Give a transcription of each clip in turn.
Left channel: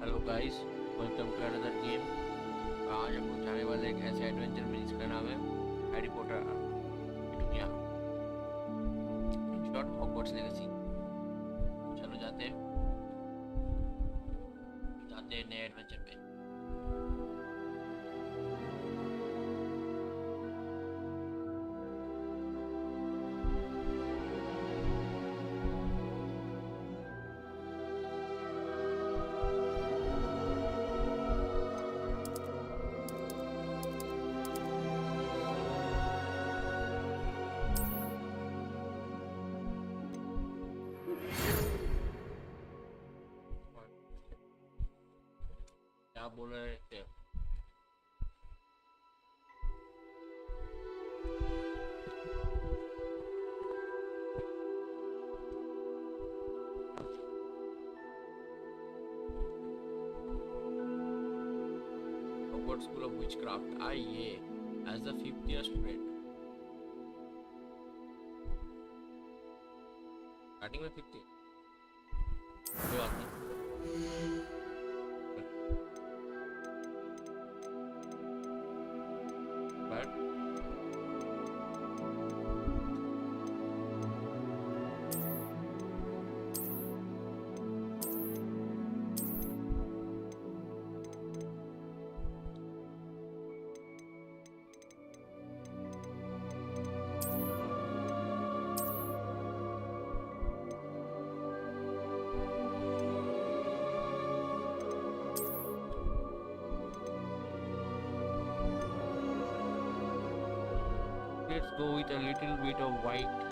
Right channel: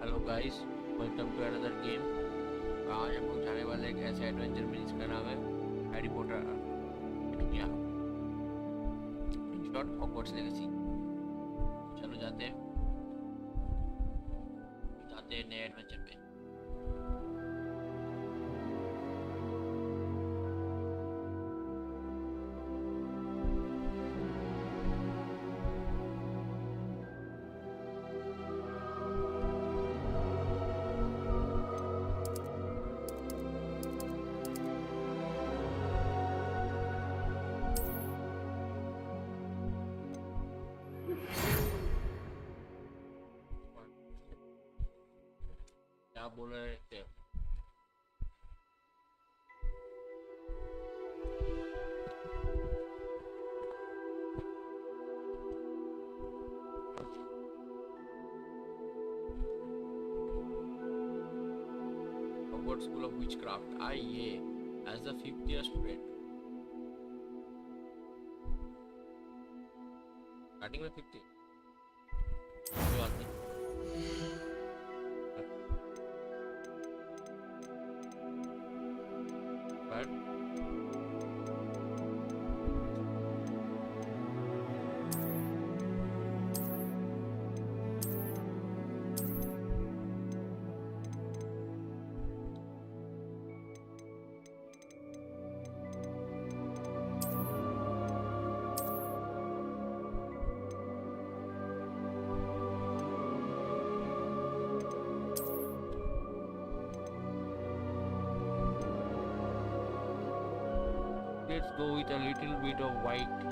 Hello guys, welcome to another game. आज हम लोग जाने वाले एक ऐसे एडवेंचर में जिसका नाम है हैरी पॉटर दुनिया, इन शॉर्ट हॉगवर्ट्स लेगेसी। चलो जाते हैं नए एडवेंचर पे। क्या बोल रहे थे? हॉगवर्ट्स स्कूल ऑफ विचक्राफ्ट आइए as the 5th year student. Starting में 50, कोई बात नहीं। But let's go with a little bit of white.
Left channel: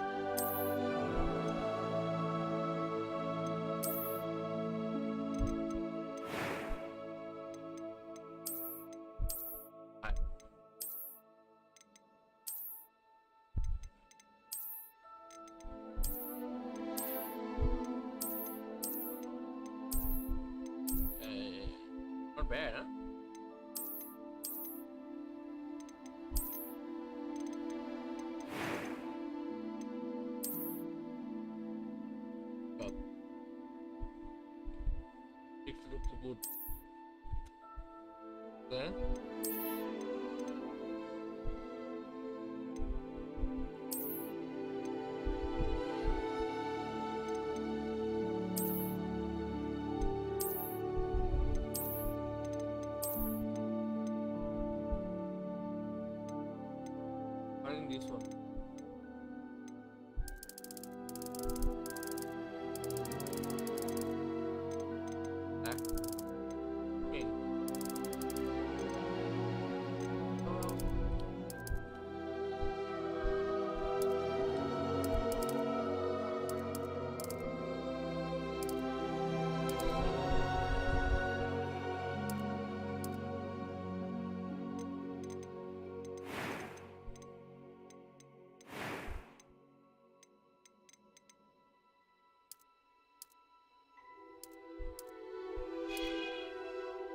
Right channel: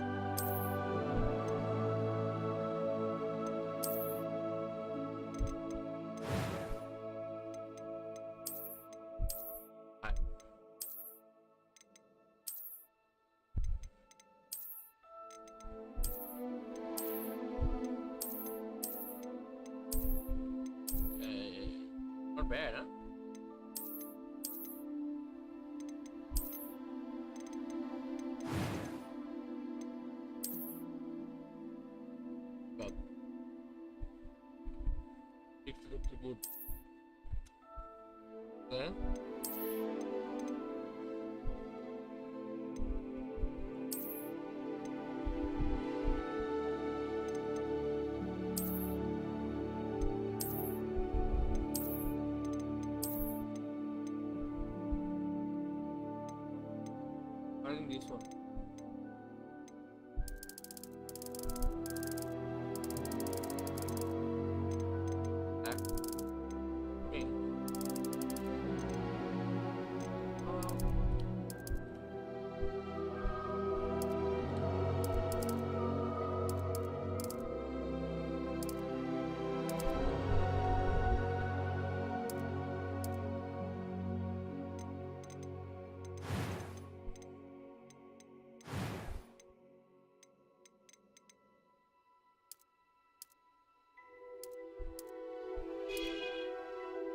Not bad, huh? But it looks good. Okay. I think this one. Black. Pink. Oh.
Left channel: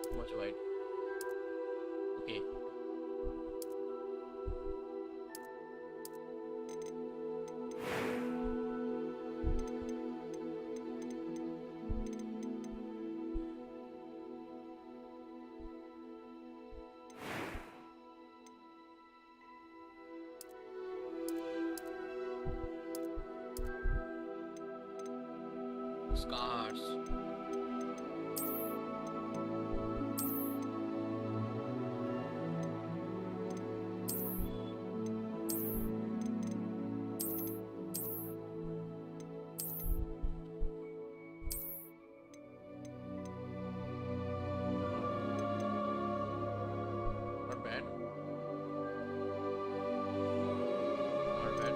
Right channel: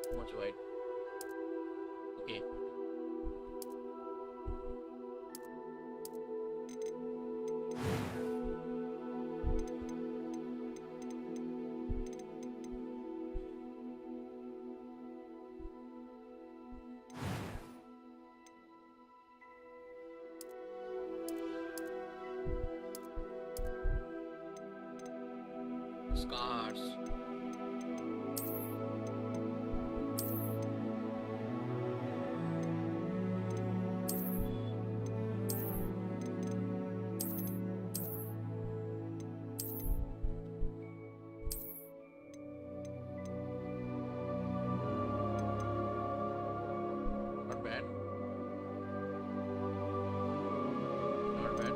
Too much white. Okay. Scars. Not bad. Not bad.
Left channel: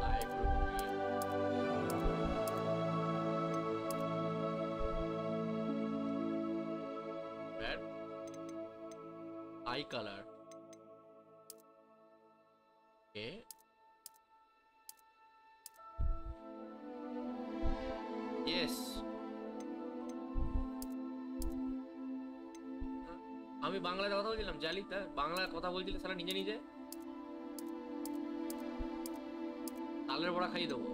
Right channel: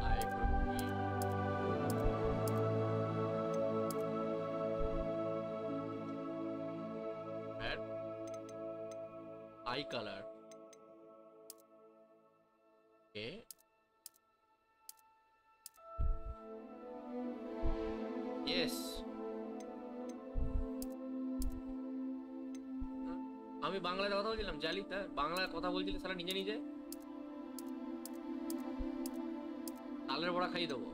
I agree. Bad. Eye color. Okay. Yes. আমি বাংলাতে কথা বলছিলাম, জালি তা বাংলা কথা বলছিলে সারা নিজে নিজে। তালের বড়া খাই দেবো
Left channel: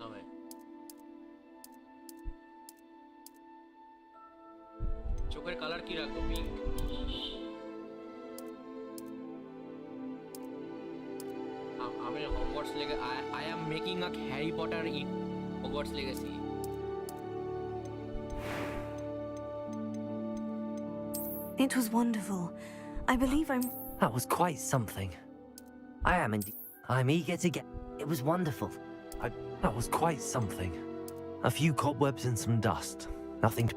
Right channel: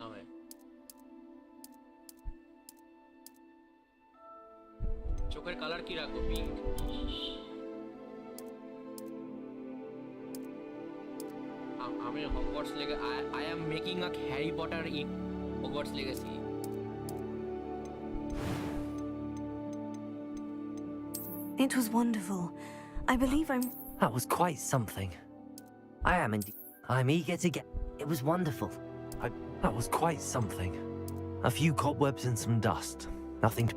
না ভাই চোখের কালার কি রাখবো পিঙ্ক আমি হগওয়ার্টস লেগে I am making a Harry Potter in Hogwarts Legacy It was wonderful. I believe I'm... That was quite something. I am indeed. I'm eager to get... It was wonderful. That was quite something. A few cobwebs and some dust. Nothing...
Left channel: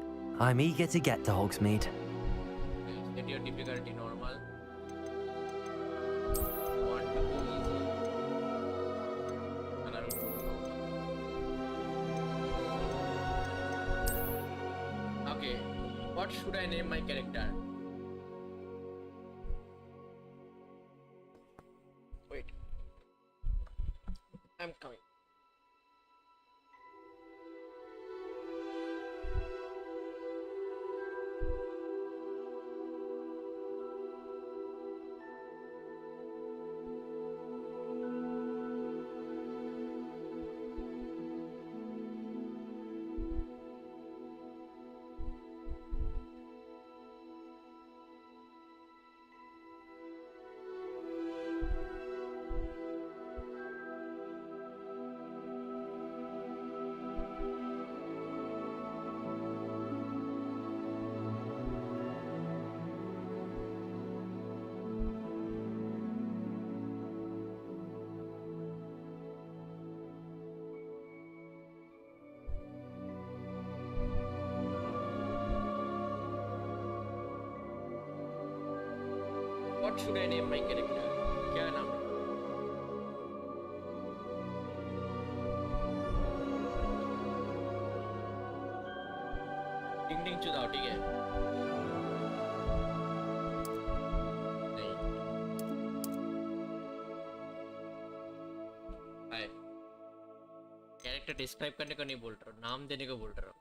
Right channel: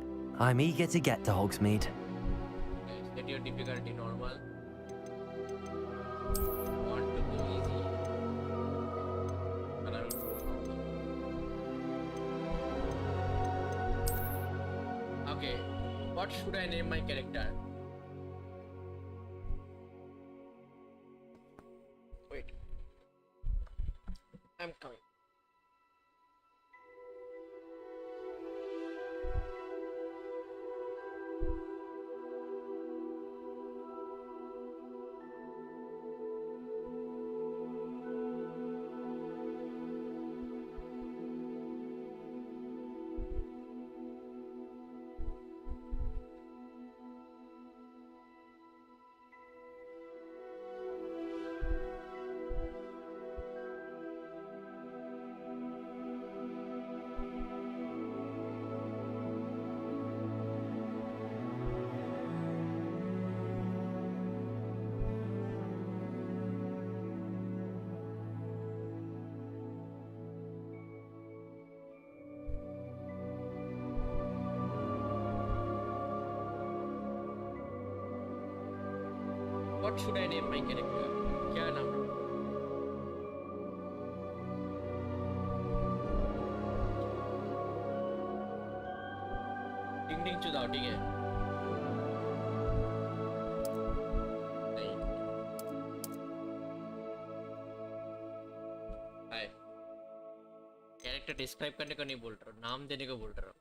I'm eager to get to Hogsmeade. Okay, set your difficulty normal. I want to go easy. And I will go normal. Okay, what should I name my character? Wait. I'm coming. What should I name my character? क्या नाम रखूं? टिंग टिंग चुदाओ ठीक है? नहीं। हाय। Character describe करने को नहीं बोल रहा हूँ, नाम देने को बोल रहा हूँ।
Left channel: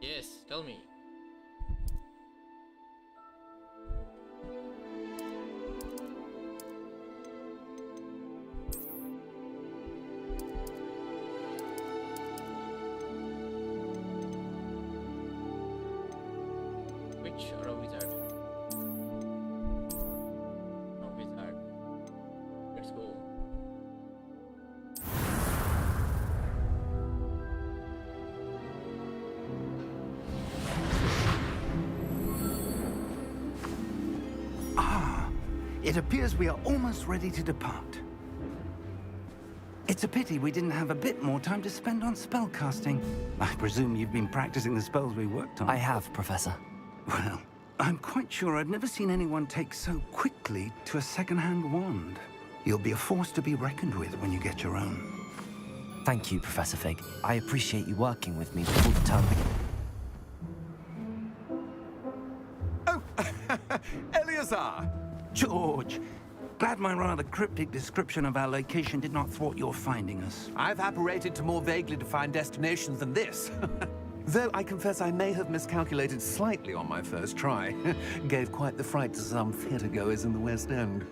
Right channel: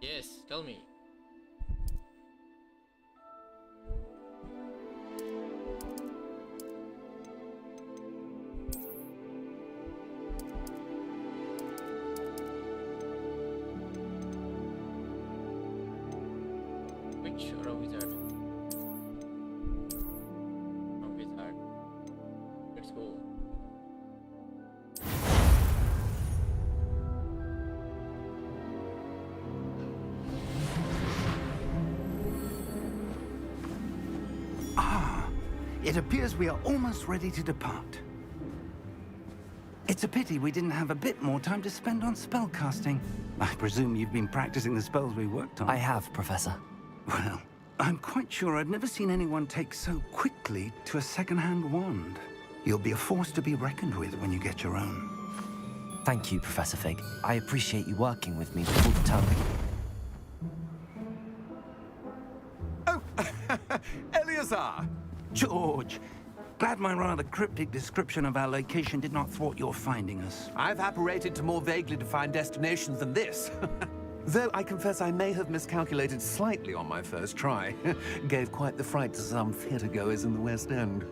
Yes, tell me. Witch or a wizard? A wizard. Let's go. It appears we are almost ready to depart. It's a pity we didn't have a bit more time to spend on spellcasting. I presume you've been practicing the spells we worked on. I have, Professor. Well, I'm quite sure I've never seen anyone take so quickly to a second-hand wand. You'll be a force to be reckoned with when you get your own. Thank you, Professor Fig. I appreciate you working with me before the term begins. Oh, Eleazar! George, glad my rather cryptic description of our location did not thwart your finding us. I've apparated to more vaguely defined destinations than this. Though I confess I may have miscalculated slightly on my first try. Gave quite the fright to some theatregoers in the West End.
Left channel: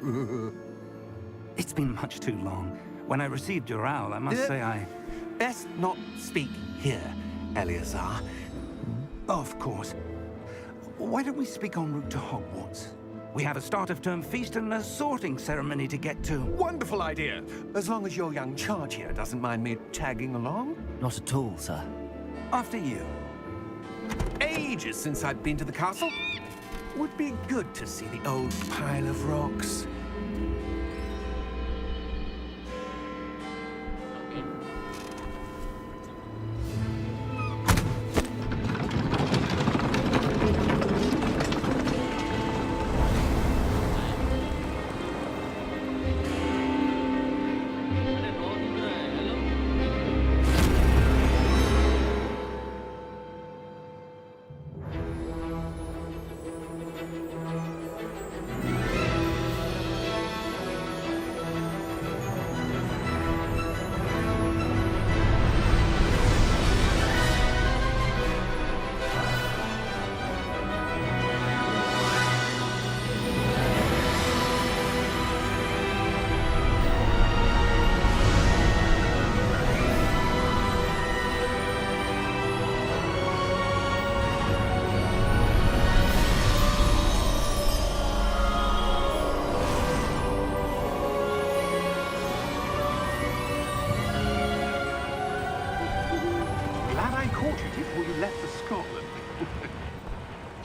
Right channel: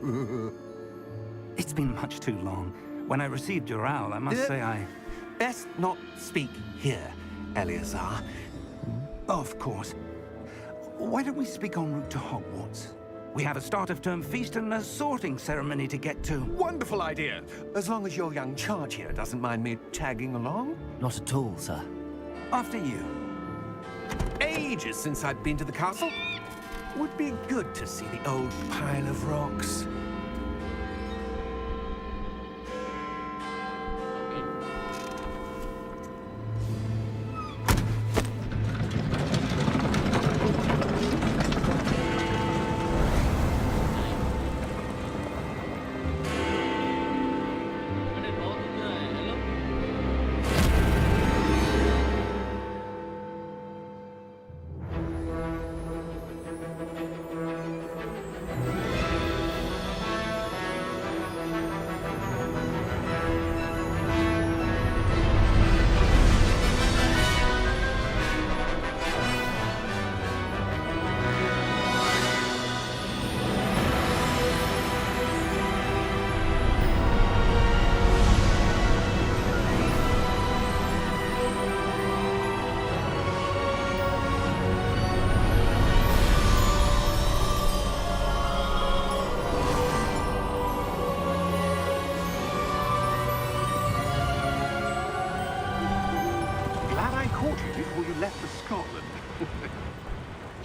It's been much too long. When I received your owl, I must say I... Best not speak here, Eleazar. Of course. Why don't we speak en route to Hogwarts? We have a start-of-term feast and a sorting ceremony to get to. Wonderful idea! As long as your young charge here doesn't mind me tagging along. Not at all, sir. After you. Ages since I've been to the castle. Would be good to see the old pile of rocks.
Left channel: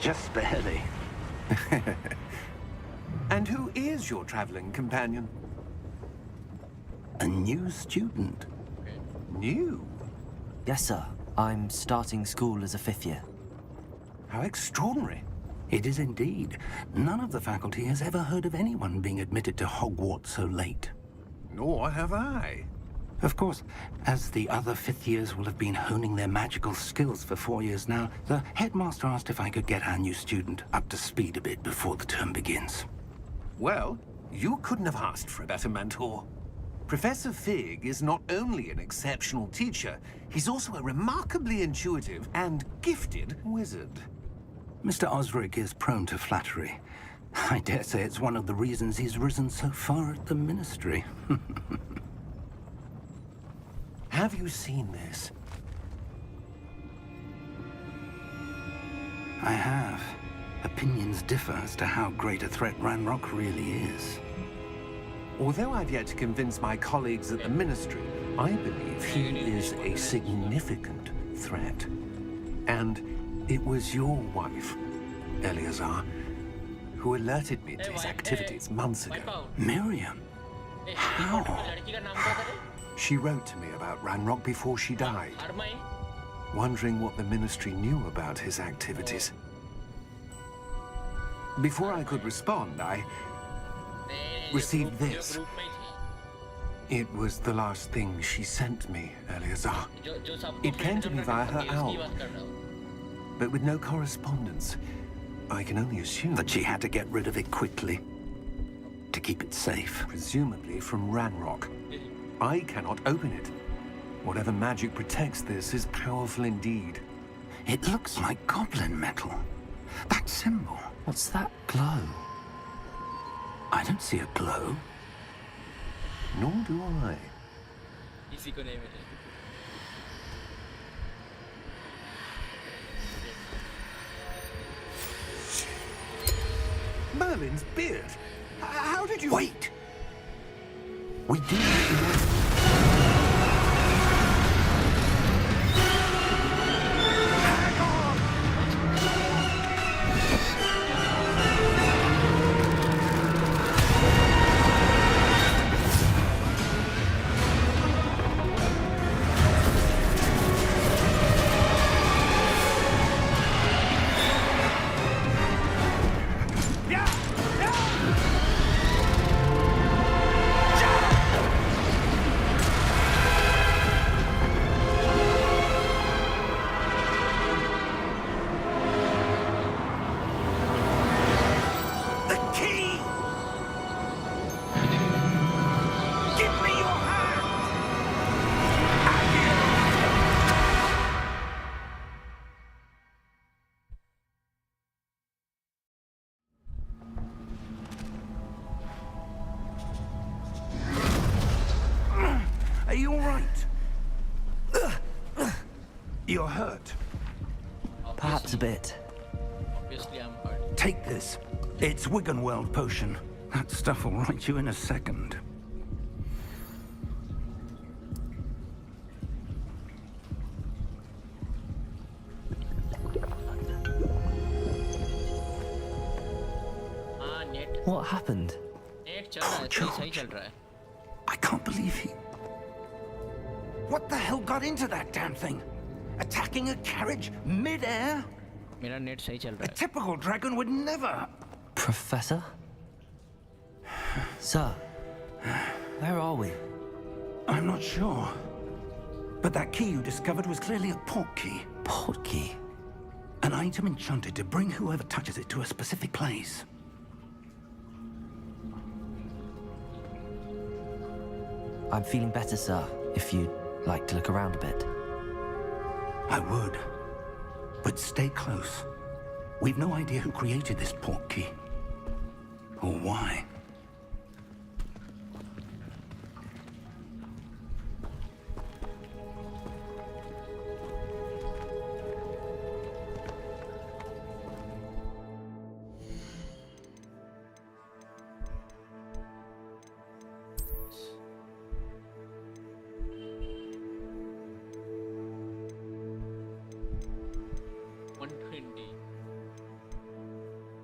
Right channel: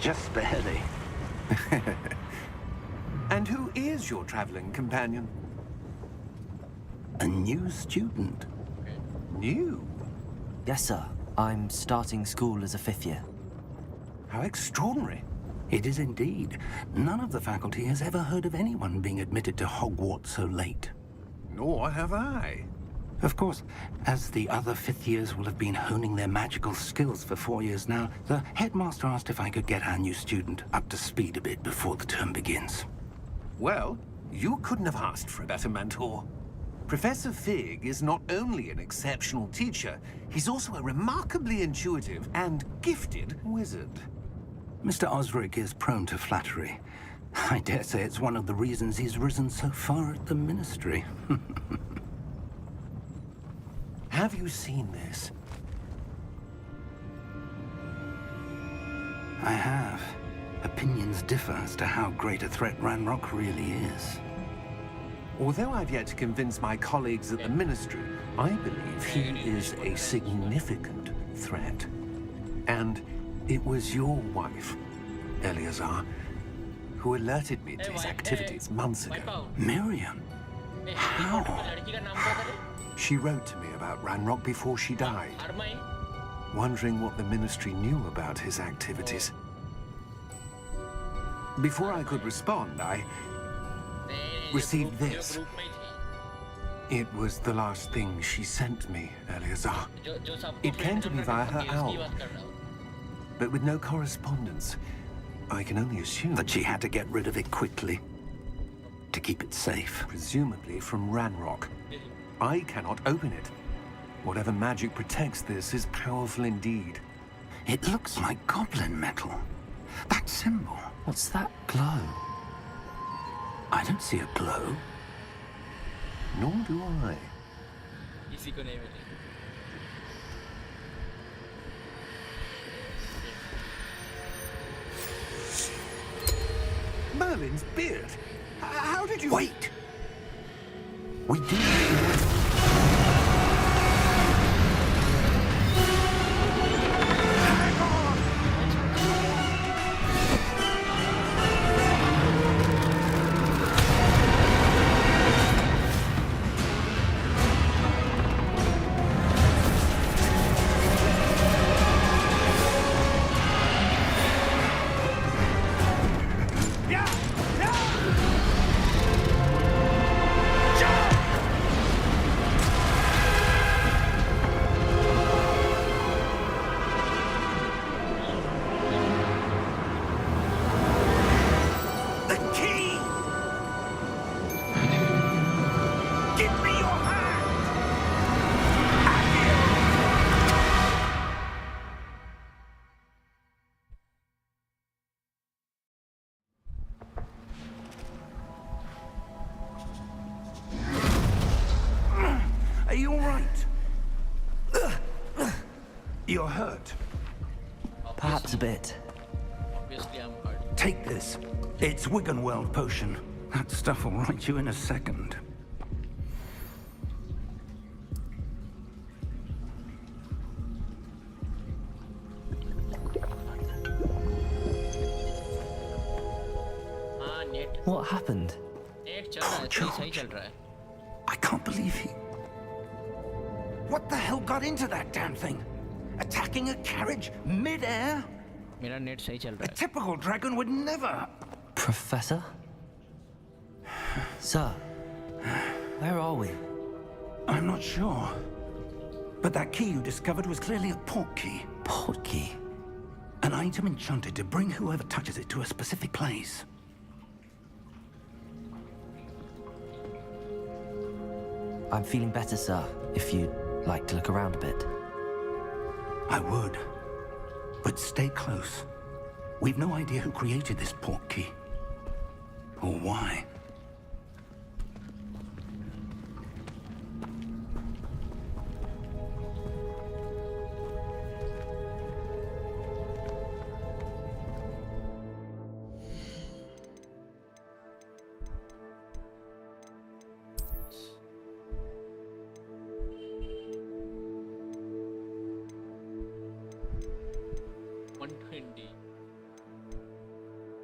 Just barely. And who is your traveling companion? A new student. New? Yes, sir. I'm starting school as a 5th year. How extraordinary. It is indeed. None of the faculty has ever heard of anyone being admitted to Hogwarts so late. Nor have I. Of course, as the other 5th years will have been honing their magical skills for 4 years now, the headmaster asked if I could get our new student up to speed a bit before the term begins. Well, you couldn't have asked for a better mentor. Professor Fig is not only an exceptional teacher, he's also a remarkably intuitive and gifted wizard. Mr. Osric is prone to flattery. I dare say it's one of the reasons he's risen so far at the Ministry. Have you seen this? I have. Opinions differ as to how great a threat Ranrock really is. Although I've yet to convince my colleagues at the Ministry, I believe he is a significant threat. And it was your wife, Eleazar, who alerted me to his activities months ago. Miriam? How? She wrote to me about Ranrock before she died, wondering what the Ministry knew about his activities. Before I could respond, I received this. It was the last thing she sent me, Eleazar. It came to me via her owl, but with no correspondence. I can only assume That she had to get rid of it quickly to keep it safe. presumably from Ranrock. I cannot open it. Whatever magic protects this is powerful indeed. It looks like goblin metal. That symbol. What's that glow? I don't see a glow. Nor do I. Merlin's beard. How did you... Wait! We do. Hang on! The key! Give me your hand! Are you all right? You're hurt. Perhaps a bit. Obviously, I'm hurt. Take this. It's Wiggenweld potion. That stuff will right you in a second. हाँ net What happened? Net चल रहा है सही चल रहा है I can't believe he... What the hell got into that damn thing? Attacking a carriage mid-air? मेरा net सही चल A रहा है typical dragon would never... Professor? Sir, where are we? I'm not sure. But that key you discovered was clearly a port key. Port key. An item enchanted to bring whoever touches it to a specific place. I'm feeling better, sir, if you'd like to look around a bit. I would. But stay close. We've no idea who created this port key. Or why.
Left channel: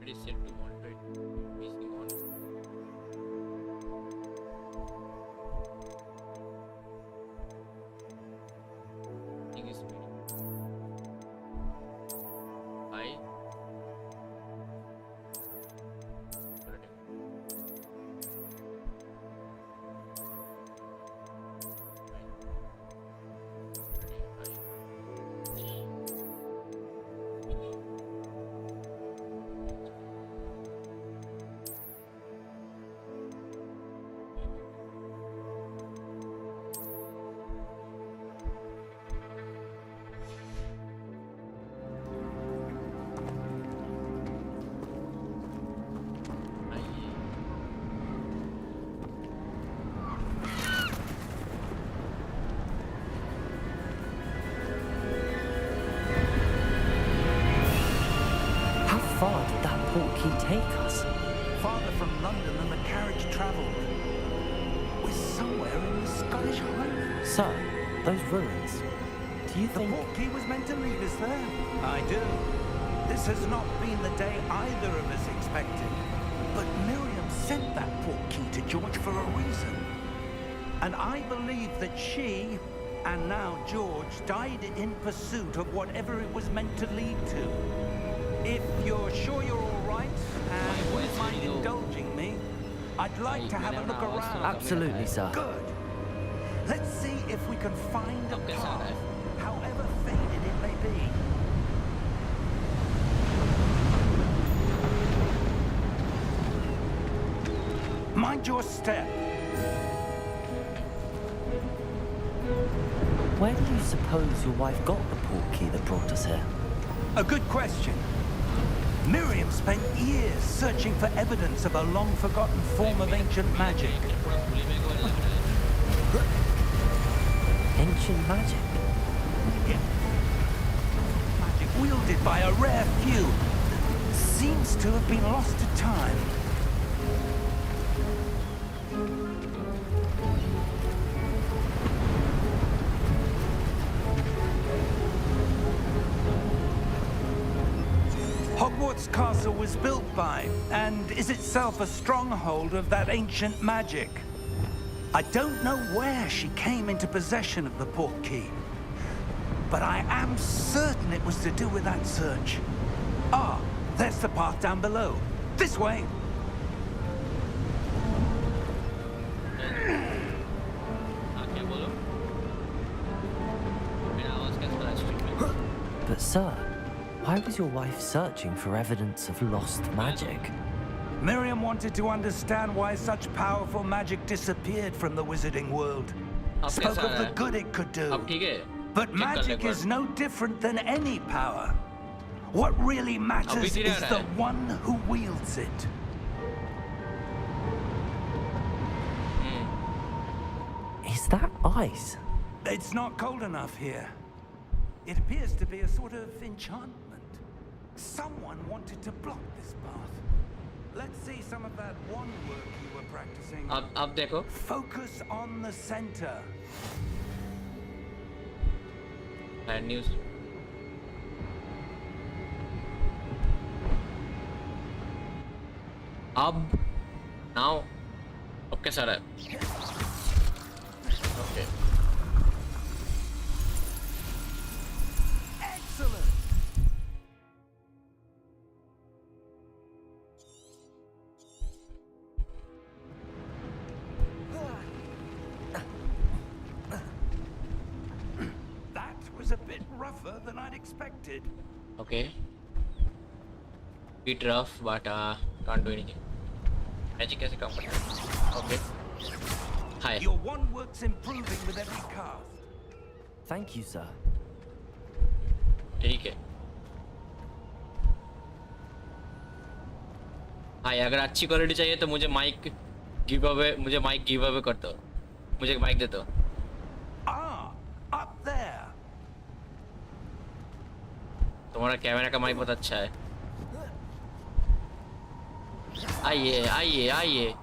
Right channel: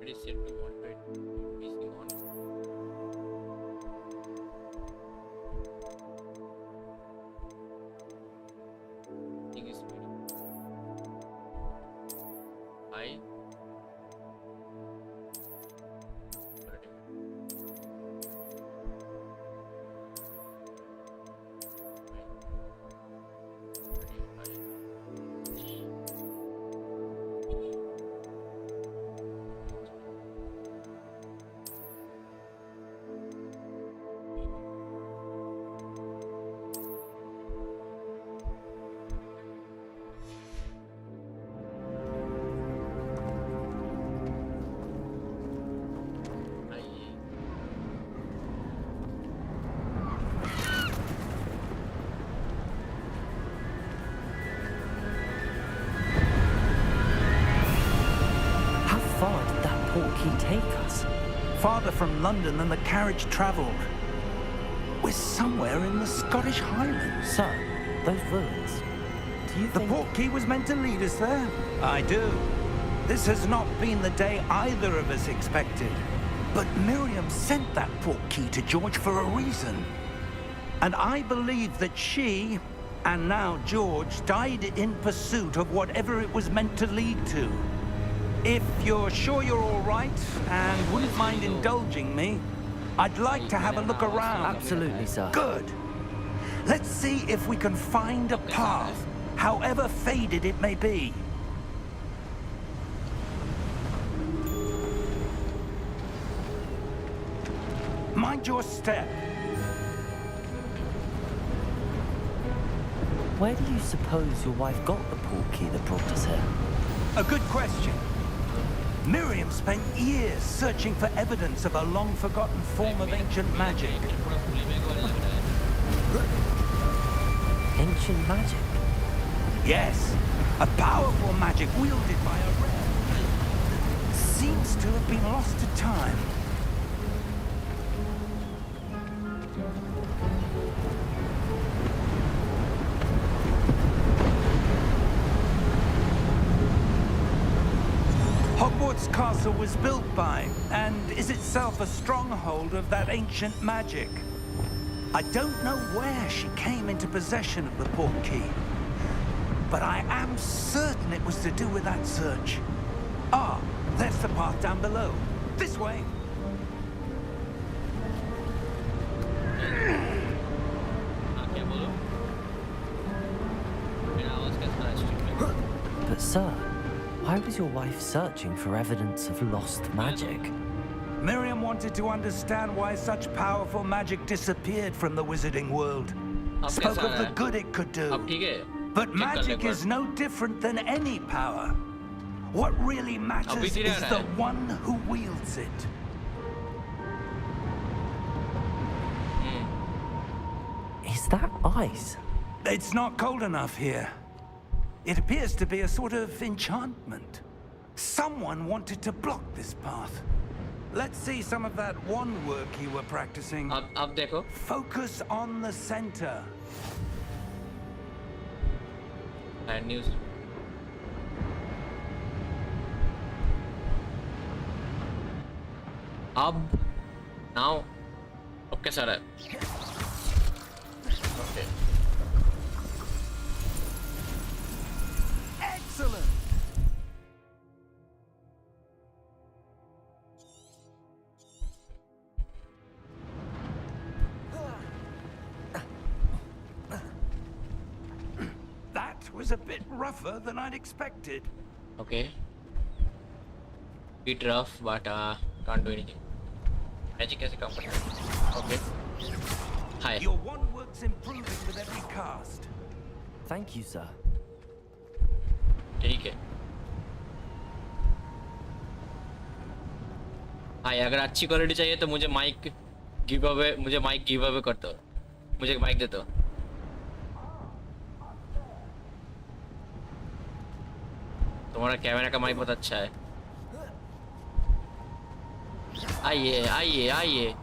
It is set to monitor PC on. Thing is high. How far did that portkey take us? Farther from London than the carriage travelled. We're somewhere in the Scottish Highlands. Sir, those ruins. Do you The think... portkey was meant to lead us there? I do. This has not been the day either of us expected. But Miriam sent that portkey to George for a reason. And I believe that she, and now George, died in pursuit of whatever it was meant to lead to. If you're sure you're all right, and wouldn't mind indulging me, I'd like to have a look around. Absolutely, sir. Good. Let's see if we can find a path, however faded it may be. Mind your step. Where do you suppose your wife got the portkey that brought us here? A good question. Miriam spent years searching for evidence of a long-forgotten form of ancient magic. Ancient magic? Yes, a powerful magic wielded by a rare few. Seems to have been lost to time. Hogwarts Castle was built by, and is itself a stronghold of that ancient magic. I don't know where she came into possession of the portkey, but I am certain it was to do with that search. Ah, there's the path down below. This way. But sir, why was your wife searching for evidence of lost magic? Miriam wanted to understand why such powerful magic disappeared from the wizarding world. Spoke of the good it could do. But magic is no different than any power. What really matters is the one who wields it. Is that ice? It's not cold enough here. It appears to be a sort of enchantment. Someone wanted to block this path. Let's see some of that one work you were practicing. अब देखो. Focus on the center. Bad news. Now. Okay, sir. Okay. Excellent. That was a bit rougher than I'd expected. Okay. Bit rough, but can't do anything. Magic कैसे काम करता है? Okay. Hi. Your one work's improving with every cast. Thank you, sir. ठीक है. हाय, अगर अच्छी quality चाहिए तो मुझे माइक गिव अवे कर दो. मुझे माइक दे दो. Up there. तुम्हारा कैमरा का माइक बहुत अच्छा है. आइए आइए आइए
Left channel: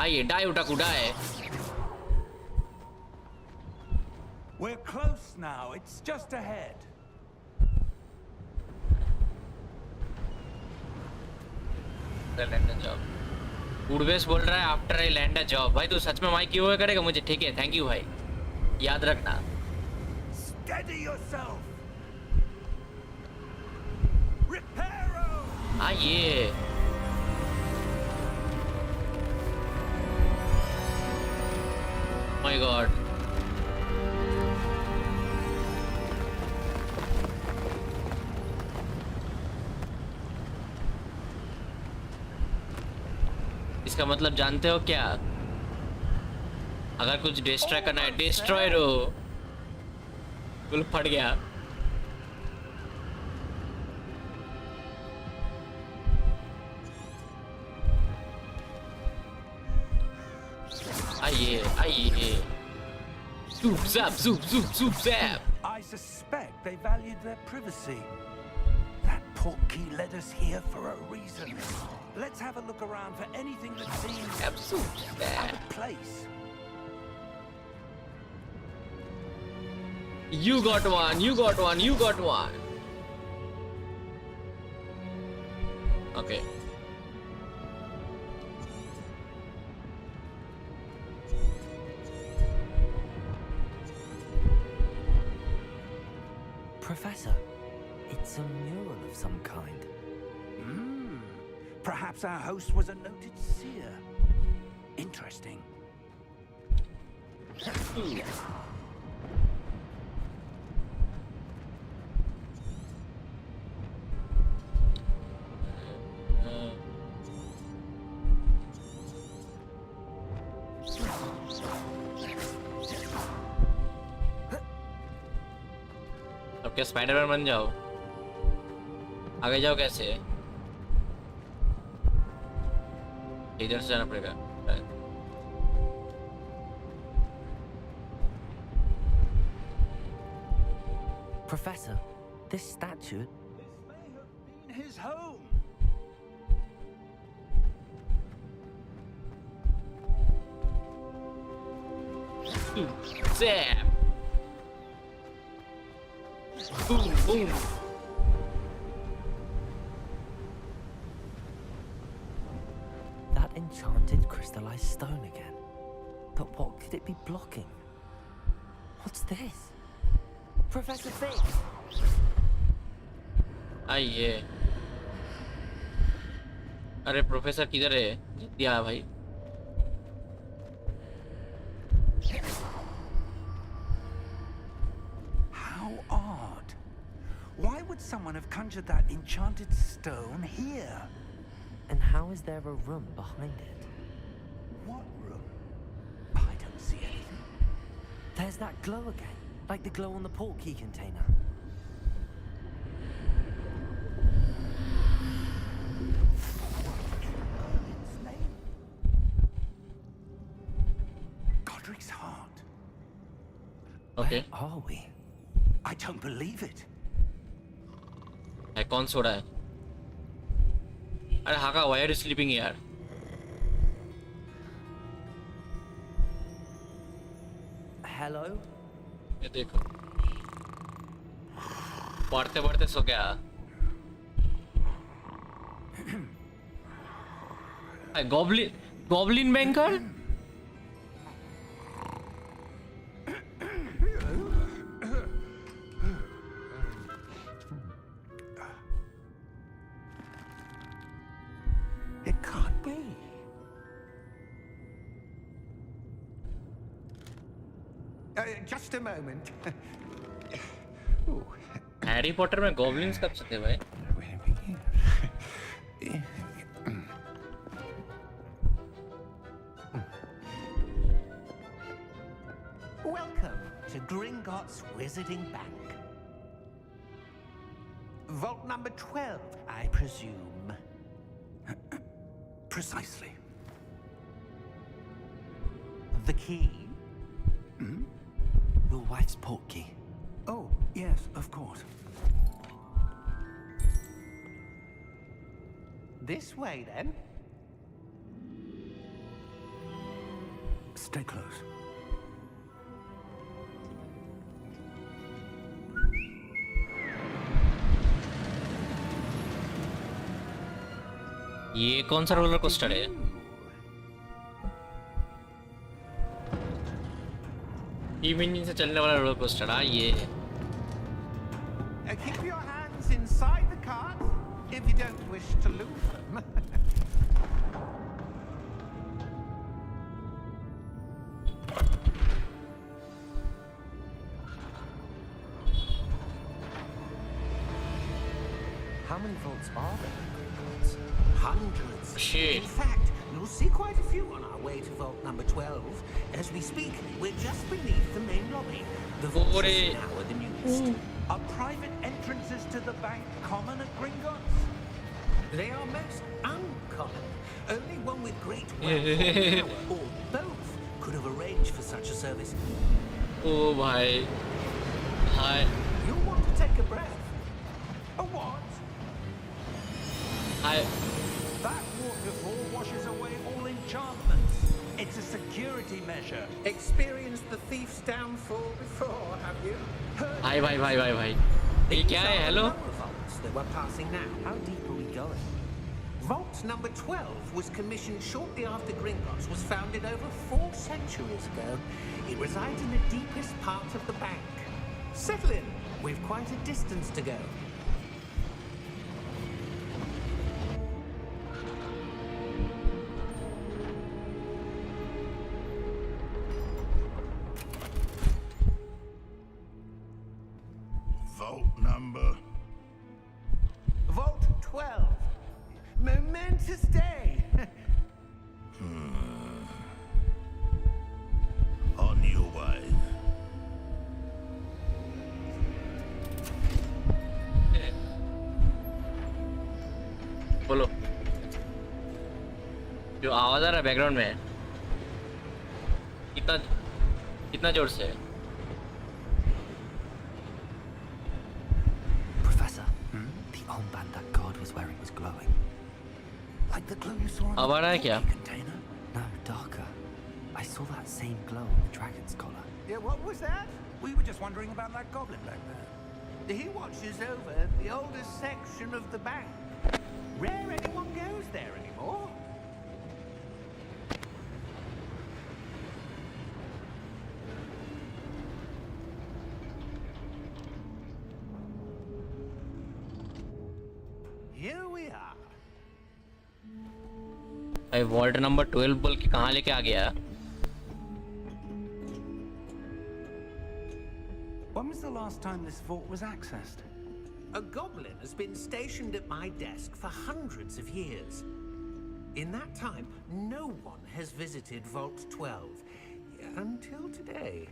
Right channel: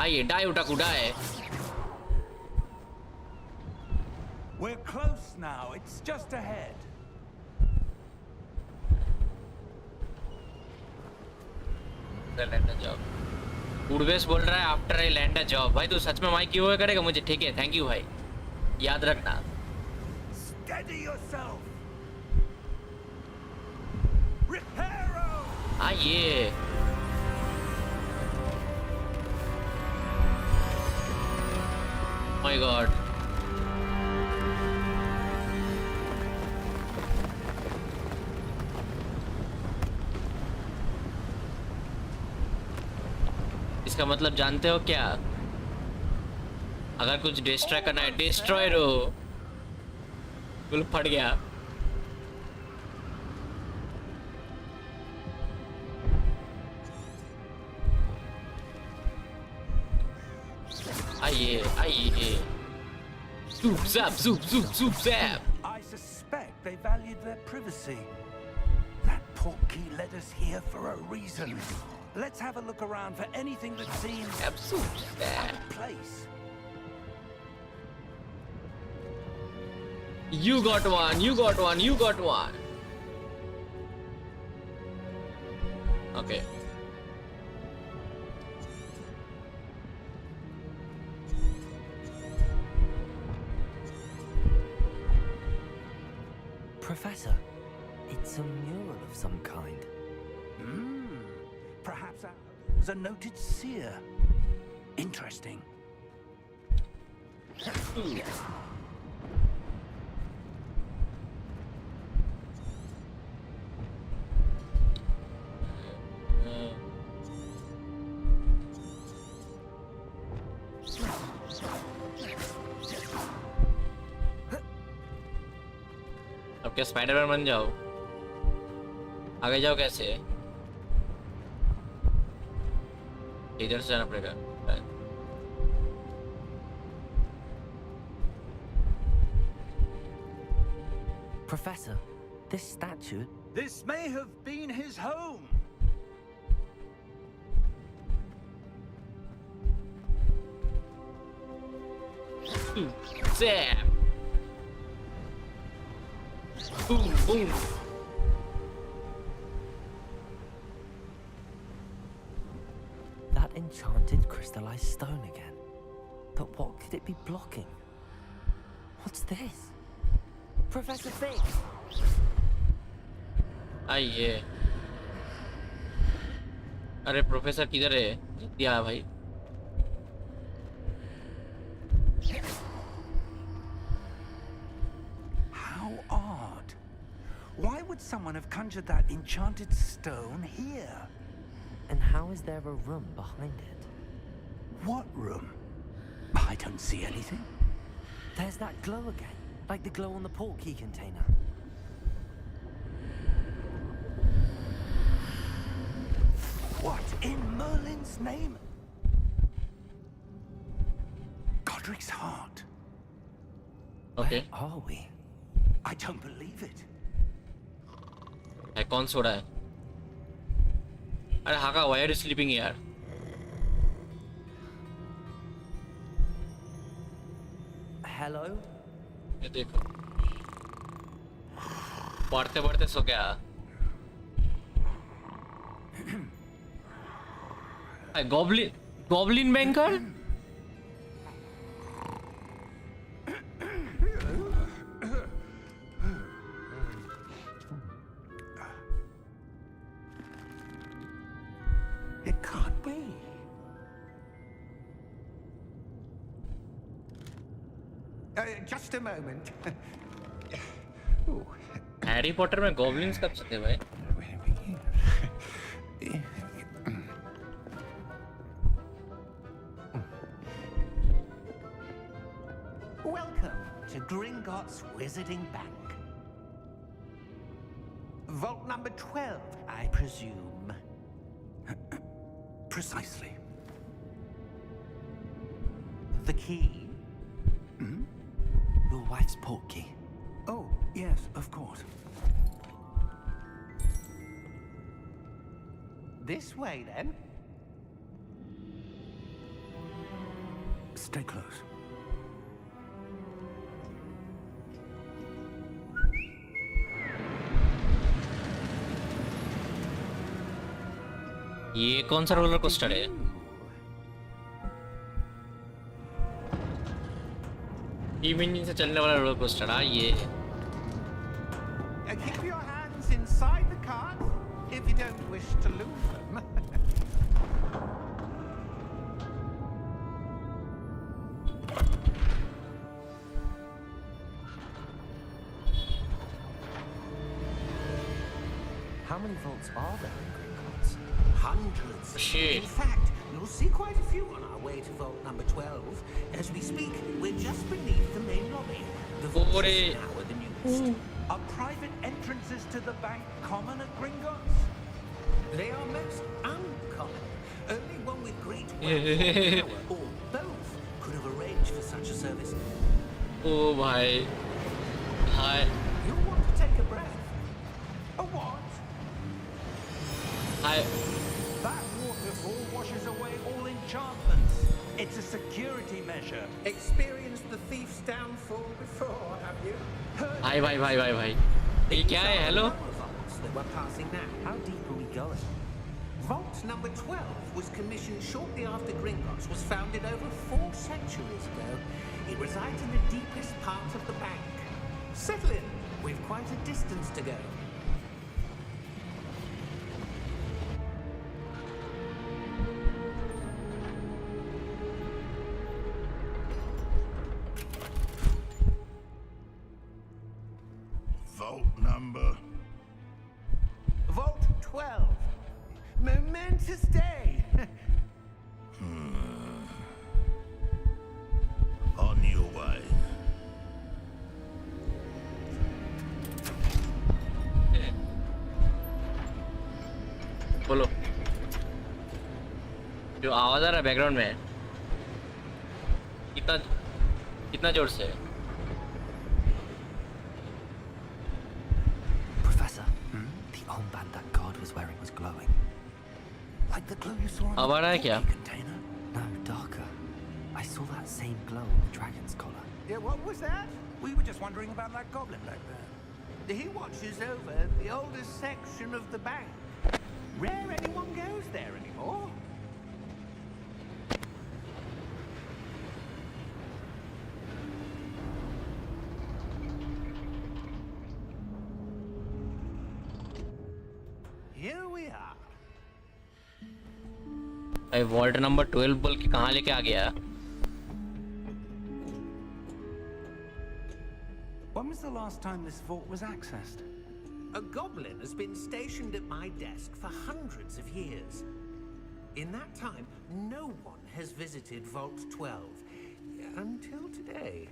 आइए डाई उठाकू डाई. We're close now. It's just ahead. I land a job. Urvesh बोल रहा है after I land a job. भाई तू सच में माइक क्यों करेगा मुझे? ठीक है, थैंक यू भाई, याद रखना। Steady yourself. Reparo. हाँ ये माय गॉड, इसका मतलब जानते हो क्या? अगर कुछ डिस्ट्रॉय करना है, डिस्ट्रॉय रो। बिल्कुल फट गया। आइए आइए, soup zap, soup zap। I suspect they valued their privacy. That portkey led us here for a reason. Let's have a look around for anything that seems Soup zap। out of place. You got one, you got one, you got one। Okay। Professor, it's a mural of some kind. Perhaps our host was a noted seer. Interesting. अब क्या Spiderman बन जाओ? आगे जाओ कैसे? इधर से जाना पड़ेगा। Professor, this statue... This may have been his home. Zap! Boom, boom. That enchanted crystallized stone again. But what could it be blocking? What's this? Professor Fig! आइए। अरे प्रोफेसर किधर है? दिया भाई। How odd. Why would someone have conjured that enchanted stone here? And how is there a room behind it? What room? I don't see anything. There's that glow again, like the glow on the portkey container. What in Merlin's name? Godric's heart. Okay। Where are we? I don't believe it. है कौन सो रहा है? अरे हाका, why are you sleeping यार? Hello? ये देखो, पढ़ते पढ़ते सो गया। Goblin banker? It can't be. Just a moment. Harry Potter में गॉब्लिन्स कब से थे भाई? Welcome to Gringotts Wizarding Bank. Vault number 12, I presume. Precisely. The key? Your wife's portkey. Oh, yes, of course. This way, then. Stay close. ये कौन सा roller coaster है? तीन इंजन से चलने वाला रोलर कोस्टर। हाँ ये Keep your hands inside the cart if you don't wish to lose them. How many vaults are there in Gringotts? Hundreds. Shit. In fact, you'll see quite a few on our way to vault number 12. As we speak, we're just beneath the main lobby. The vaults Ore. now are the newest. Are private entrances to the bank common at Gringotts? They are most uncommon. Only one with great wealth or power, or both, could have arranged for such a service. ओ भाई हाय You'll want to take a breath. A what? Hi That waterfall washes away all enchantments. It's a security measure. Experienced the thief's downfall before, have you? Heard भाई भाई भाई भाई भाई ये These क्या are है? the hello lower vaults that we're passing now. How deep are we going? Vault number 12 was commissioned shortly after Gringotts was founded over 4 centuries ago. It resides in the deepest part of the bank. Settle in. We've quite a distance to go. Vault number. Vault 12. Momentous day. On your way. बोलो जो आवाज आ रहा है background में कितना कितना जोर से है? Professor, the armband that guard was wearing was glowing. Like the glow you saw on अब आ रहा है क्या? the container. No, darker. I saw that same glow on the dragon's collar. Yeah, what was that? We were just wondering about that goblin back there. He watches over the oldest section of the bank. Rare anyone goes there anymore. Here we are. भाई vault number 12 बोल के कहाँ लेके आ गया? When was the last time this vault was accessed? A goblin has been stationed at my desk for hundreds of years. In that time, no one has visited Vault 12 until today.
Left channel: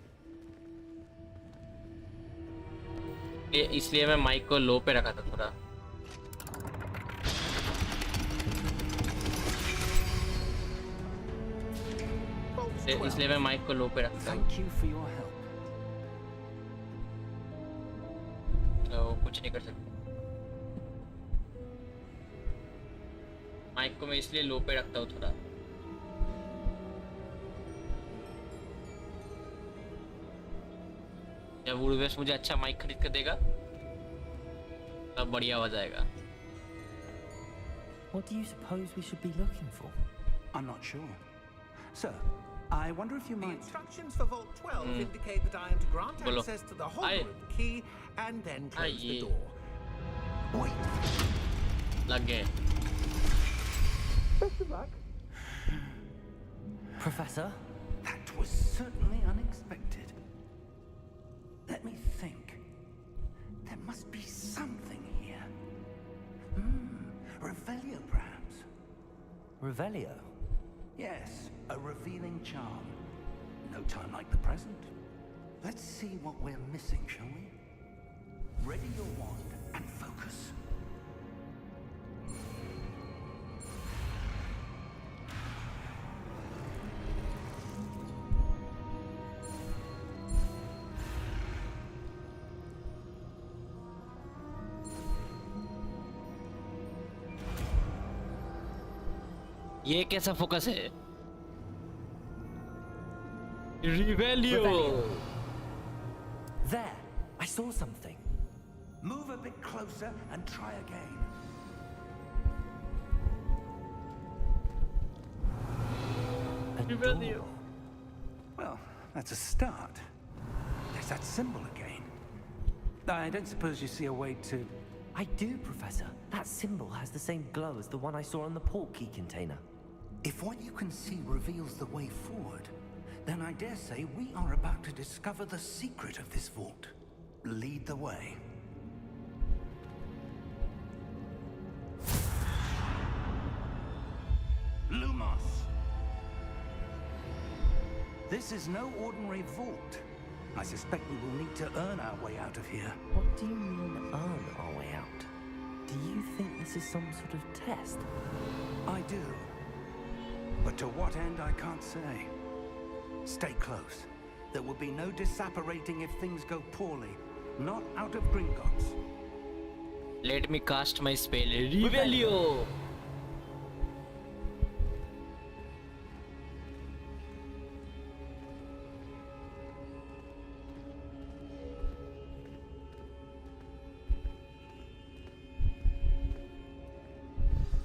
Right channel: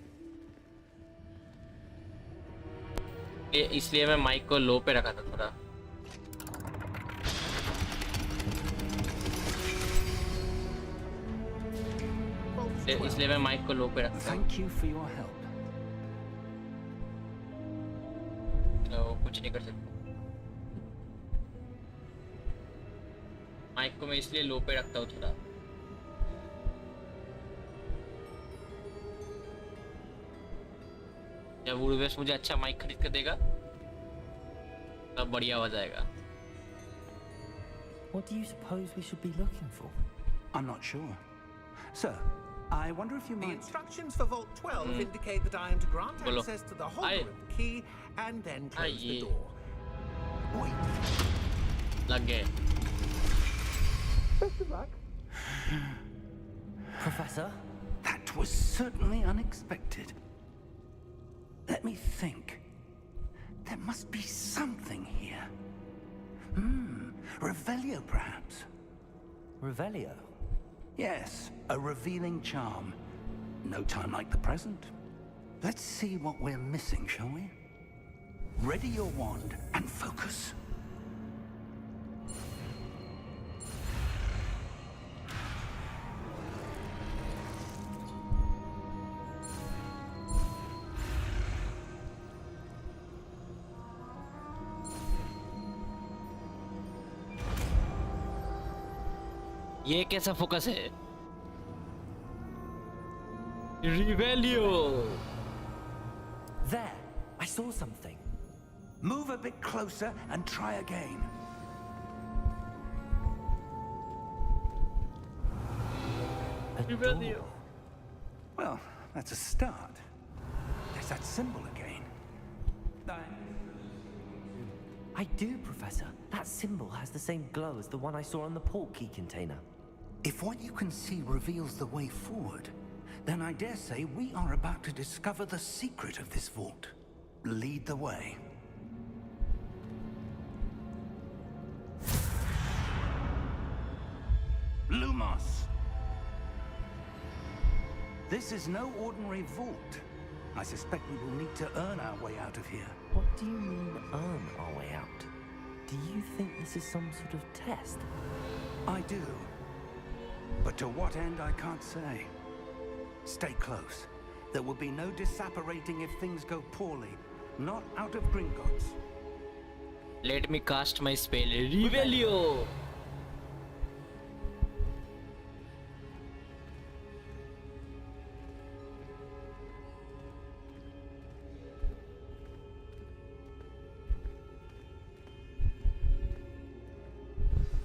इसलिए मैं mic को लो पे रखा था थोड़ा। Vault इसलिए 12. मैं mic को लो पे रखता हूँ। Thank you for your help. तो कुछ नहीं कर सकता। माइक को मैं इसलिए लो पे रखता हूँ थोड़ा। जब वुडवेस्ट मुझे अच्छा माइक खरीद कर देगा तब बढ़िया आवाज आएगा। What do you suppose we should be looking for? I'm not sure. Sir, I wonder if you The might... instructions for Vault 12 indicate that I am to grant Bolo. access to the Hogwarts key and then close the Aye. door. Wait. लग गए। Best of luck. Professor? That was certainly unexpected. Let me think. There must be something here. Revelio, perhaps. Revelio? Yes, a revealing charm. No time like the present. Let's see what we're missing, shall we? Ready your wand and focus. ये कैसा focus है? रिवेलियो। There! I saw something. Move a bit closer and try again. door. Well, that's a start. There's that symbol again. I don't suppose you see a way to... I do, Professor. That symbol has the same glow as the one I saw on the portkey container. If what you can see reveals the way forward, then I dare say we are about to discover the secret of this vault. Lead the way. Lumos! This is no ordinary vault. I suspect we will need to earn our way out of here. What do you mean, earn our way out? Do you think this is some sort of test? I do. But to what end, I can't say. Stay close. There will be no disapparating if things go poorly. Not out of Gringotts. Let me cast my spell, Revelio.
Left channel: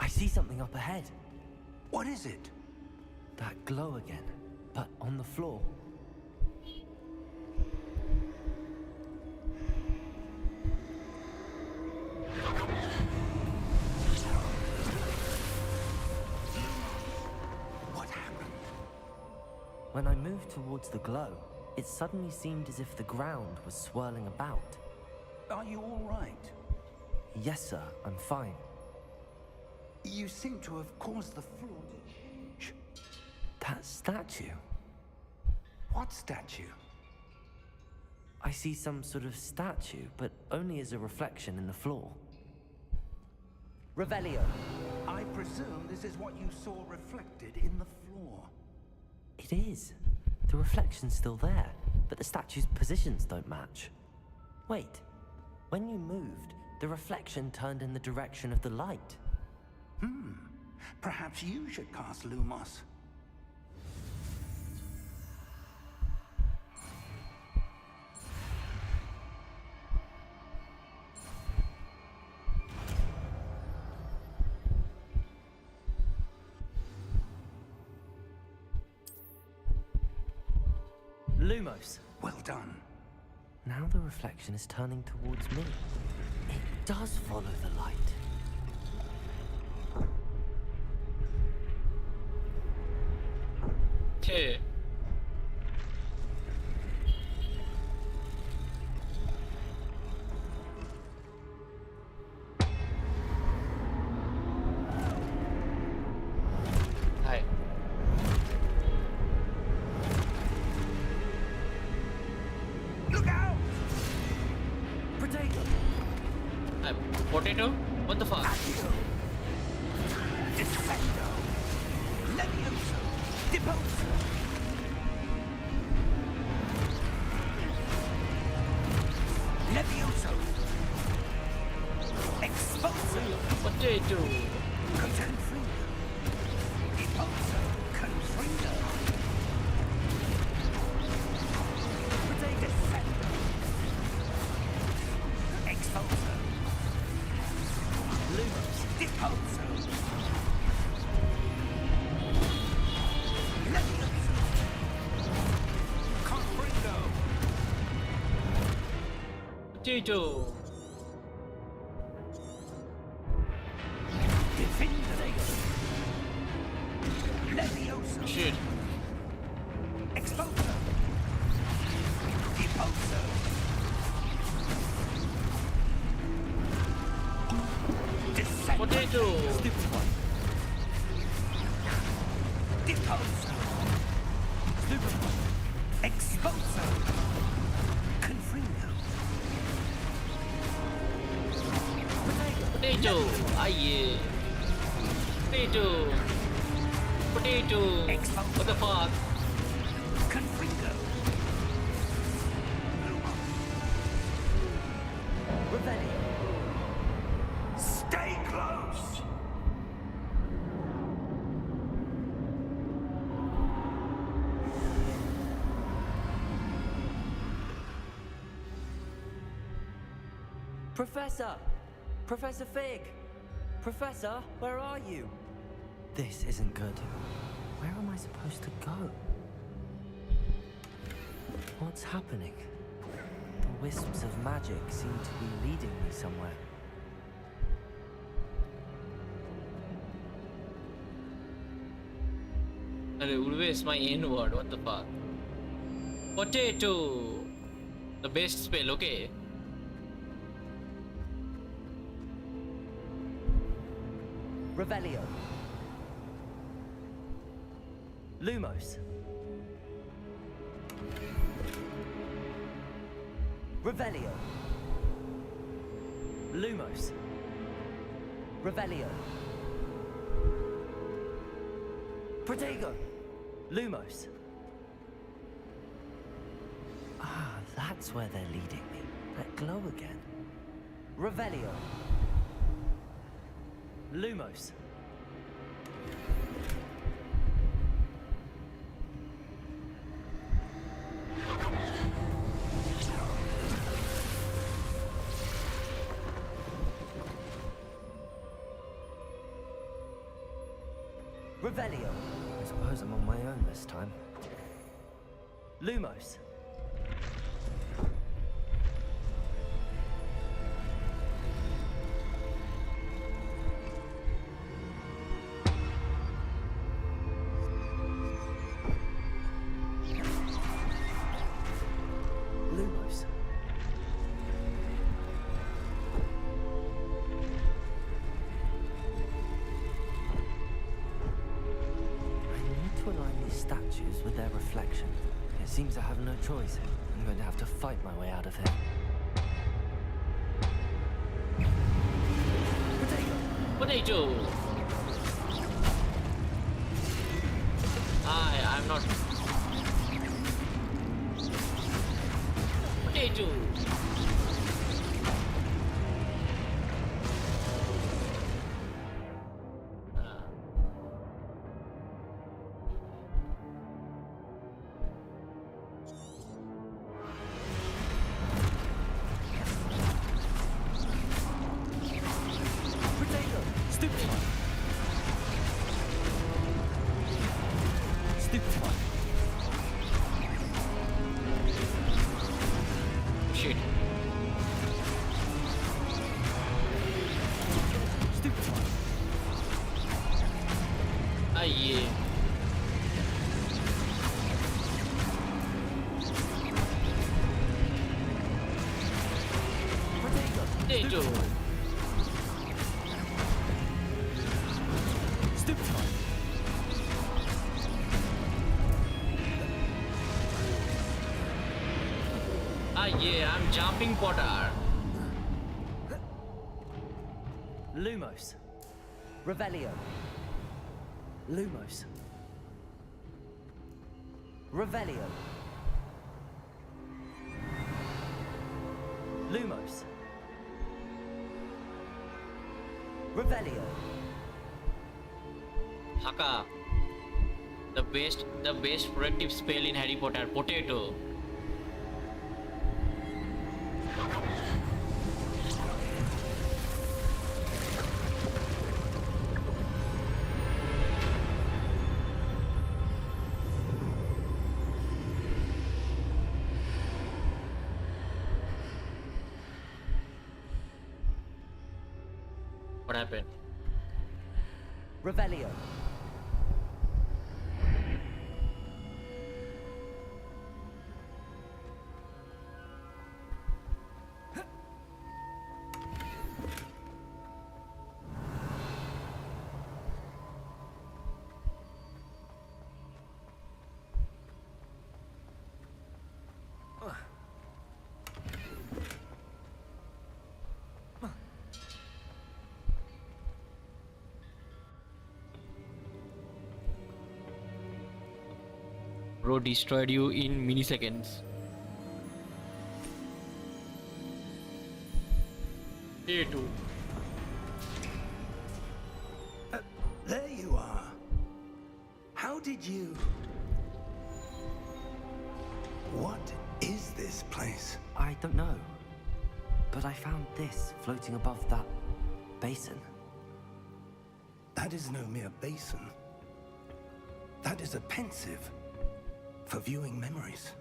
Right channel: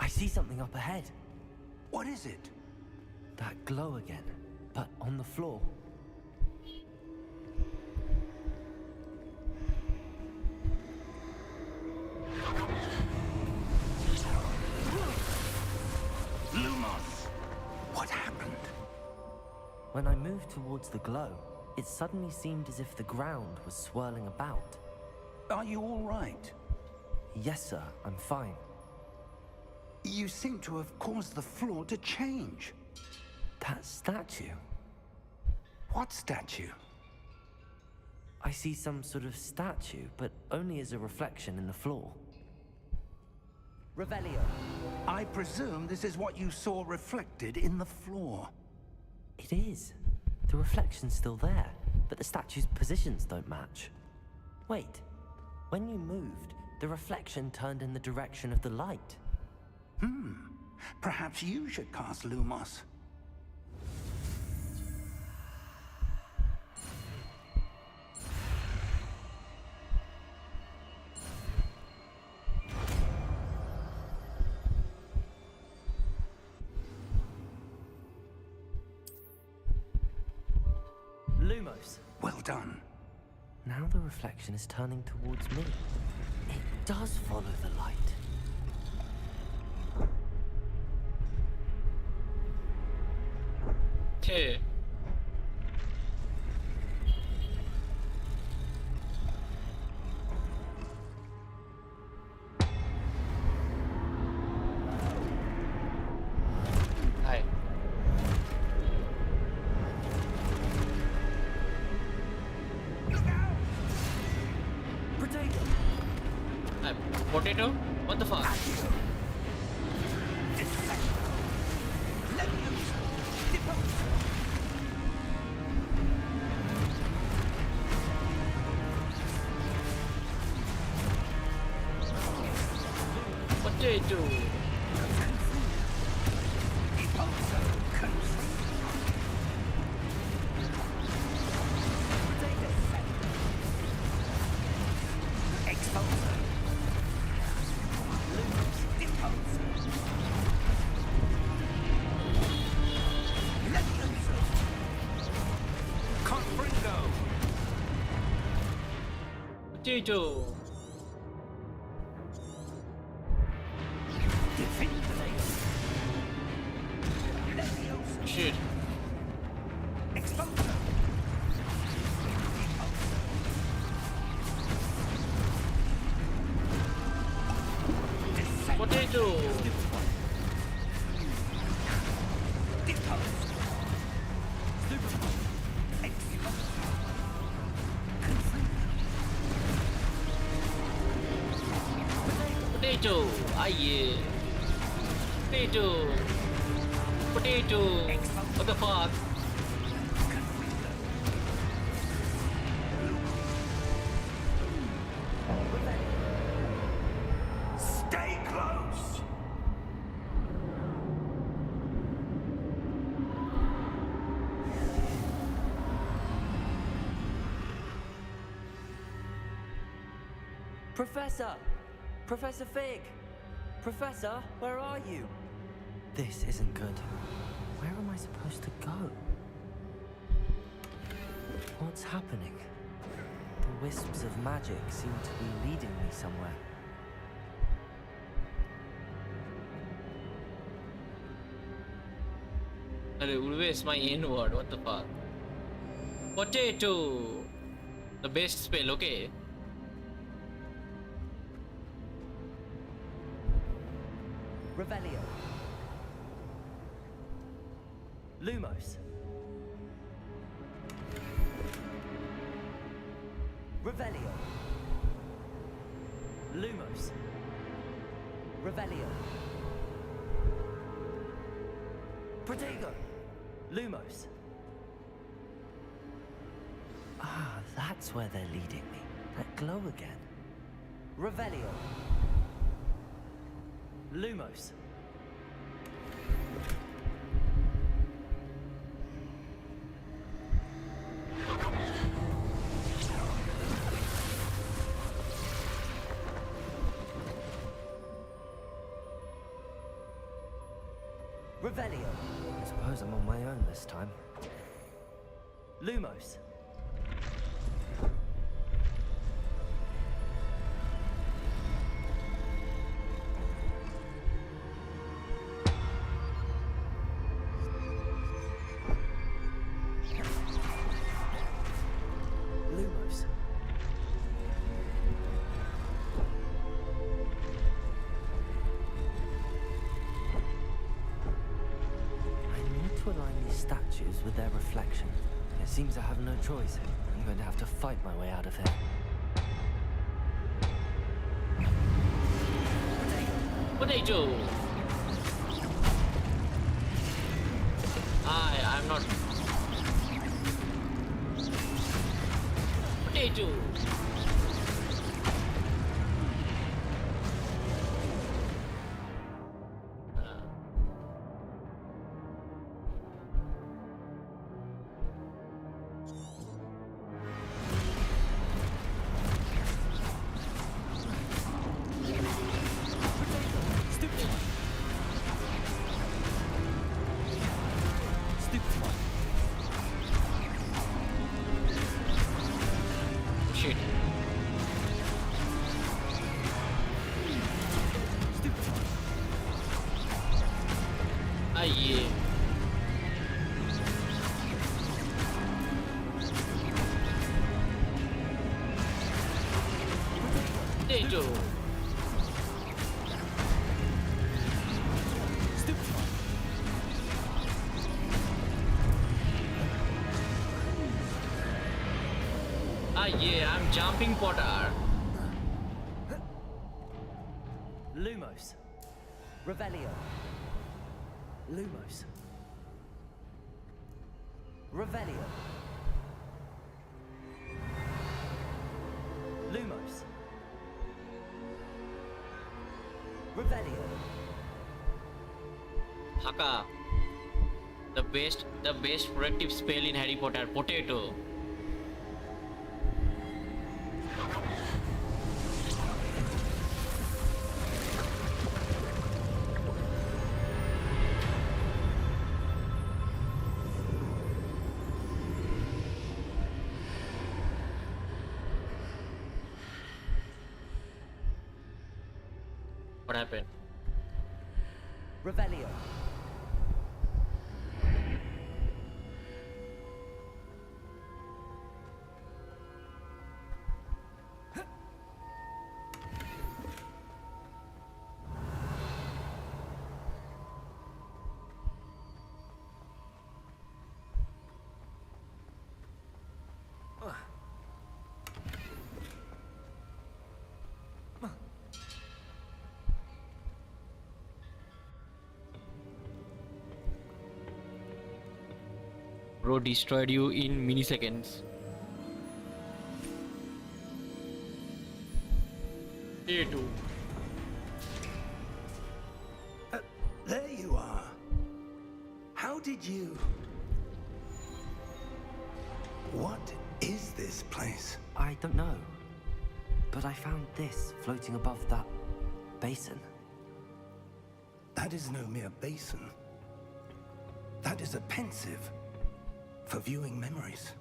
I see something up ahead. What is it? That glow again, but on the floor. What happened? When I moved towards the glow, it suddenly seemed as if the ground was swirling about. Are you all right? Yes, sir, I'm fine. You seem to have caused the floor to change. That statue. What statue? I see some sort of statue, but only as a reflection in the floor. Revelio. I presume this is what you saw reflected in the floor. It is. The reflection's still there, but the statue's positions don't match. Wait. When you moved, the reflection turned in the direction of the light. Perhaps you should cast Lumos. Lumos. Well done. Now the reflection is turning towards me. It does follow the light. Okay. Hi. Look out! Potato! Hi. Potato? What the fuck? Defendo! Levioso! Deposo! Levioso! Exposo! Potato. Confringo! Deposo! Confringo! Defendo! Exposo! Lumos! Deposo! Levioso! Confringo! Potato. Defendo! Levioso! Shit. Exposo! Deposo! Descendo! Potato. Deposo! Exposo! Confringo! Potato. Ah yeah. Potato. Potato. What the fuck? Confringo! Revelio. Stay close! Professor! Professor Fig! Professor, where are you? This isn't good. Where am I supposed to go? What's happening? The wisps of magic seem to be leading me somewhere. Always my N-word, what the fuck? Potato! The best spell, okay? Revelio. Lumos. Revelio. Lumos. Revelio. Protego. Lumos. Ah, that's where they're leading me. That glow again. Revelio. Lumos. Revelio. I suppose I'm on my own this time. Lumos. Lumos. To align these statues with their reflection. It seems I have no choice. I'm going to have to fight my way out of here. Potato! I'm not... Potato! Shit. Ah, yeah. Potato. Ah, yeah, I'm jumping Potter. Lumos. Revelio. Lumos. Revelio. Lumos. Revelio. Haka. The best protective spell in Harry Potter. Potato. What happened? Revelio. Bro destroyed you in milliseconds. A2. There you are. How did you... What is this place? I don't know. But I found this floating above that basin. That is no mere basin. That is a pensive for viewing memories.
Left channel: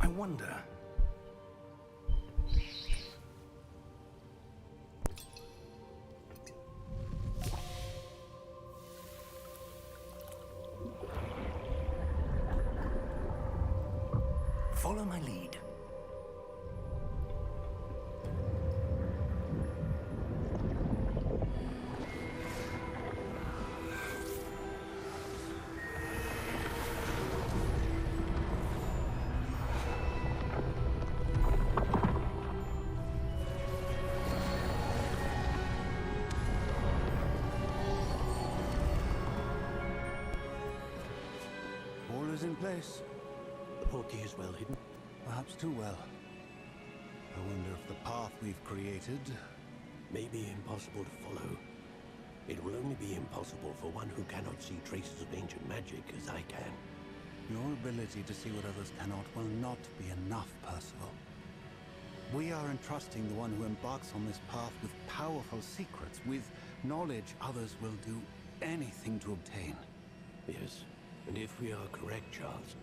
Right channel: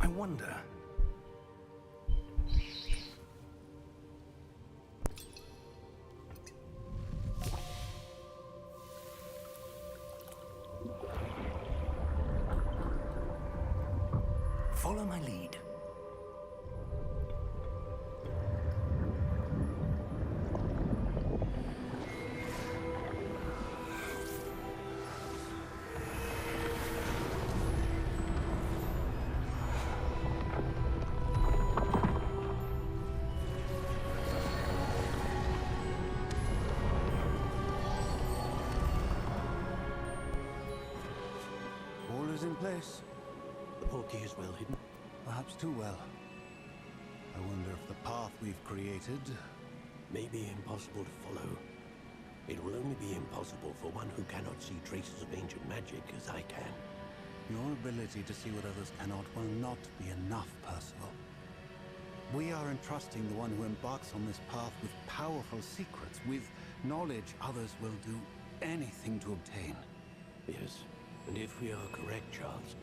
I wonder. Follow my lead. All is in place. The portkey is well hidden. Perhaps too well. I wonder if the path we've created... May be impossible to follow. It will only be impossible for one who cannot see traces of ancient magic as I can. Your ability to see what others cannot will not be enough, Percival. We are entrusting the one who embarks on this path with powerful secrets, with knowledge others will do anything to obtain. Yes, and if we are correct, Charles,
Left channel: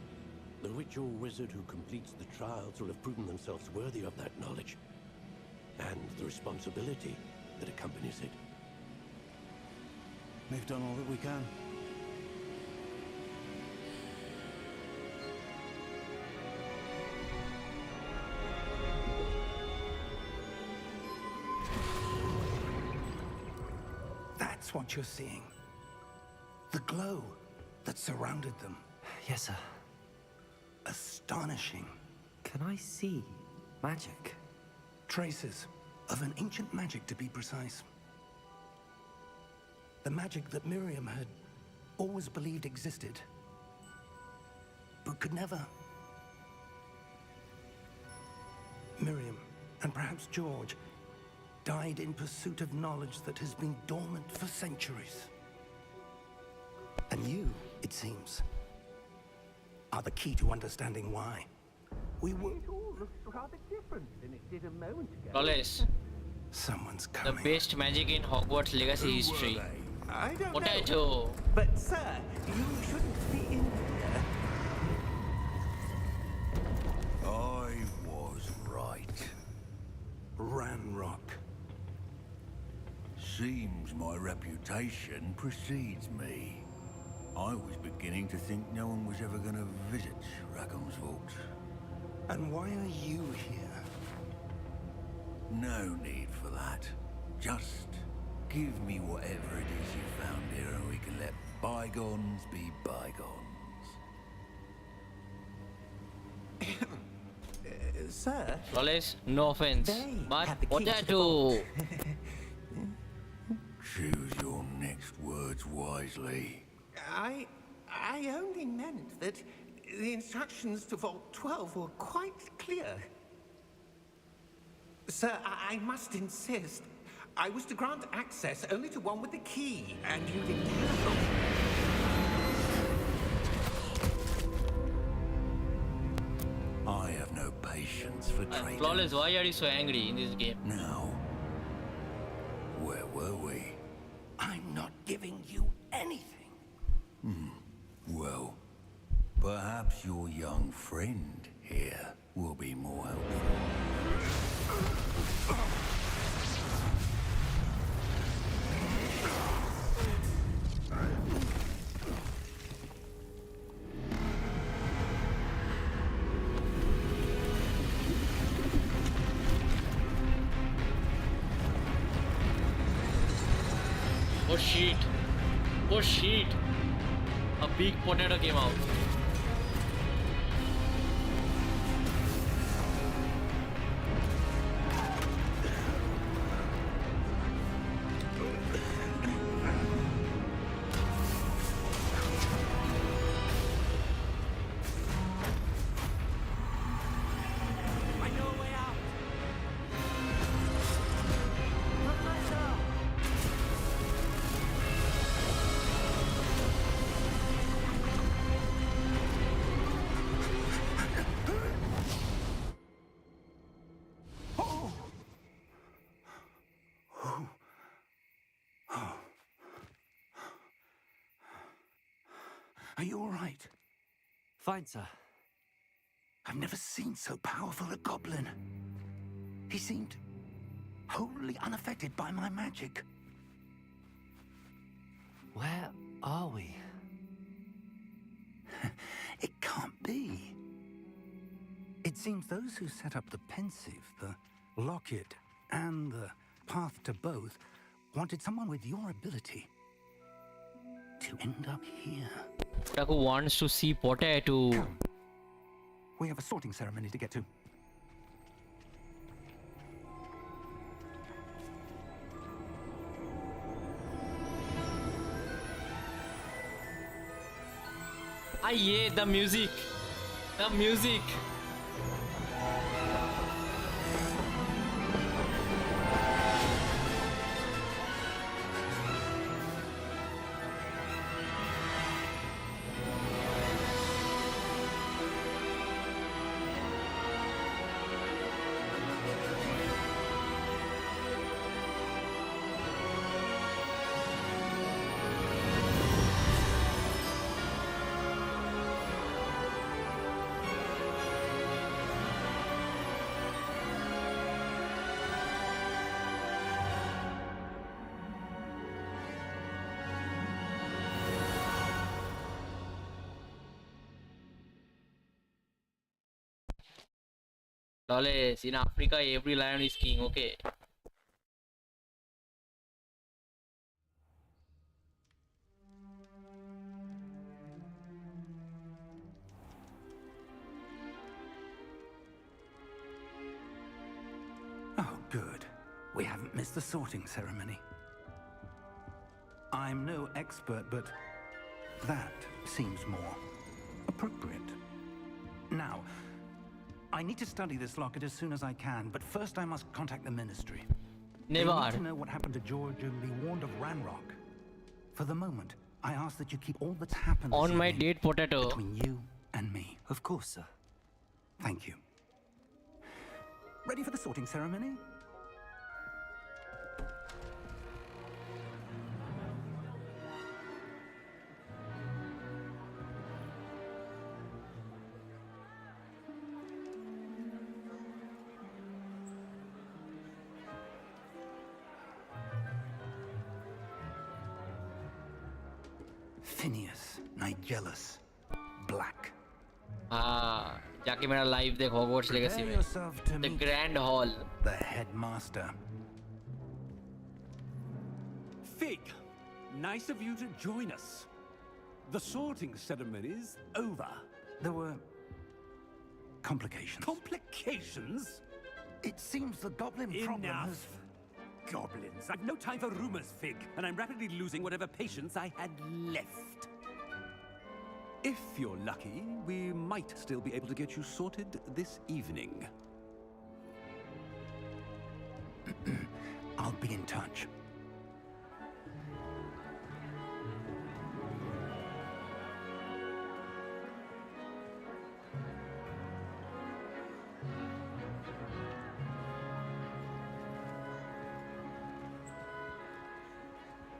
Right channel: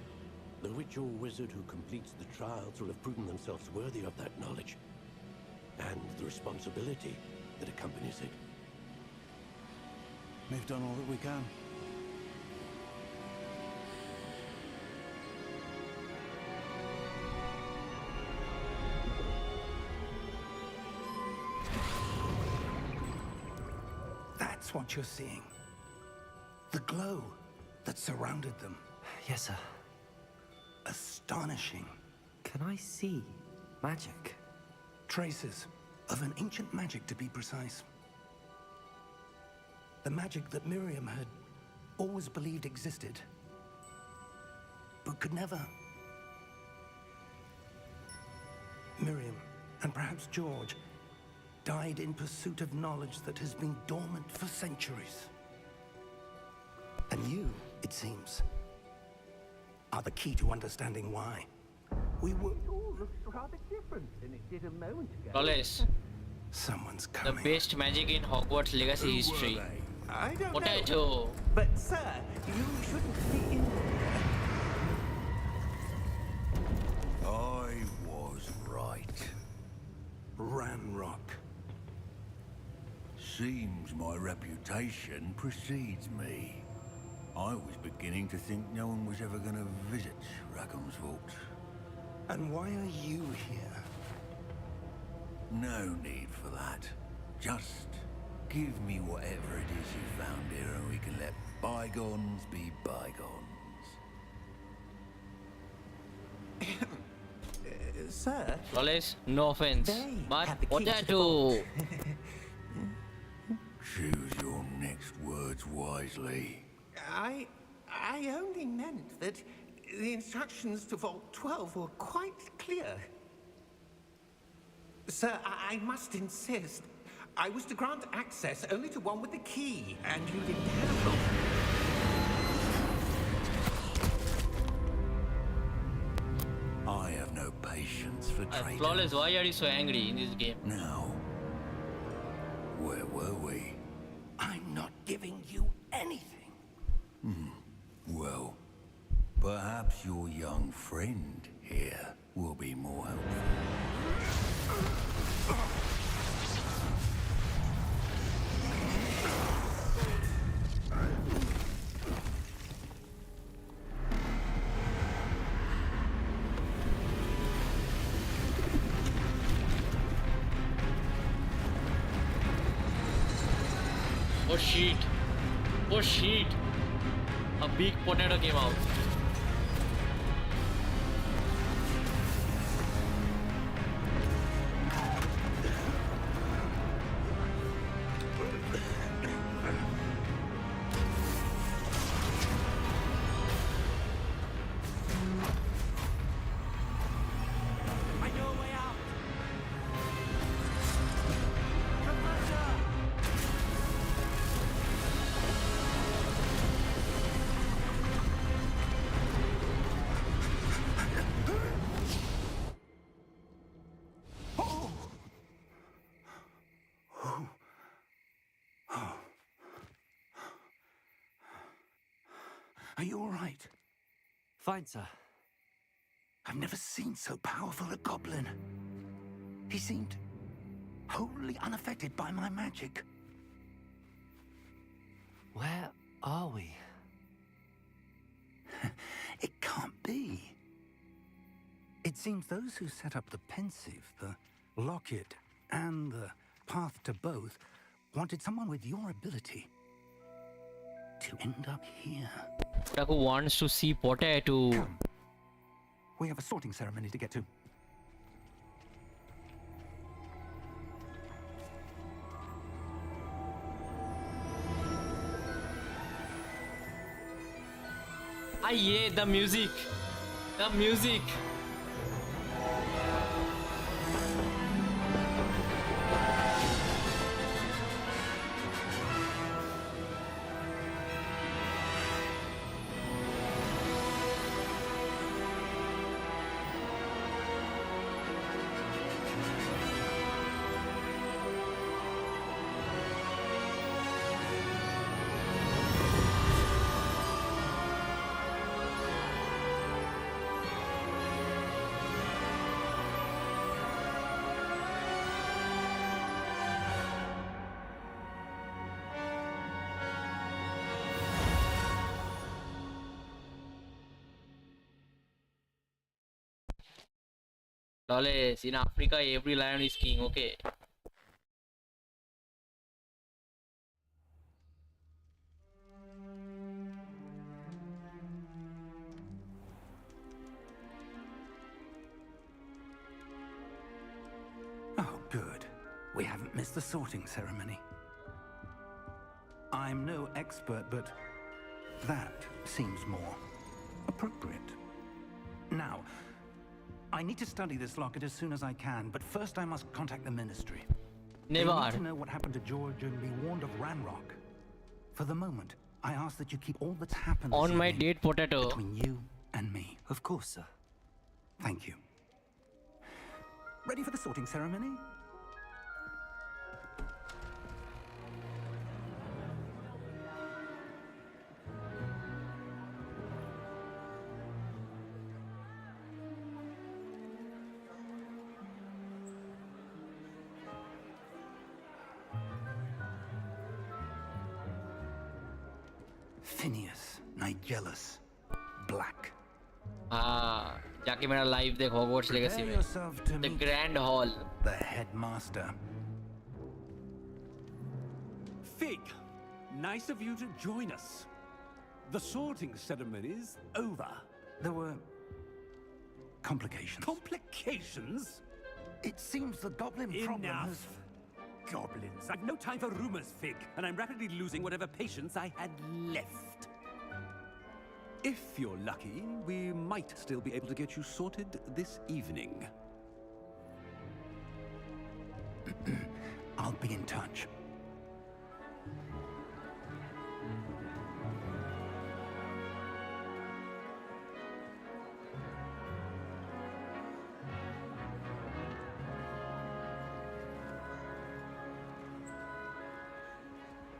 the witch or wizard who completes the trials will have proven themselves worthy of that knowledge, and the responsibility that accompanies it. We've done all that we can. That's what you're seeing. The glow that surrounded them. Yes, sir. Astonishing. Can I see magic? Traces of an ancient magic, to be precise. The magic that Miriam had always believed existed, but could never. Miriam, and perhaps George, died in pursuit of knowledge that has been dormant for centuries. And you, it seems, are the key to understanding why. We were... It all looks rather different than it did a moment ago. Flawless. Someone's The coming. best magic in Hogwarts Legacy history. I don't know. Potato. But, sir, you shouldn't be in here. I was right. Ranrock. Seems my reputation precedes me. I was beginning to think no one was ever going to visit Rackham's vault. And why are you here? No need for that. Just give me whatever it is you found here and we can let bygones be bygones. Sir, Flawless, no offense. They But have the key to the potato. Choose your next words wisely. I only meant that the instructions to Vault 12 were quite clear. Sir, I must insist. I was to grant access only to one with the key, and you didn't have them. I have no patience for traitors. Flawless, why are you so angry in this game? Now, where were we? I'm not giving you anything. Well, perhaps your young friend here will be more helpful. Oh shit. Oh shit. A big potato came out. I know a way out. Professor! Are you all right? Fine, sir. I've never seen so powerful a goblin. He seemed wholly unaffected by my magic. Where are we? It can't be. It seems those who set up the pensive, the locket, and the path to both wanted someone with your ability to end up here. Taku wants to see potato. Come. We have a sorting ceremony to get to. Ah, yeah, the music. The music. Loles, in Africa, every lion is king, okay? Oh, good. We haven't missed the sorting ceremony. I'm no expert, but that seems more appropriate. Now, I need to study this locket as soon as I can, but first I must contact the Ministry. They Never. need to know what happened to George and be warned of Ranrock. For the moment, I ask that you keep all that's happened this On my evening date, potato. between you and me. Of course, sir. Thank you. Ready for the sorting ceremony? Phineas, Nigellus, Black. हाँ, जाके मेरा live देख Hogwarts Legacy Prepare में. yourself to The meet Grand Hall. the headmaster. Fig, nice of you to join us. The sorting ceremony's over. There were complications. Complications? It seems the goblin problem has... Enough. Goblins. I've no time for rumors, Fig, and I'm rapidly losing whatever patience I had left. If you're lucky, we might still be able to get you sorted this evening. I'll be in touch.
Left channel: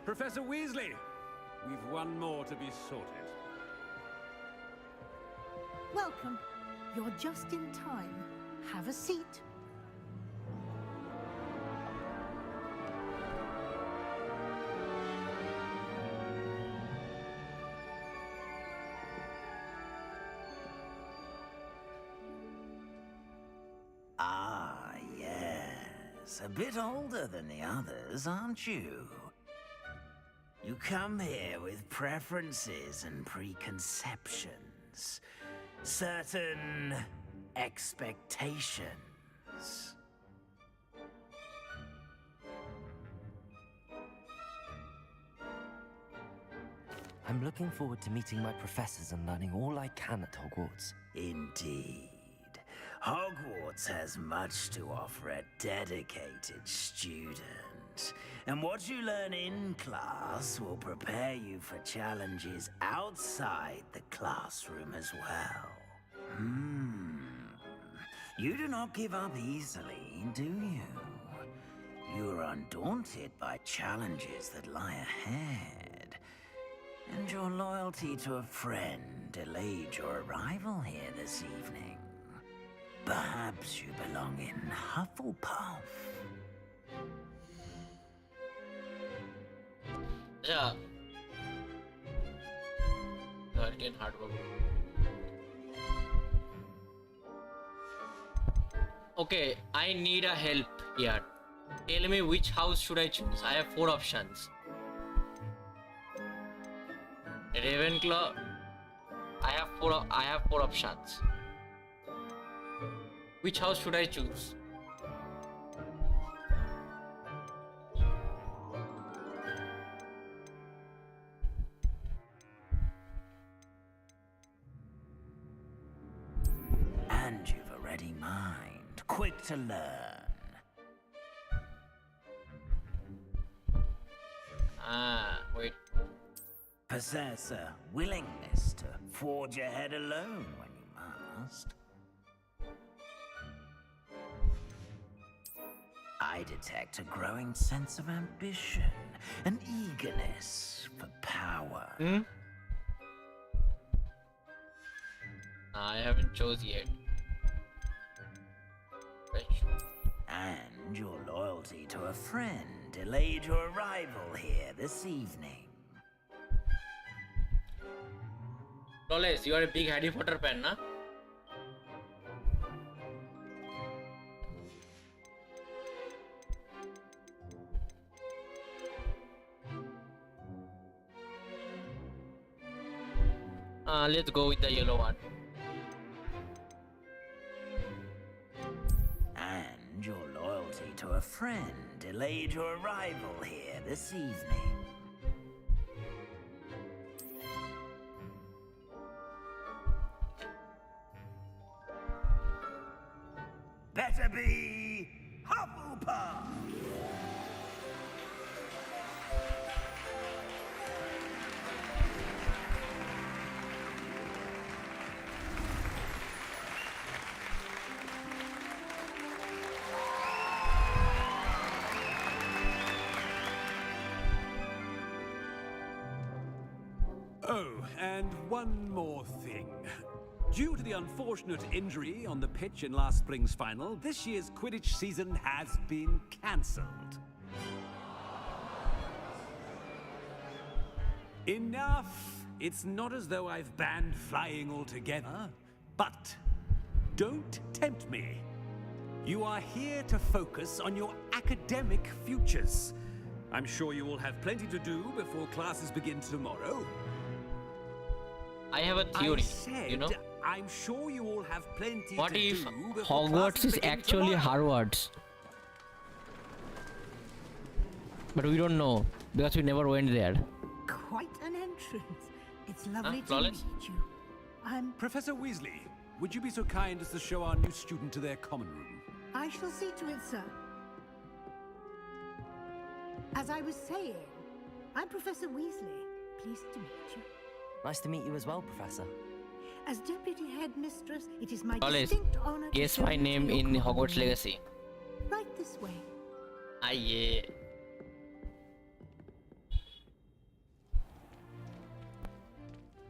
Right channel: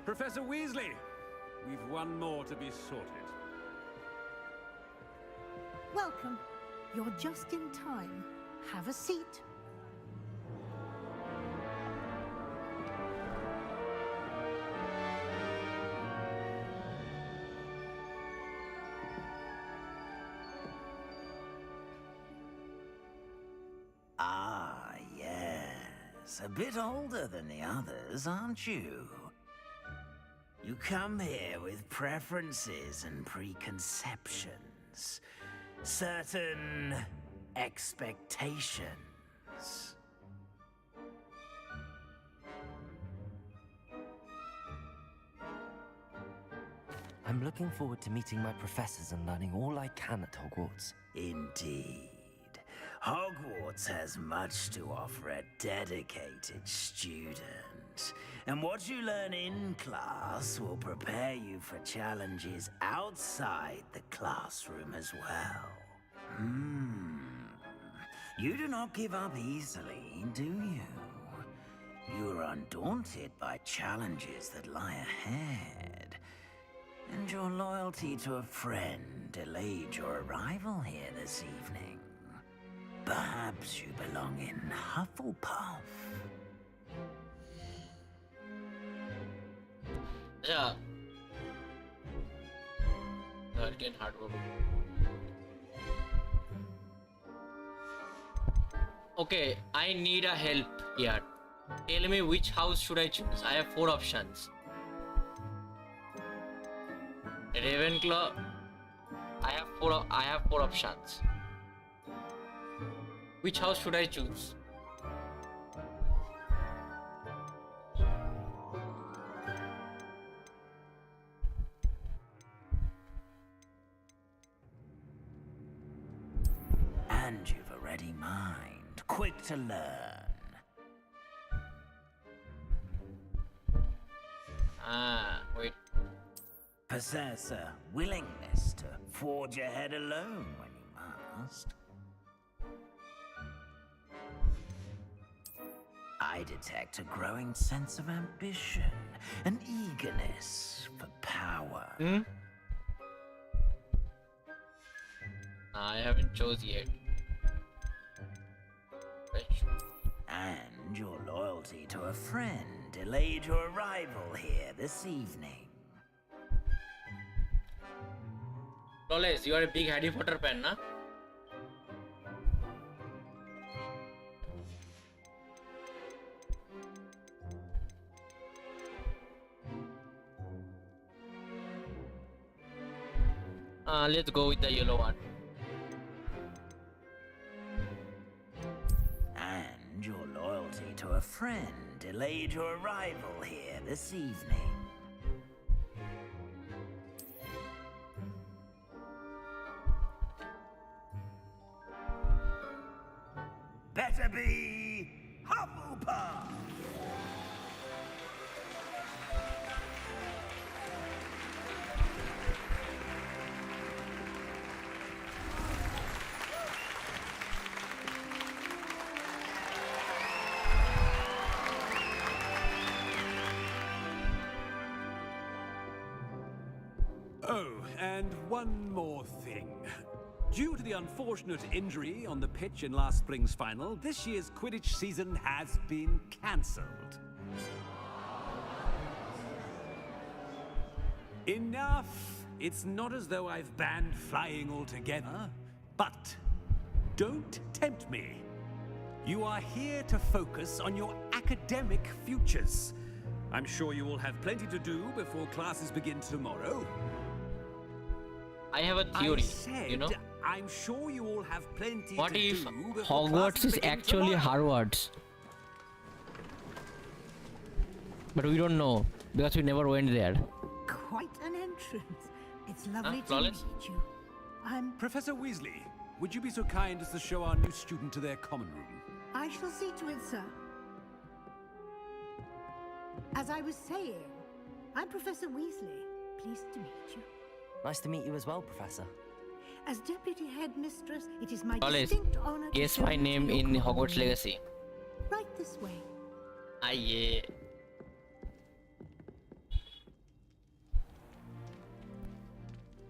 Professor Weasley, we've one more to be sorted. Welcome. You're just in time. Have a seat. Ah, yes. A bit older than the others, aren't you? You come here with preferences and preconceptions. Certain expectations. I'm looking forward to meeting my professors and learning all I can at Hogwarts. Indeed. Hogwarts has much to offer a dedicated student. And what you learn in class will prepare you for challenges outside the classroom as well. You do not give up easily, do you? You are undaunted by challenges that lie ahead. And your loyalty to a friend delayed your arrival here this evening. Perhaps you belong in Hufflepuff. Yeah. Again, hard work. Okay, I need a help here. Tell me which house should I choose? I have 4 options. Ravenclaw. I have four options. Which house should I choose? And you've a ready mind, quick to learn. Wait. Possess a willingness to forge ahead alone when you must. I detect a growing sense of ambition, an eagerness for power. I haven't chose yet. And your loyalty to a friend delayed your arrival here this evening. Flawless, you are a big Harry Potter fan, na? Let's go with the yellow one. And your loyalty to a friend delayed your arrival here this evening. Better be Hufflepuff! Oh, and one more thing. Due to the unfortunate injury on the pitch in last spring's final, this year's Quidditch season has been cancelled. Enough! It's not as though I've banned flying altogether, but don't tempt me. You are here to focus on your academic futures. I'm sure you will have plenty to do before classes begin tomorrow. I have a theory, you know? I'm sure you all have plenty what to if do before Hogwarts classes is begin actually tomorrow? Harvard's? But we don't know because we never went there. Quite an entrance. It's lovely to Flawless? meet you. I'm... Professor Weasley, would you be so kind as to show our new student to their common room? I shall see to it, sir. As I was saying, I'm Professor Weasley. Pleased to meet you. Nice to meet you as well, Professor. As Deputy Headmistress, it is my Flawless. distinct honor to Guess show my you to name your in common Hogwarts room. Legacy. Right this way. Ah, yeah.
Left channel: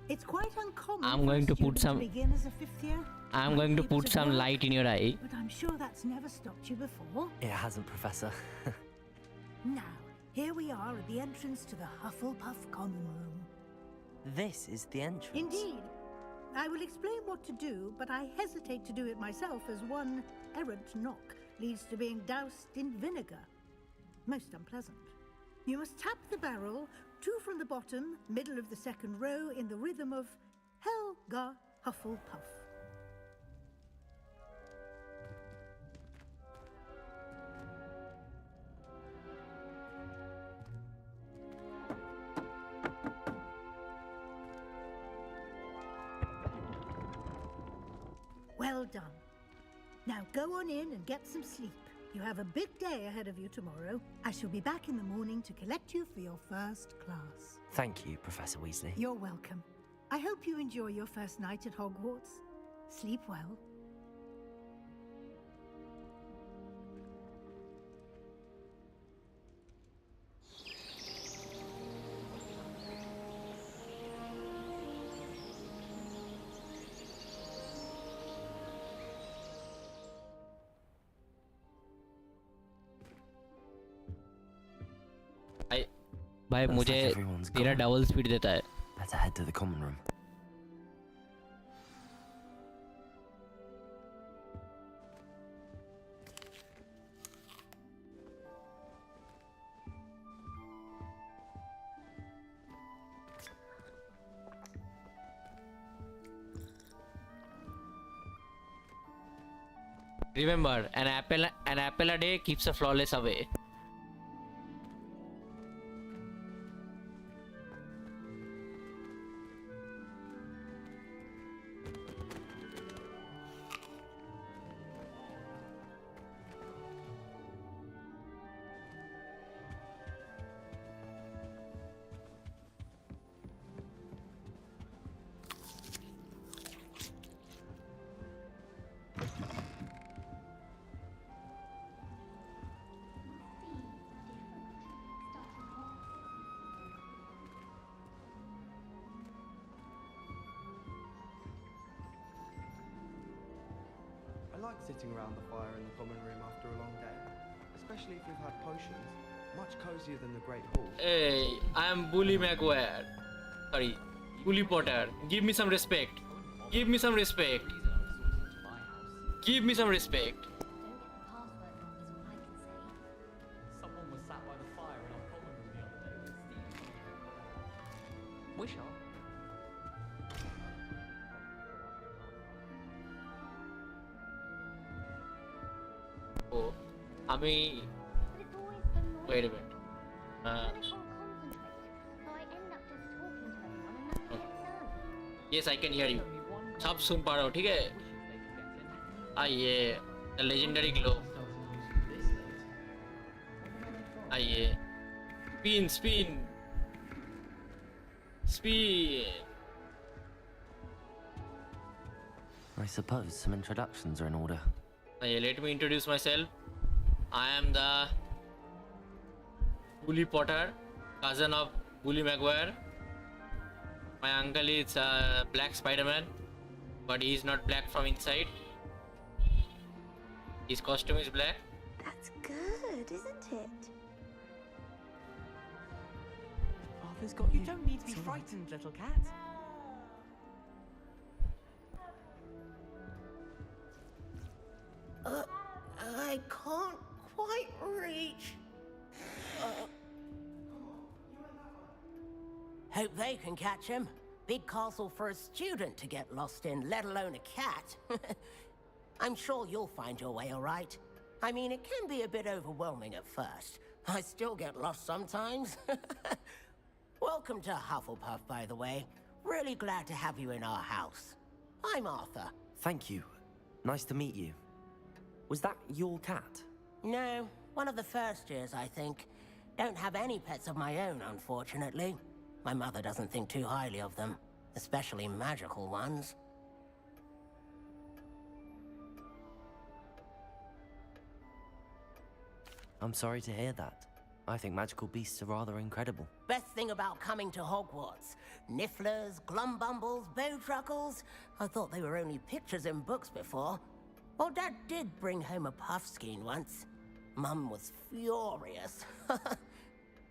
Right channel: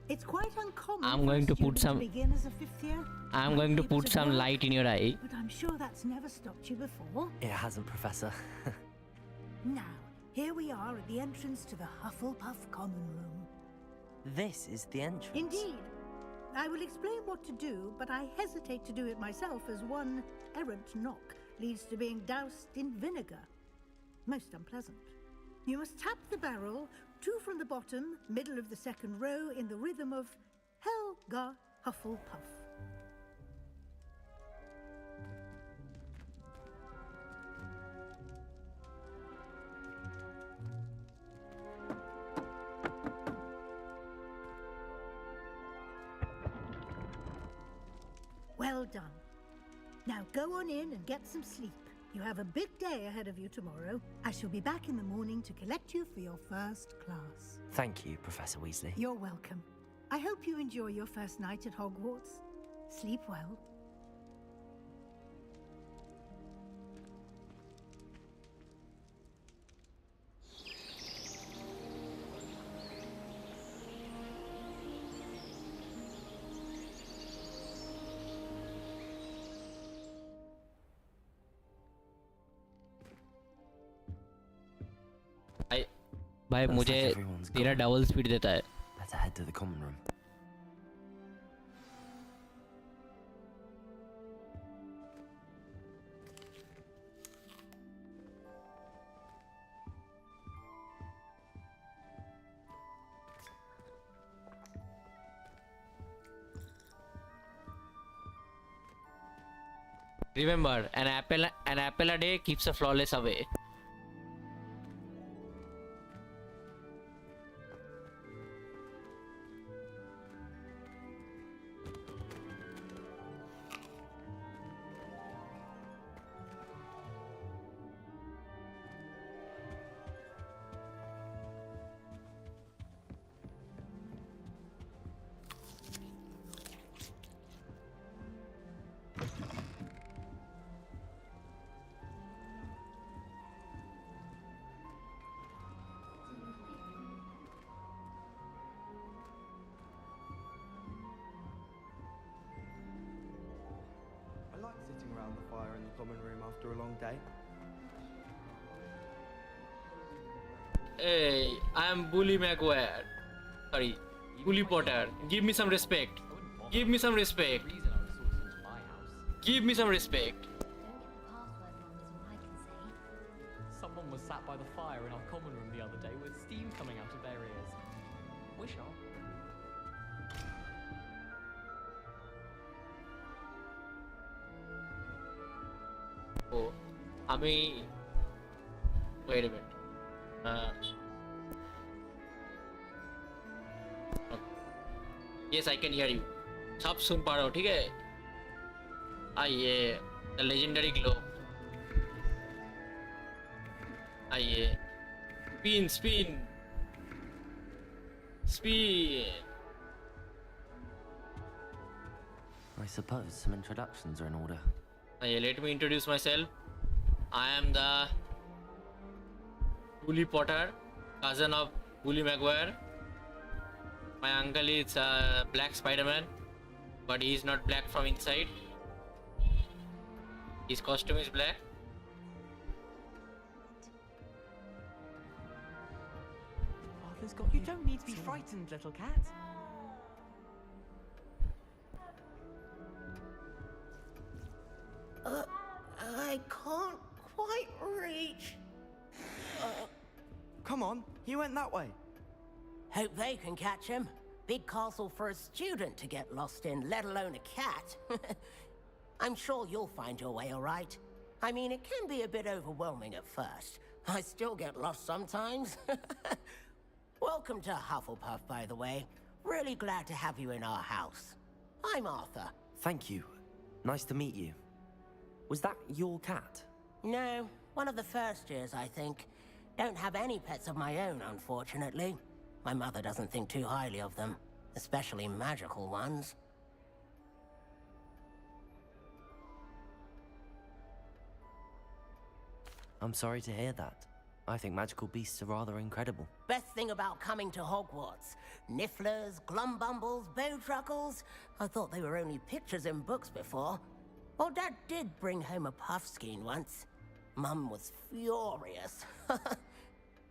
It's quite uncommon I'm for going a to put student some- begin as a 5th year. I'm My going to papers put of some work, light in your eye. But I'm sure that's never stopped you before. It hasn't, Professor. Now, here we are at the entrance to the Hufflepuff Common Room. This is the entrance. Indeed. I will explain what to do, but I hesitate to do it myself as one errant knock leads to being doused in vinegar. Most unpleasant. You must tap the barrel, 2 from the bottom, middle of the second row, in the rhythm of Helga Hufflepuff. Well done. Now go on in and get some sleep. You have a big day ahead of you tomorrow. I shall be back in the morning to collect you for your first class. Thank you, Professor Weasley. You're welcome. I hope you enjoy your first night at Hogwarts. Sleep well. भाई Looks मुझे like everyone's तेरा gone. Double speed देता है. Better head to the common room. Remember, an apple a day keeps a flawless away. I like sitting around the fire in the common room after a long day, especially if you've had potions. Much cozier than the Great Hall. Hey, I am Bully Maguire. Sorry, Bully Potter. Give me some respect. Give me some respect. Give me some respect. Someone was sat by the fire in our common room the other day with steam coming out of their ears. Wish I. Oh, wait a minute. Okay. Yes, I can hear you. सब सुन पा रहा हो, ठीक है? आइए, the legendary globe. आइए, spin. I suppose some introductions are in order. Let me introduce myself. I am the Bully Potter, cousin of Bully Maguire. My uncle is Black Spider-Man, but he is not black from inside. His costume is black. That's good, isn't it? Arthur's got you. You don't need to be frightened, little cat. I can't quite reach. Come on, you went that way. Hope they can catch him. Big castle for a student to get lost in, let alone a cat. I'm sure you'll find your way all right. I mean, it can be a bit overwhelming at first. I still get lost sometimes. Welcome to Hufflepuff, by the way. Really glad to have you in our house. I'm Arthur. Thank you. Nice to meet you. Was that your cat? No, one of the first years, I think. Don't have any pets of my own, unfortunately. My mother doesn't think too highly of them, especially magical ones. I'm sorry to hear that. I think magical beasts are rather incredible. Best thing about coming to Hogwarts. Nifflers, glumbumbles, bowtruckles. I thought they were only pictures in books before. Well, Dad did bring home a puffskein once. Mum was furious.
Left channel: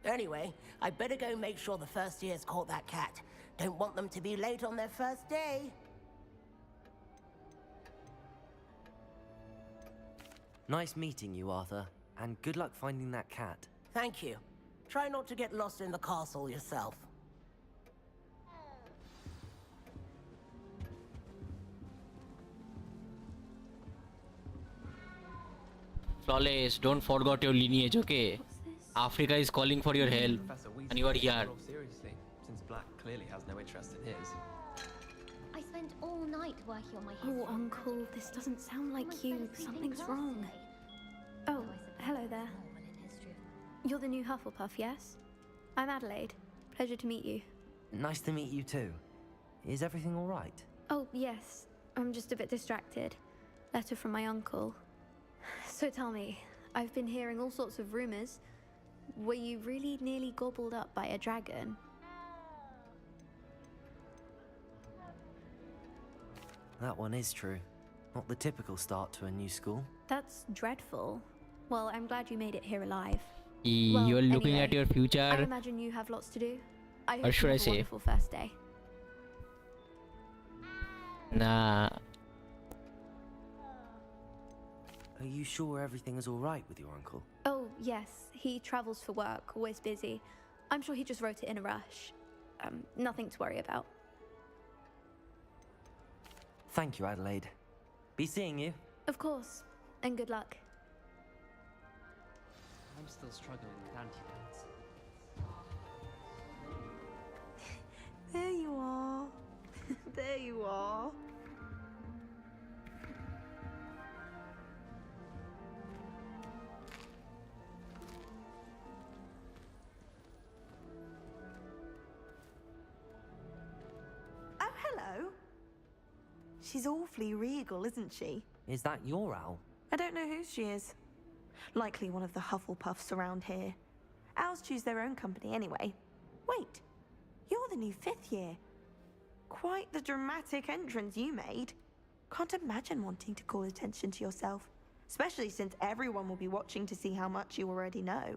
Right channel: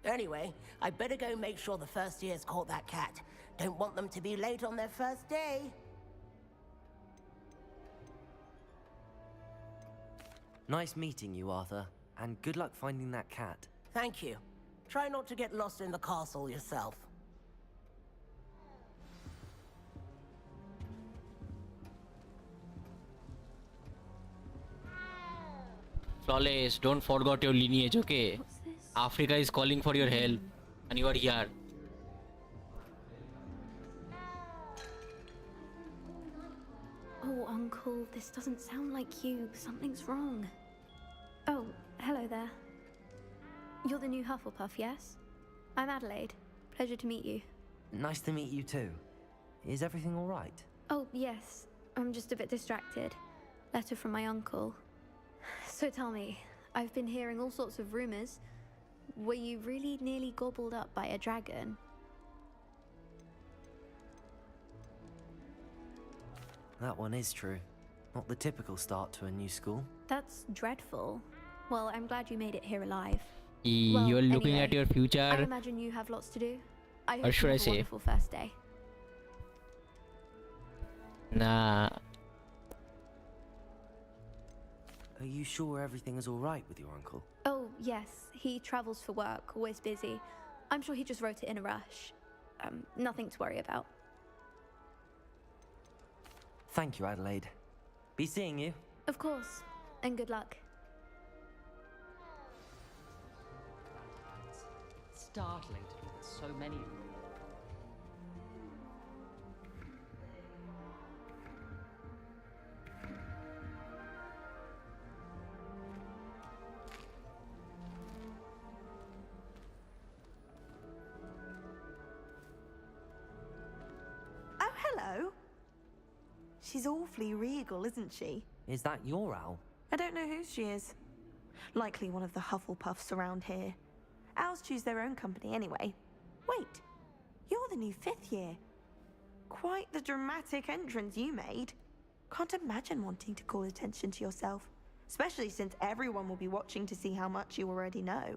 Anyway, I better go make sure the first years caught that cat. Don't want them to be late on their first day. Nice meeting you, Arthur. And good luck finding that cat. Thank you. Try not to get lost in the castle yourself. Flawless, don't forget your lineage, okay? Africa is calling for your help, and you are here. Seriously, since Black clearly has no interest in his. I spent all night working on my Oh, Uncle, this doesn't sound like you. Something's wrong. Oh, hello there. You're the new Hufflepuff, yes? I'm Adelaide. Pleasure to meet you. Nice to meet you too. Is everything all right? Oh, yes. I'm just a bit distracted. Letter from my uncle. So tell me, I've been hearing all sorts of rumors. Were you really nearly gobbled up by a dragon? That one is true. Not the typical start to a new school. That's dreadful. Well, I'm glad you made it here alive. You're looking anyway, at your I future. imagine you have lots to do. I Or hope should you I have a say? wonderful first day. Nah. Are you sure everything is all right with your uncle? Oh, yes. He travels for work, always busy. I'm sure he just wrote it in a rush. Nothing to worry about. Thank you, Adelaide. Be seeing you. Of course. And good luck. I'm still struggling with anti-pets. Startling to me with so many of them. There you are. There you are. Oh, hello. She's awfully regal, isn't she? Is that your owl? I don't know who she is. Likely one of the Hufflepuffs around here. Owls choose their own company anyway. Wait, you're the new 5th year. Quite the dramatic entrance you made. Can't imagine wanting to call attention to yourself, especially since everyone will be watching to see how much you already know.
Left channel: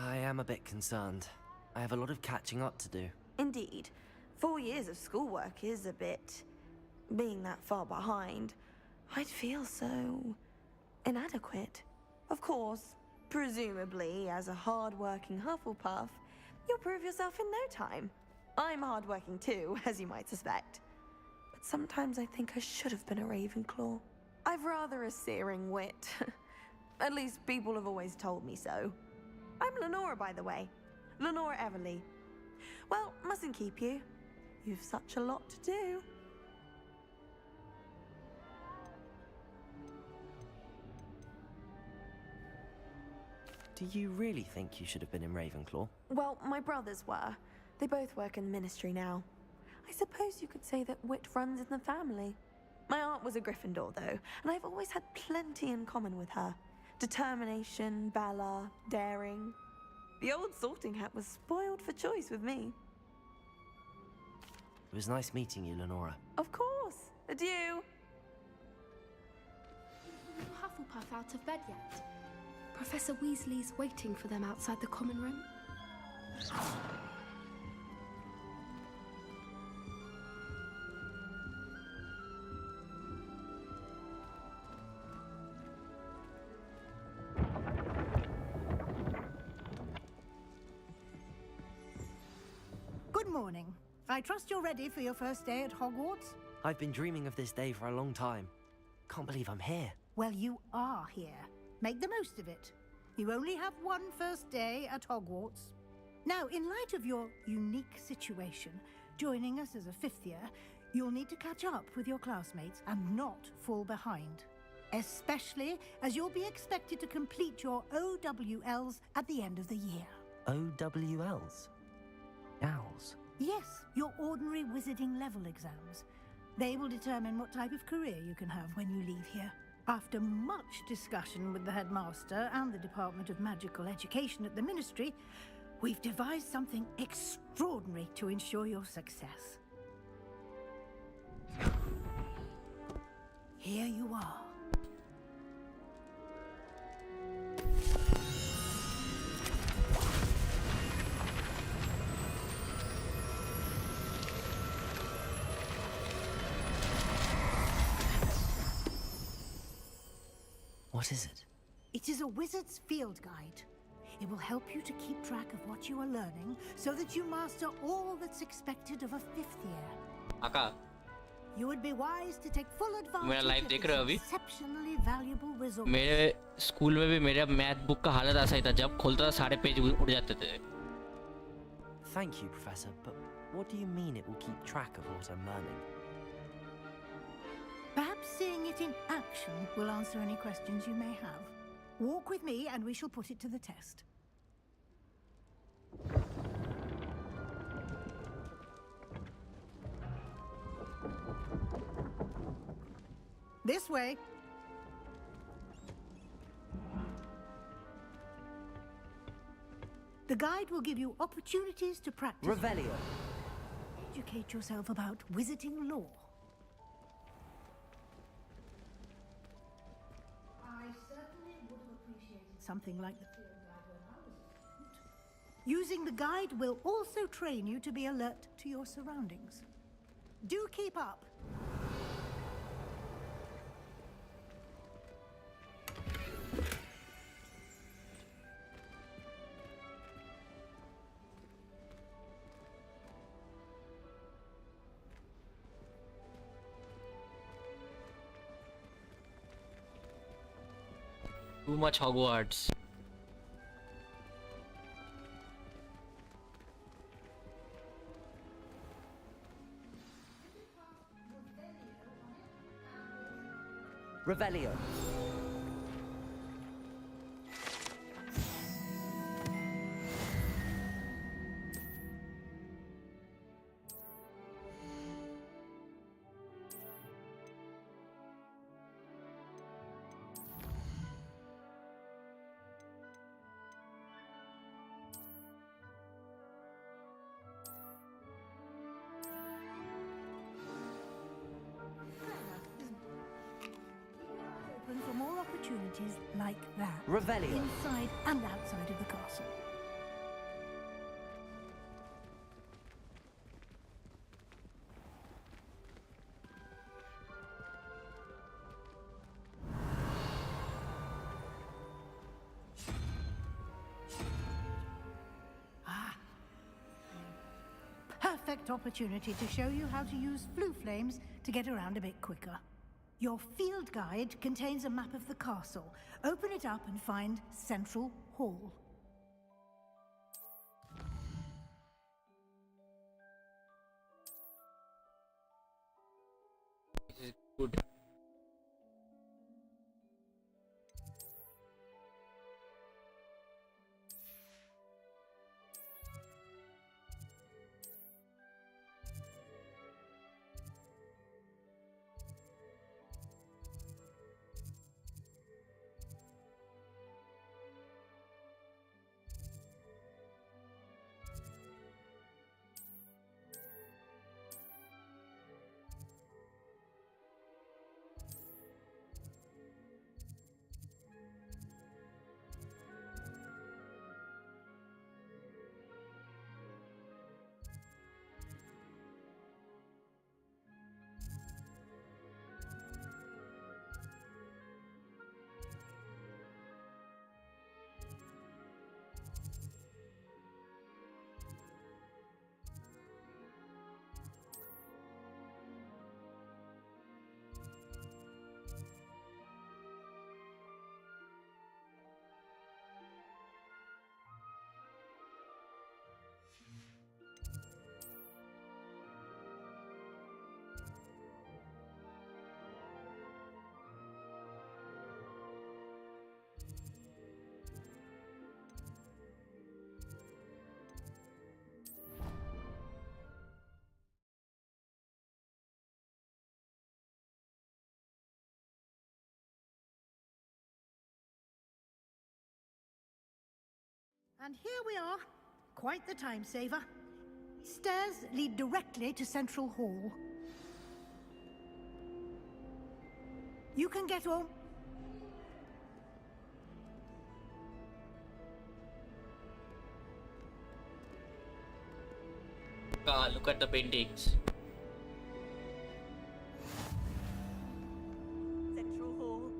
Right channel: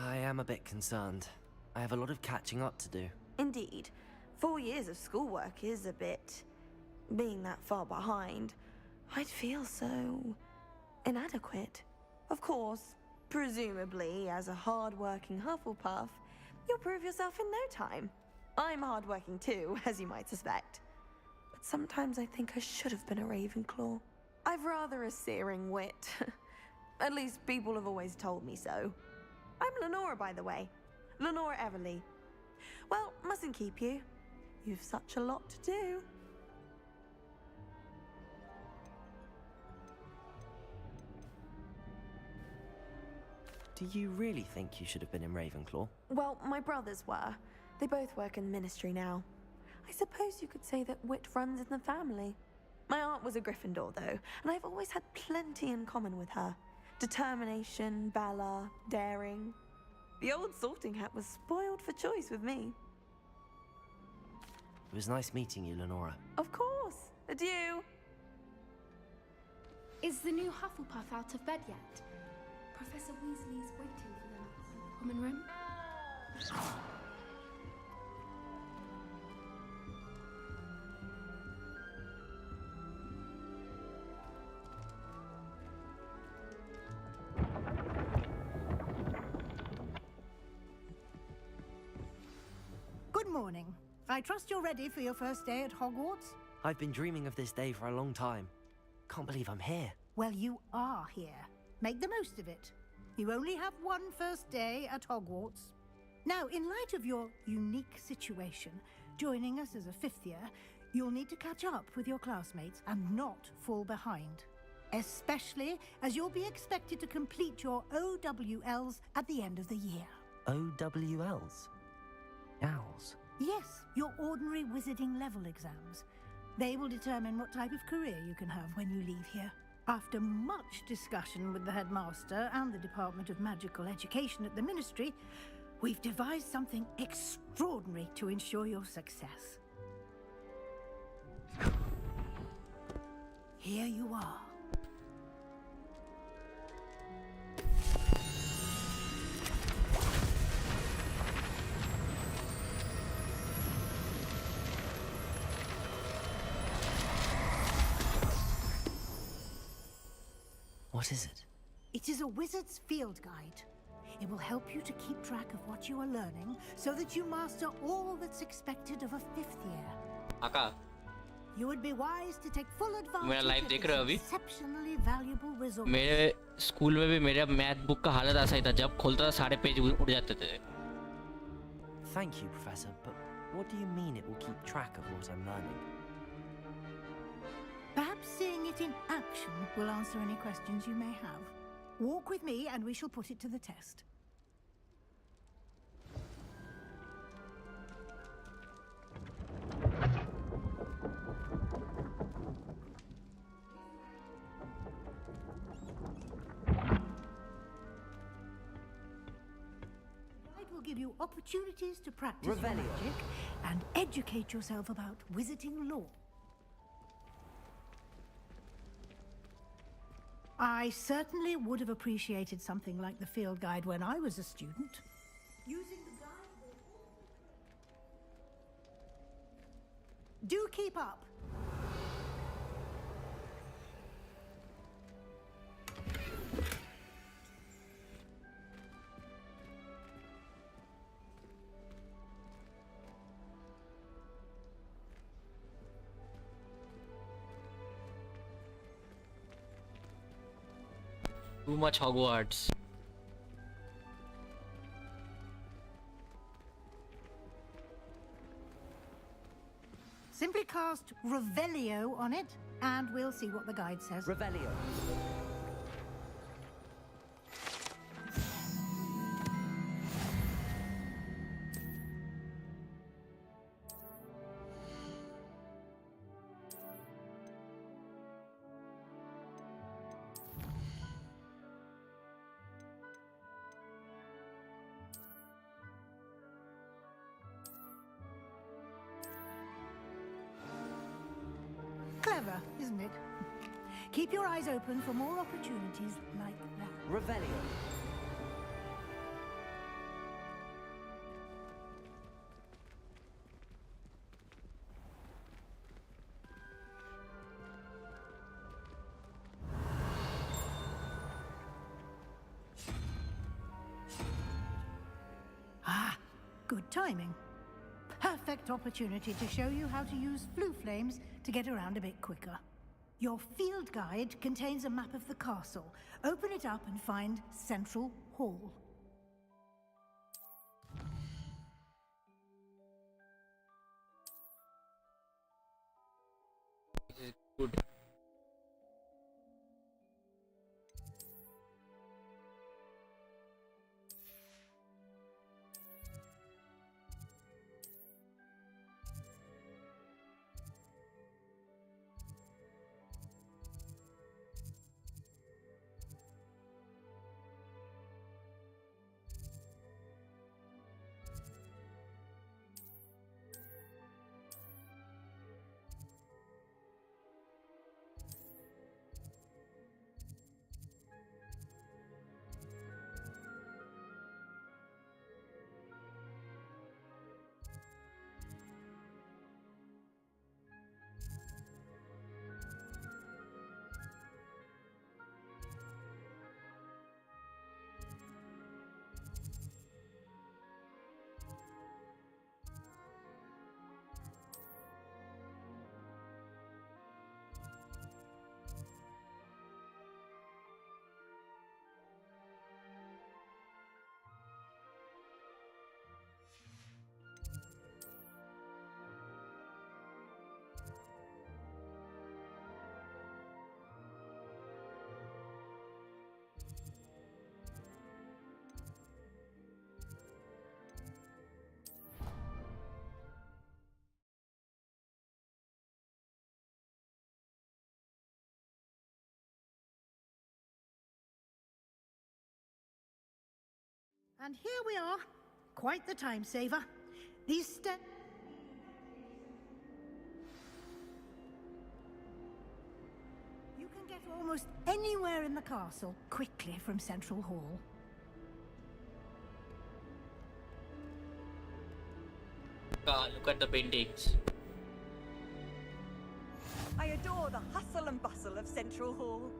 I am a bit concerned. I have a lot of catching up to do. Indeed. 4 years of schoolwork is a bit... Being that far behind, I'd feel so... inadequate. Of course, presumably, as a hard-working Hufflepuff, you'll prove yourself in no time. I'm hard-working too, as you might suspect. But sometimes I think I should have been a Ravenclaw. I've rather a searing wit. At least people have always told me so. I'm Lenora, by the way. Lenora Everly. Well, mustn't keep you. You've such a lot to do. Do you really think you should have been in Ravenclaw? Well, my brothers were. They both work in the ministry now. I suppose you could say that wit runs in the family. My aunt was a Gryffindor, though, and I've always had plenty in common with her. Determination, valor, daring. The old sorting hat was spoiled for choice with me. It was nice meeting you, Lenora. Of course. Adieu. Is the new Hufflepuff out of bed yet? Professor Weasley's waiting for them outside the common room. Good morning. I trust you're ready for your first day at Hogwarts? I've been dreaming of this day for a long time. Can't believe I'm here. Well, you are here. Make the most of it. You only have one first day at Hogwarts. Now, in light of your unique situation, joining us as a 5th year, you'll need to catch up with your classmates and not fall behind. Especially as you'll be expected to complete your OWLs at the end of the year. OWLs? Owls? Yes, your ordinary wizarding level exams. They will determine what type of career you can have when you leave here. After much discussion with the headmaster and the Department of Magical Education at the Ministry, we've devised something extraordinary to ensure your success. Here you are. What is it? It is a wizard's field guide. It will help you to keep track of what you are learning so that you master all that's expected of a 5th year. Aka, You would be wise to take full advantage मेरा live देख रहे हो of अभी? this exceptionally valuable resource. मेरे school में भी मेरा math book का हालत ऐसा ही था, जब खोलता था सारे पेज उड़ जाते थे. Thank you, Professor, but what do you mean it will keep track of what I'm learning? Perhaps seeing it in action will answer any questions you may have. Walk with me and we shall put it to the test. This way. The guide will give you opportunities to practice Revelio. magic and educate yourself about wizarding lore. I certainly would have appreciated something like the field guide when I was a student. Using the guide will also train you to be alert to your surroundings. Do keep up! Too much Hogwarts. Simply cast Revelio on it, and we'll see what the guide says. Revelio. Clever, isn't it? Keep your eyes open for more opportunities like that. Revelio. Inside and outside of the castle. Ah, good timing. Perfect opportunity to show you how to use flue flames to get around a bit quicker. Your field guide contains a map of the castle. Open it up and find Central Hall. This is good. And here we are. Quite the time saver. These stairs lead directly to Central Hall. You can get almost anywhere in the castle quickly from Central Hall. Ah, look at the paintings. I adore the hustle and bustle of Central Hall.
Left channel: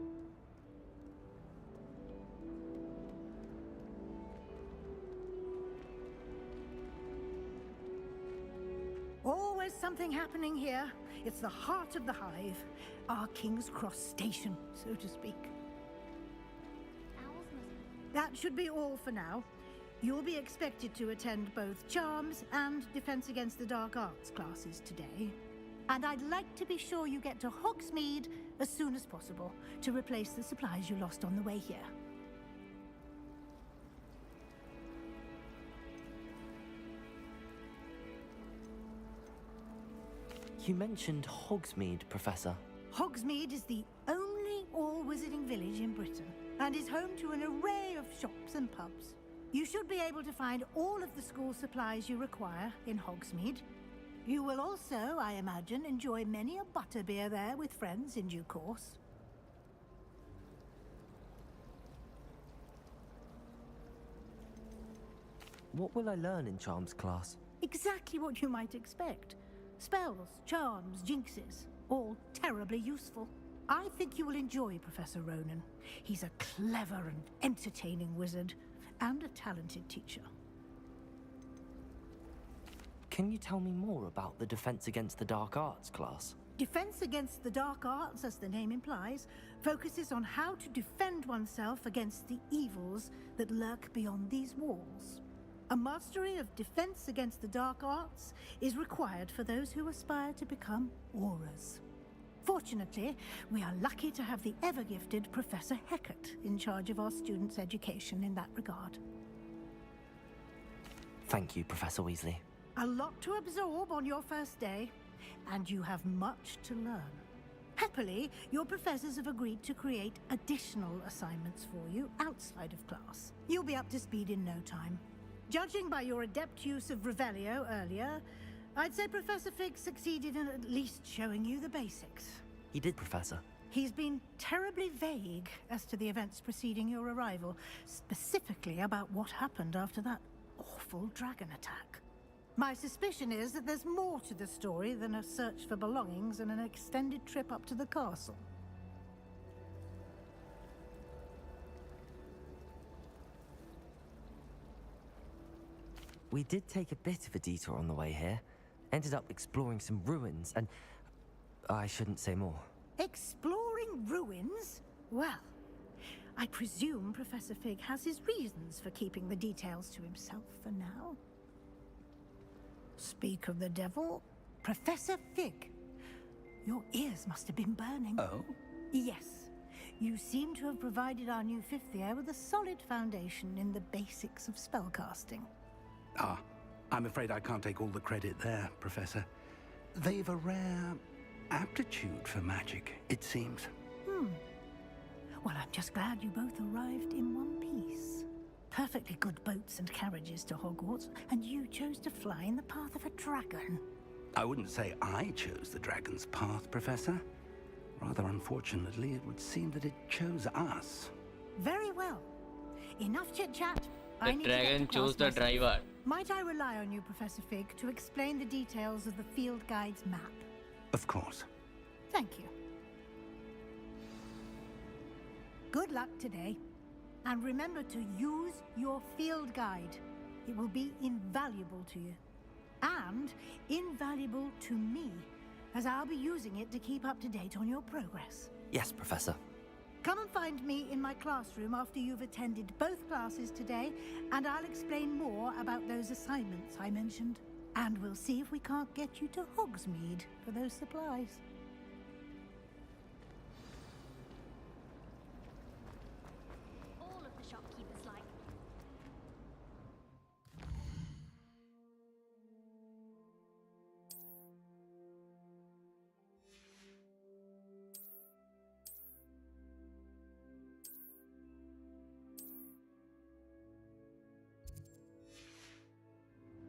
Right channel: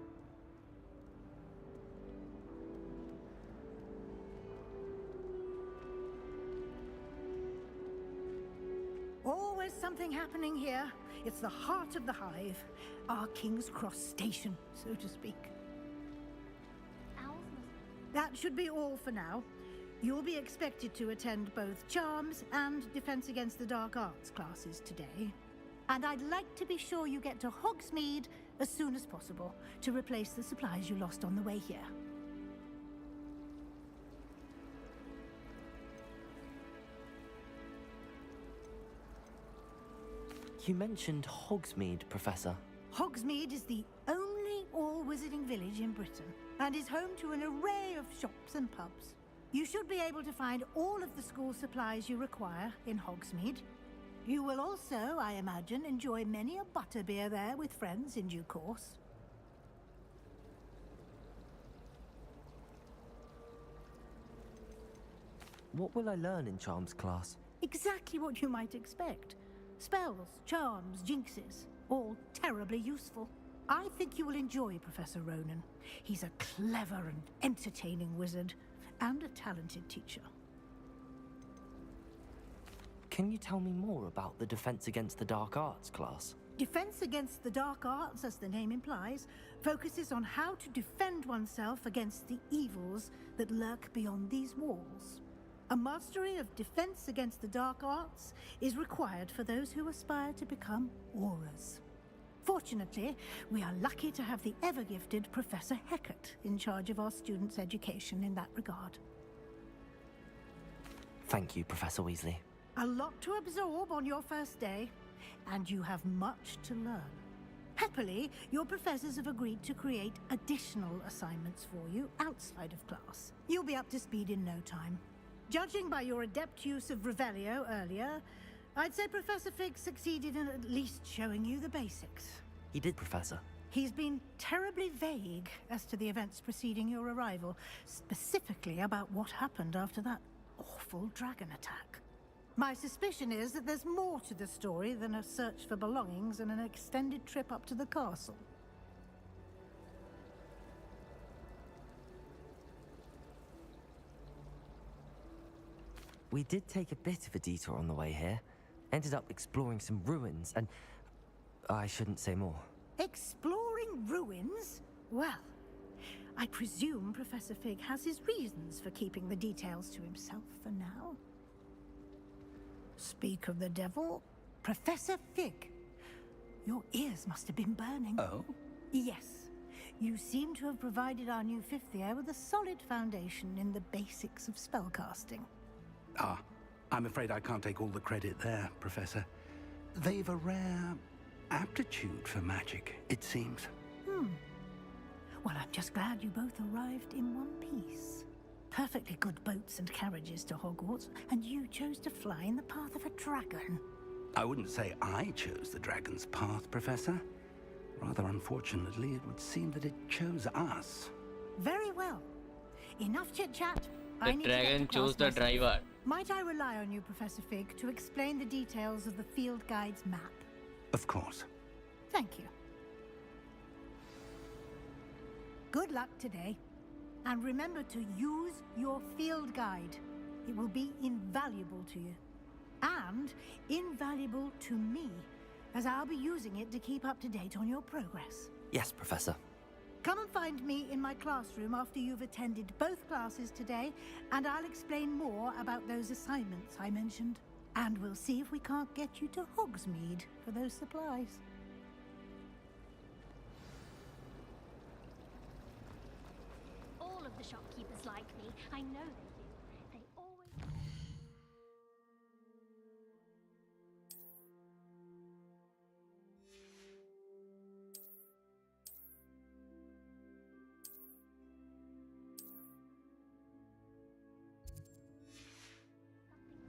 Always something happening here. It's the heart of the hive. Our King's Cross station, so to speak. Owls must... That should be all for now. You'll be expected to attend both Charms and Defense Against the Dark Arts classes today. And I'd like to be sure you get to Hogsmeade as soon as possible to replace the supplies you lost on the way here. You mentioned Hogsmeade, Professor. Hogsmeade is the only all-wizarding village in Britain and is home to an array of shops and pubs. You should be able to find all of the school supplies you require in Hogsmeade. You will also, I imagine, enjoy many a butterbeer there with friends in due course. What will I learn in charms class? Exactly what you might expect. Spells, charms, jinxes, all terribly useful. I think you will enjoy Professor Ronan. He's a clever and entertaining wizard, and a talented teacher. Can you tell me more about the Defense Against the Dark Arts class? Defense Against the Dark Arts, as the name implies, focuses on how to defend oneself against the evils that lurk beyond these walls. A mastery of Defense Against the Dark Arts is required for those who aspire to become auras. Fortunately, we are lucky to have the ever-gifted Professor Hecat in charge of our students' education in that regard. Thank you, Professor Weasley. A lot to absorb on your first day, and you have much to learn. Happily, your professors have agreed to create additional assignments for you outside of class. You'll be up to speed in no time. Judging by your adept use of Revelio earlier, I'd say Professor Fig succeeded in at least showing you the basics. He did, Professor. He's been terribly vague as to the events preceding your arrival, specifically about what happened after that awful dragon attack. My suspicion is that there's more to the story than a search for belongings and an extended trip up to the castle. We did take a bit of a detour on the way here. Ended up exploring some ruins, and I shouldn't say more. Exploring ruins? Well, I presume Professor Fig has his reasons for keeping the details to himself for now. Speak of the devil, Professor Fig. Your ears must have been burning. Oh? Yes. You seem to have provided our new fifth year with a solid foundation in the basics of spellcasting. Ah, I'm afraid I can't take all the credit there, Professor. They've a rare aptitude for magic, it seems. Well, I'm just glad you both arrived in one piece. Perfectly good boats and carriages to Hogwarts, and you chose to fly in the path of a dragon. I wouldn't say I chose the dragon's path, Professor. Rather unfortunately, it would seem that it chose us. Very well. Enough chit-chat. The dragon chose the driver. Might I rely on you, Professor Fig, to explain the details of the field guide's map? Of course. Thank you. Good luck today. And remember to use your field guide. It will be invaluable to you. And invaluable to me, as I'll be using it to keep up to date on your progress. Yes, Professor. Come and find me in my classroom after you've attended both classes today, and I'll explain more about those assignments I mentioned. And we'll see if we can't get you to Hogsmeade for those supplies. All of the shopkeepers like me. I know. They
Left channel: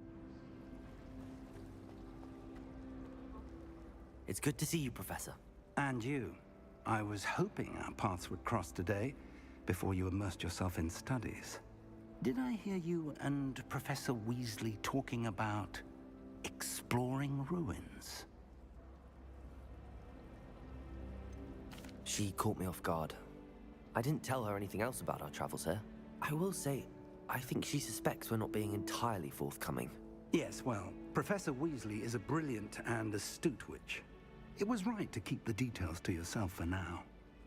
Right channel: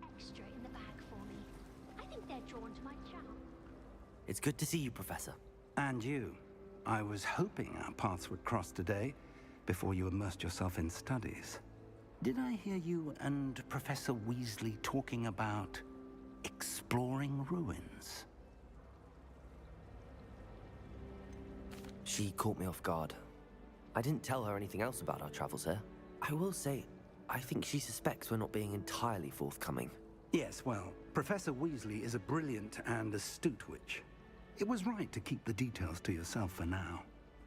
always... extra in the bag for me. I think they're drawn to my channel. It's good to see you, Professor. And you. I was hoping our paths would cross today, before you immersed yourself in studies. Did I hear you and Professor Weasley talking about exploring ruins? She caught me off guard. I didn't tell her anything else about our travels here. I will say, I think she suspects we're not being entirely forthcoming. Yes, well, Professor Weasley is a brilliant and astute witch. It was right to keep the details to yourself for now.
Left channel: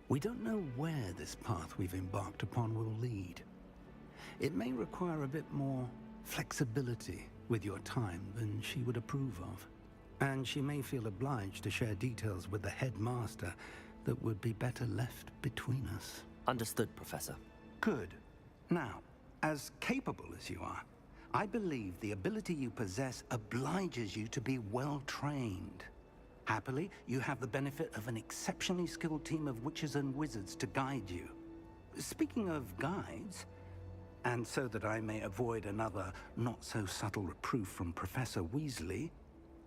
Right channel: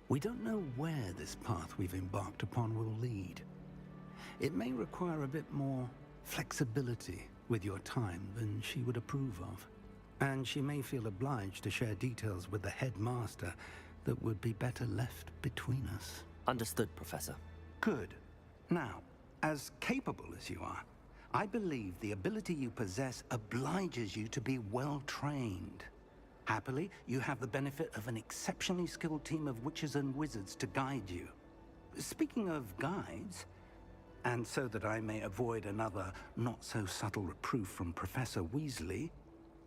We don't know where this path we've embarked upon will lead. It may require a bit more flexibility with your time than she would approve of. And she may feel obliged to share details with the headmaster that would be better left between us. Understood, Professor. Good. Now, as capable as you are, I believe the ability you possess obliges you to be well trained. Happily, you have the benefit of an exceptionally skilled team of witches and wizards to guide you. Speaking of guides, and so that I may avoid another not-so-subtle reproof from Professor Weasley,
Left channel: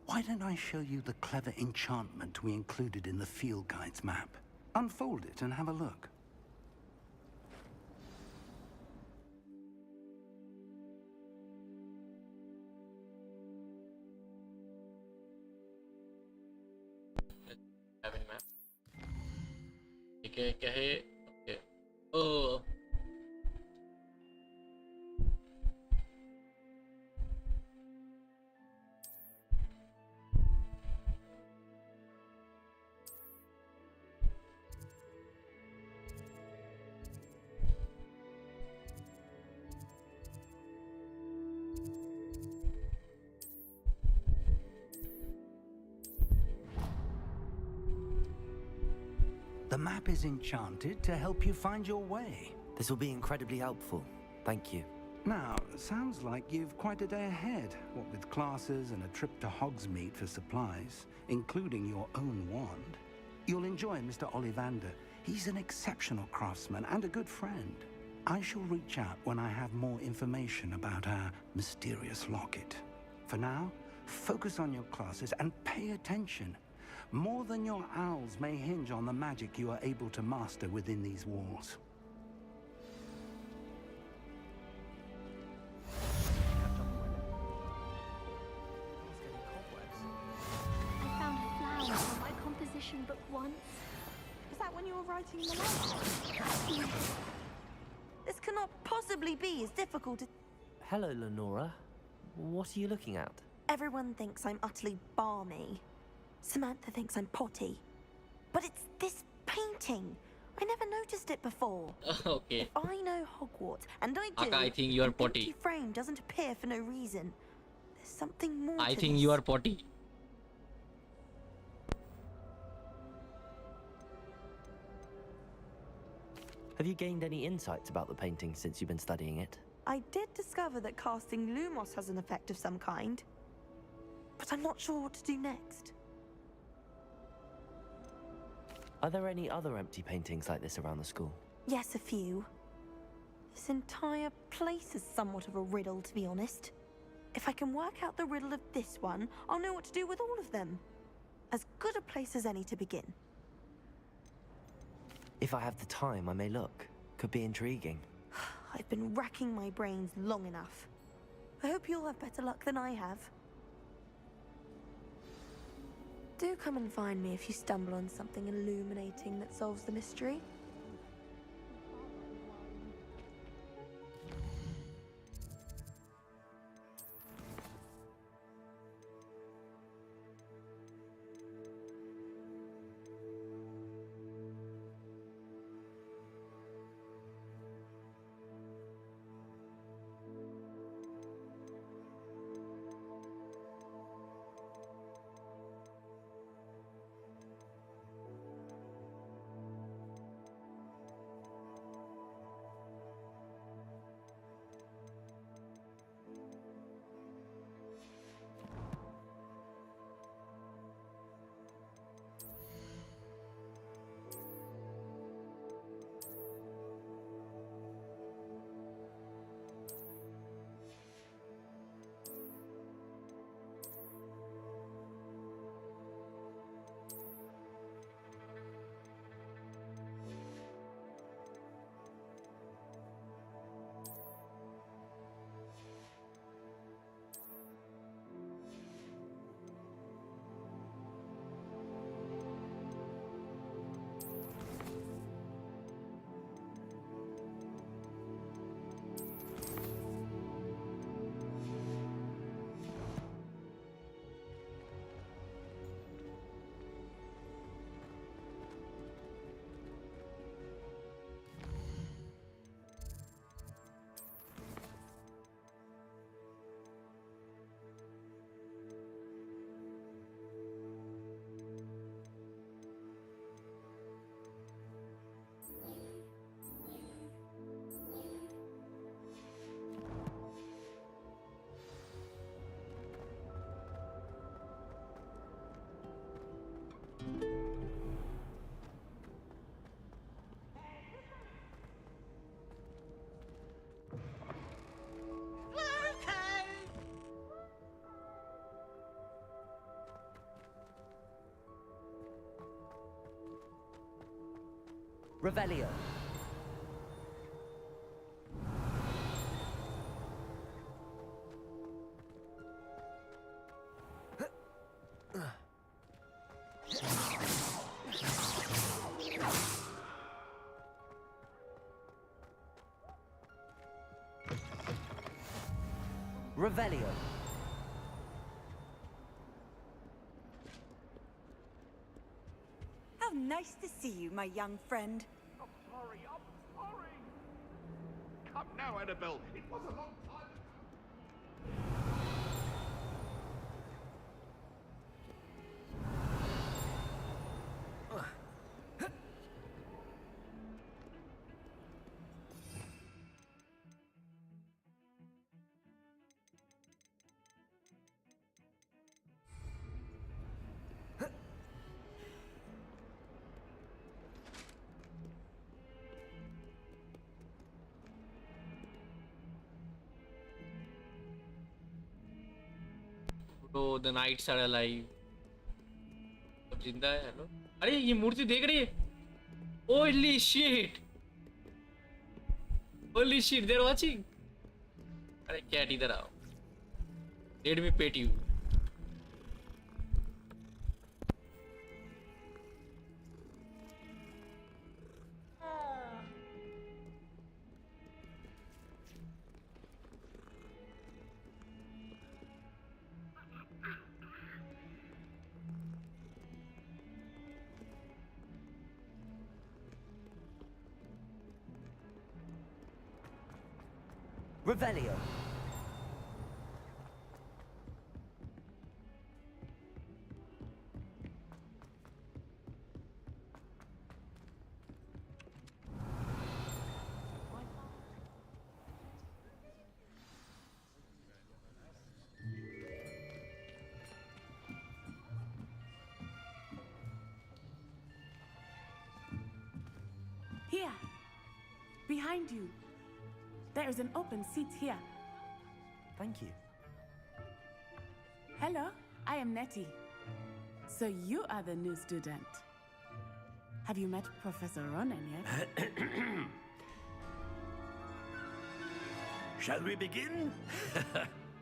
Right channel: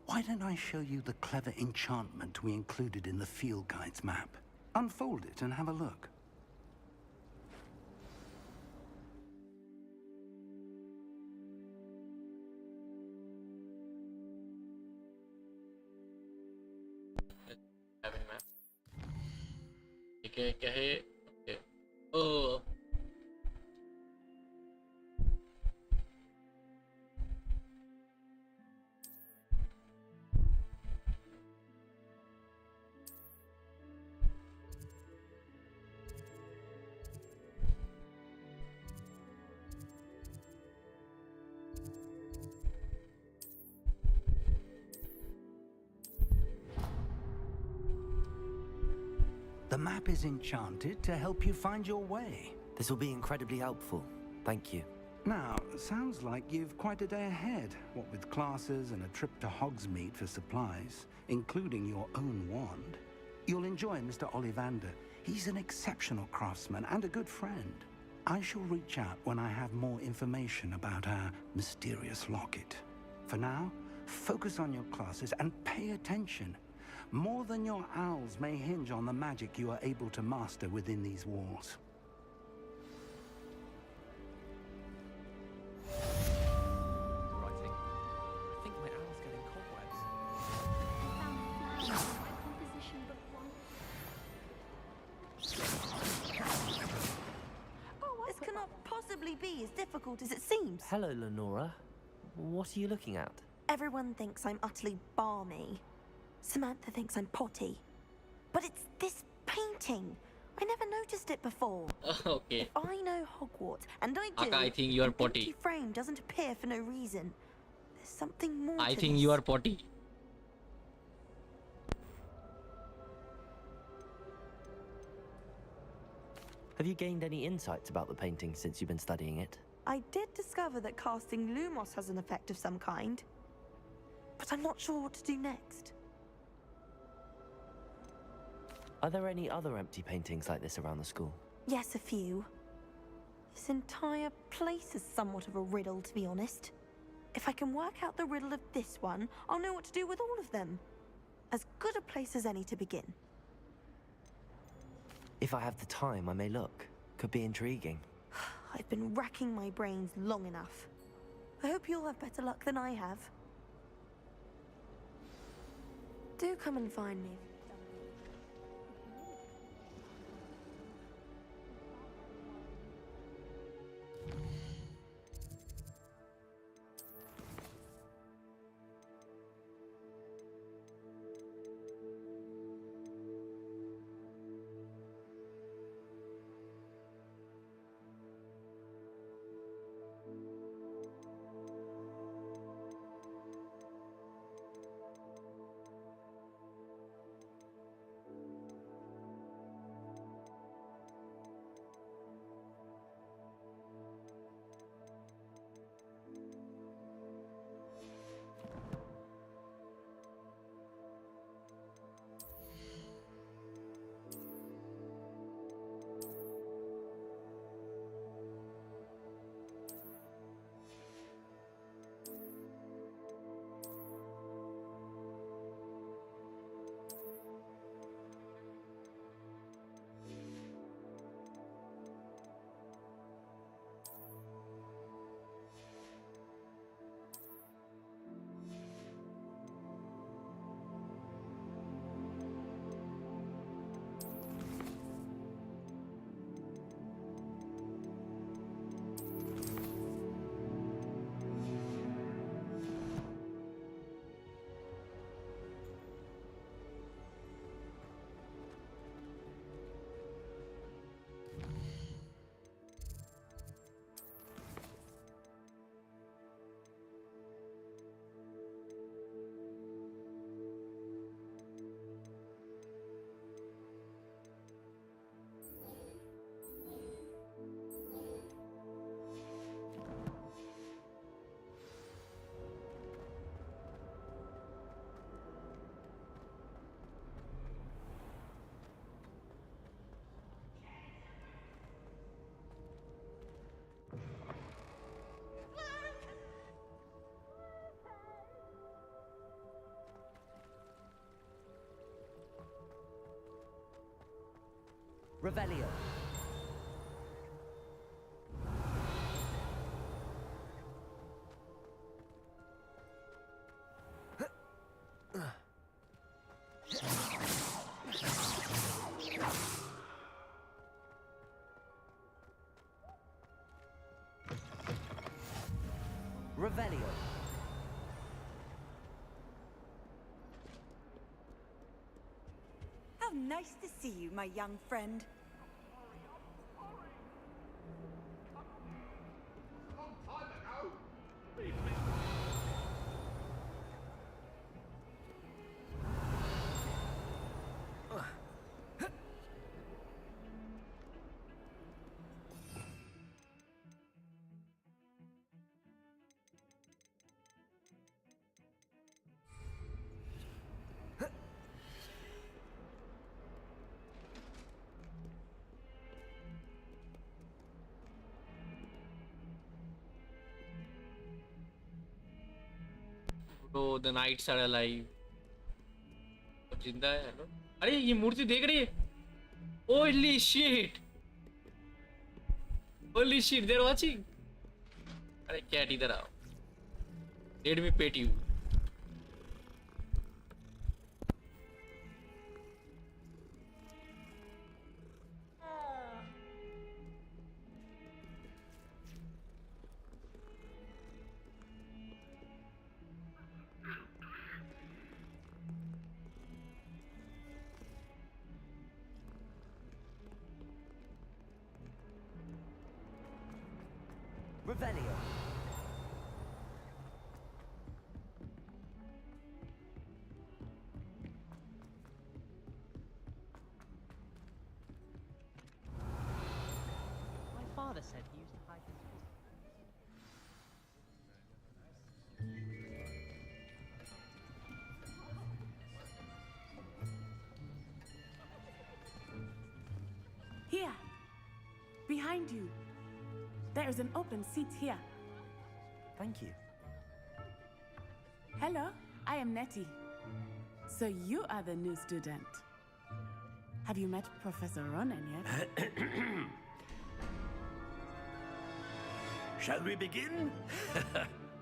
why don't I show you the clever enchantment we included in the field guide's map? Unfold it and have a look. क्या है? Okay. Oh. The map is enchanted to help you find your way. This will be incredibly helpful. Thank you. Now, sounds like you've quite a day ahead, what with classes and a trip to Hogsmeade for supplies, including your own wand. You'll enjoy Mr. Ollivander. He's an exceptional craftsman and a good friend. I shall reach out when I have more information about our mysterious locket. For now, focus on your classes and pay attention. More than your owls may hinge on the magic you are able to master within these walls. I found a flower in my composition book once. Is that when you were writing? This cannot possibly be as difficult as it seems. Hello, Lenora. What are you looking at? Everyone thinks I'm utterly balmy. Samantha thinks I'm potty. But it's this painting. I never noticed it before. Okay. If I know Hogwarts, and I do, Aka, I think you are an potty. empty frame doesn't appear for no reason. There's something more I to think this. you are potty. Have you gained any insights about the painting since you've been studying it? I did discover that casting Lumos has an effect of some kind. But I'm not sure what to do next. Are there any other empty paintings like this around the school? Yes, a few. This entire place is somewhat of a riddle, to be honest. If I can work out the riddle of this one, I'll know what to do with all of them. As good a place as any to begin. If I have the time, I may look. Could be intriguing. I've been racking my brains long enough. I hope you'll have better luck than I have. Do come and find me if you stumble on something illuminating that solves the mystery. Revelio. Revelio. How nice to see you, my young friend. Sorry. Come now, Annabelle. It was a long time ago. Bro, the knights are alive. अब जिंदा है. Hello. अरे ये मूर्ति देख रही है. Holy shit. Holy shit, they're watching. अरे cat इधर आओ. Let me pet you. Revelio. My father said he used to play. Here, behind you. There is an open seat here. Thank you. Hello, I am Nettie. So you are the new student. Have you met Professor Ronan yet? Shall we begin?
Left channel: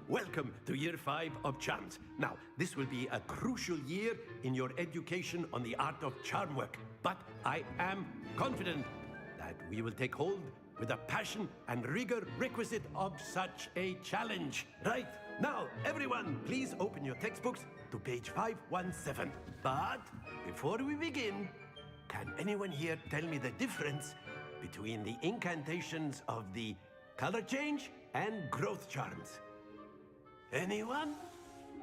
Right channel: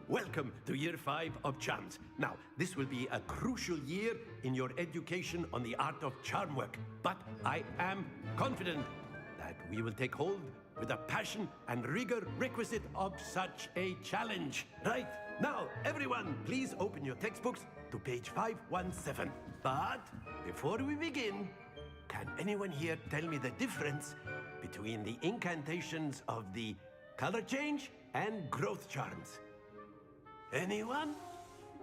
Welcome to Year 5 of Charms. Now, this will be a crucial year in your education on the art of charm work. But I am confident that we will take hold with the passion and rigor requisite of such a challenge. Right, now, everyone, please open your textbooks to page 517. But before we begin, can anyone here tell me the difference between the incantations of the color change and growth charms? Anyone?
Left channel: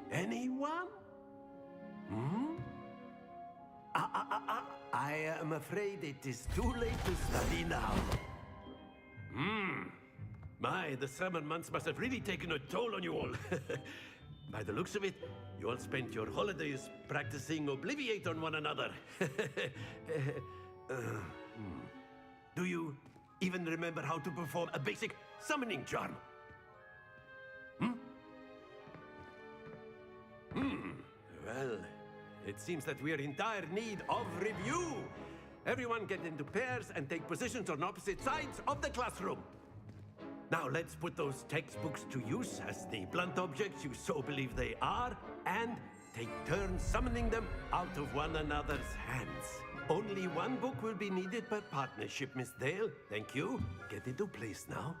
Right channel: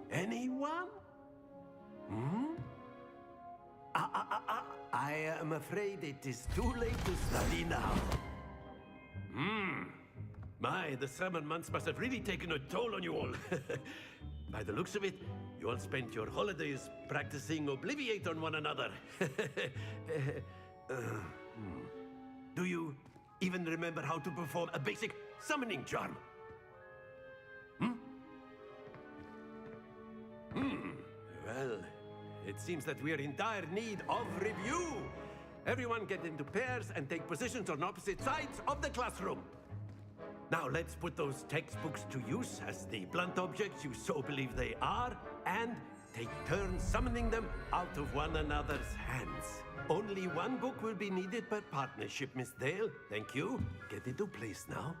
Anyone? I am afraid it is too late to study now. My, the summer months must have really taken a toll on you all. By the looks of it, you all spent your holidays practicing Obliviate on one another. Do you even remember how to perform a basic summoning charm? Well, it seems that we are in dire need of review. Everyone get into pairs and take positions on opposite sides of the classroom. Now let's put those textbooks to use as the blunt objects you so believe they are, and take turns summoning them out of one another's hands. Only one book will be needed per partnership, Miss Dale. Thank you. Get into place now.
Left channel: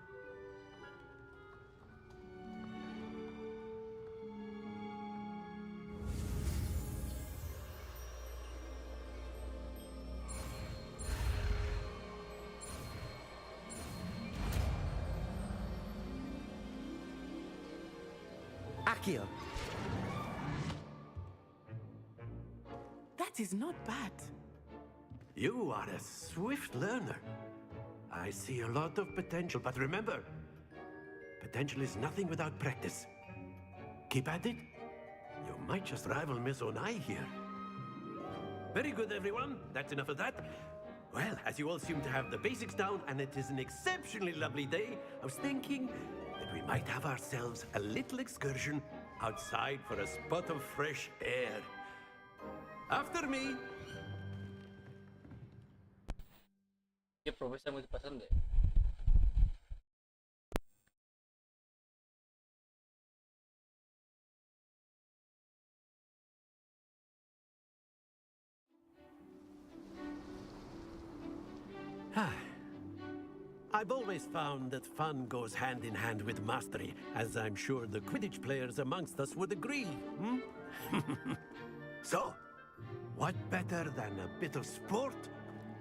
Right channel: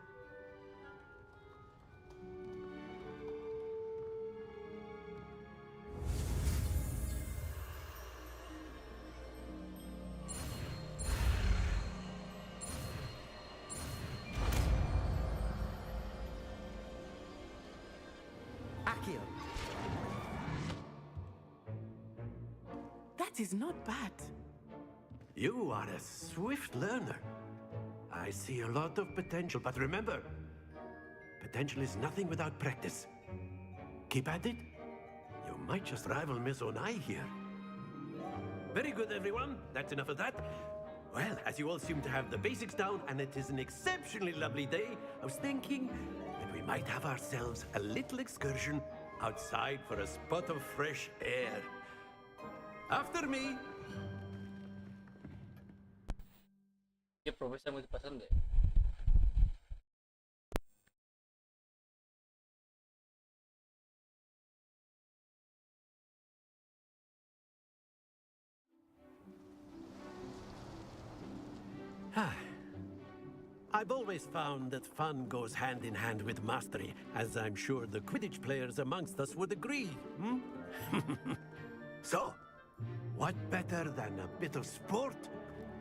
Accio. That is not bad. You are a swift learner. I see a lot of potential, but remember, potential is nothing without practice. Keep at it. You might just rival Miss Onai here. Very good, everyone. That's enough of that. Well, as you all seem to have the basics down, and it is an exceptionally lovely day, I was thinking that we might have ourselves a little excursion outside for a spot of fresh air. After me. ये professor मुझे पसंद है. I've always found that fun goes hand in hand with mastery, as I'm sure the Quidditch players amongst us would agree, hmm? So, what better than a bit of sport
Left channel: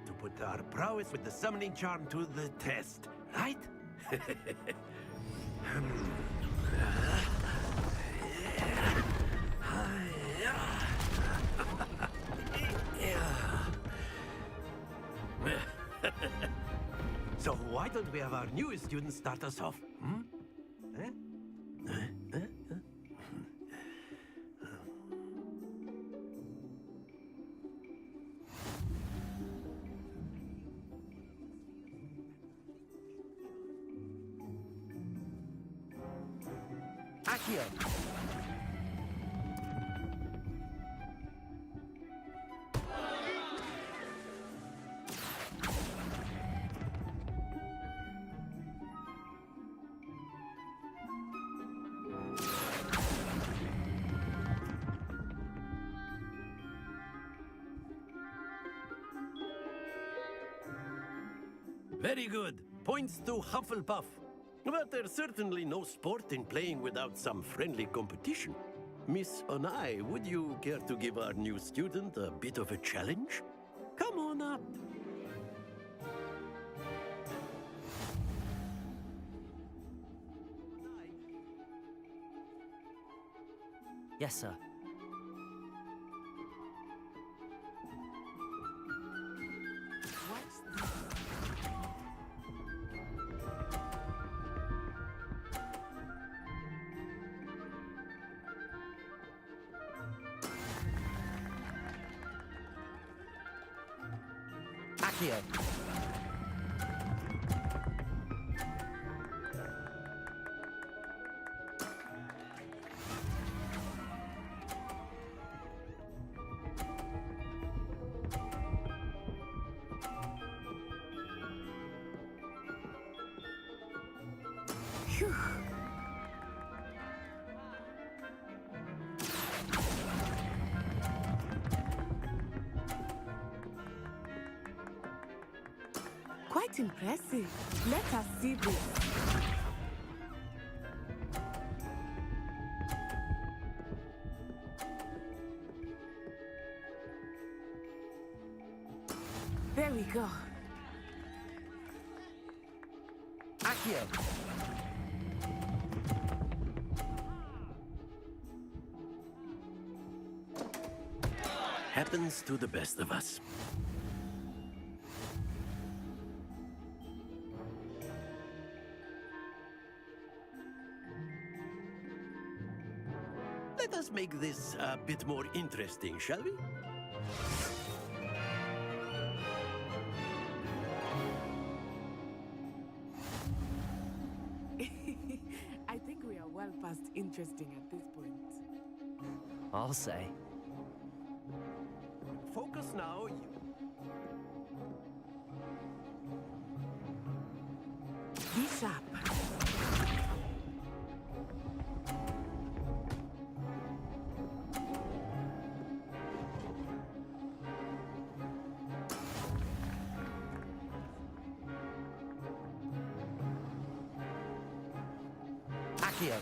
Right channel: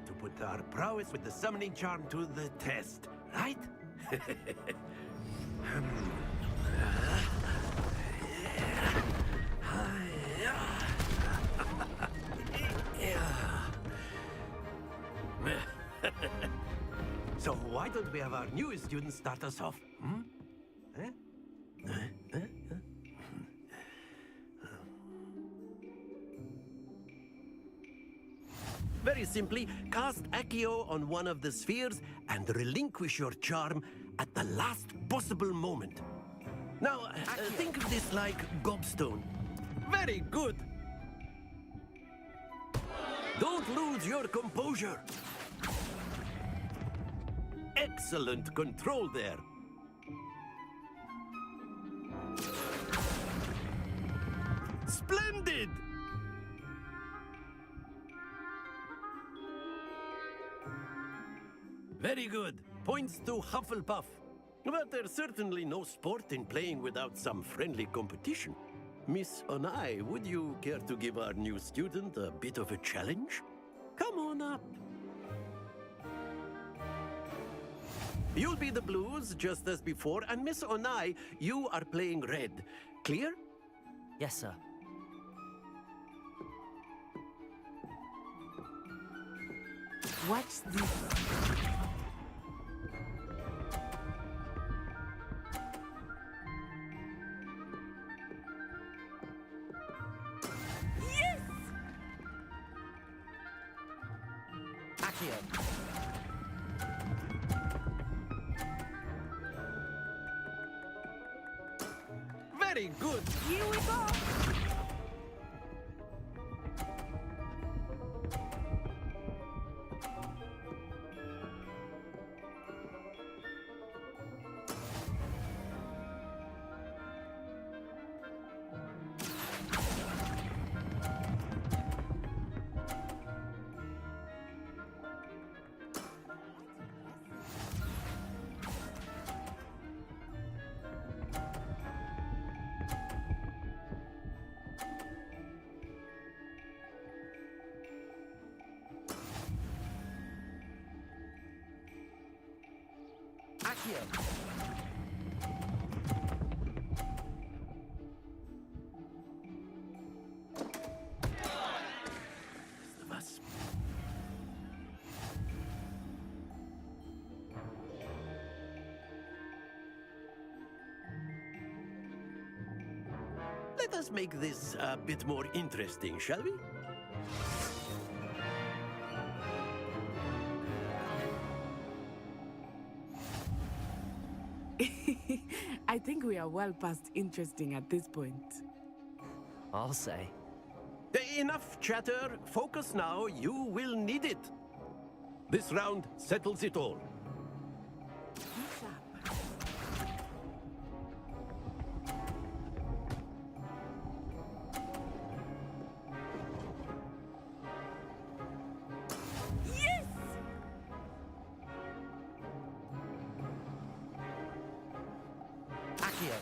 to put our prowess with the summoning charm to the test, right? So why don't we have our newest student start us off? Hmm? Very simply, cast Accio on one of the spheres and relinquish your charm at the last possible moment. Now, think of this like gobstone. Very good. Don't lose your composure. Excellent control there. Splendid! Very good. Points to Hufflepuff. But there's certainly no sport in playing without some friendly competition. Miss Onai, would you care to give our new student a bit of a challenge? Come on up. You'll be the blues, just as before, and Miss Onai, you are playing red. Clear? Yes, sir. Watch this. Accio. Very good. Here we go. Phew. Quite impressive. Let us see this. There we go. Accio. Happens to the best of us. Let us make this a bit more interesting, shall we? I think we are well past interesting at this point. I'll say. Enough chatter. Focus now. You will need it. This round settles it all. Be sharp. Accio.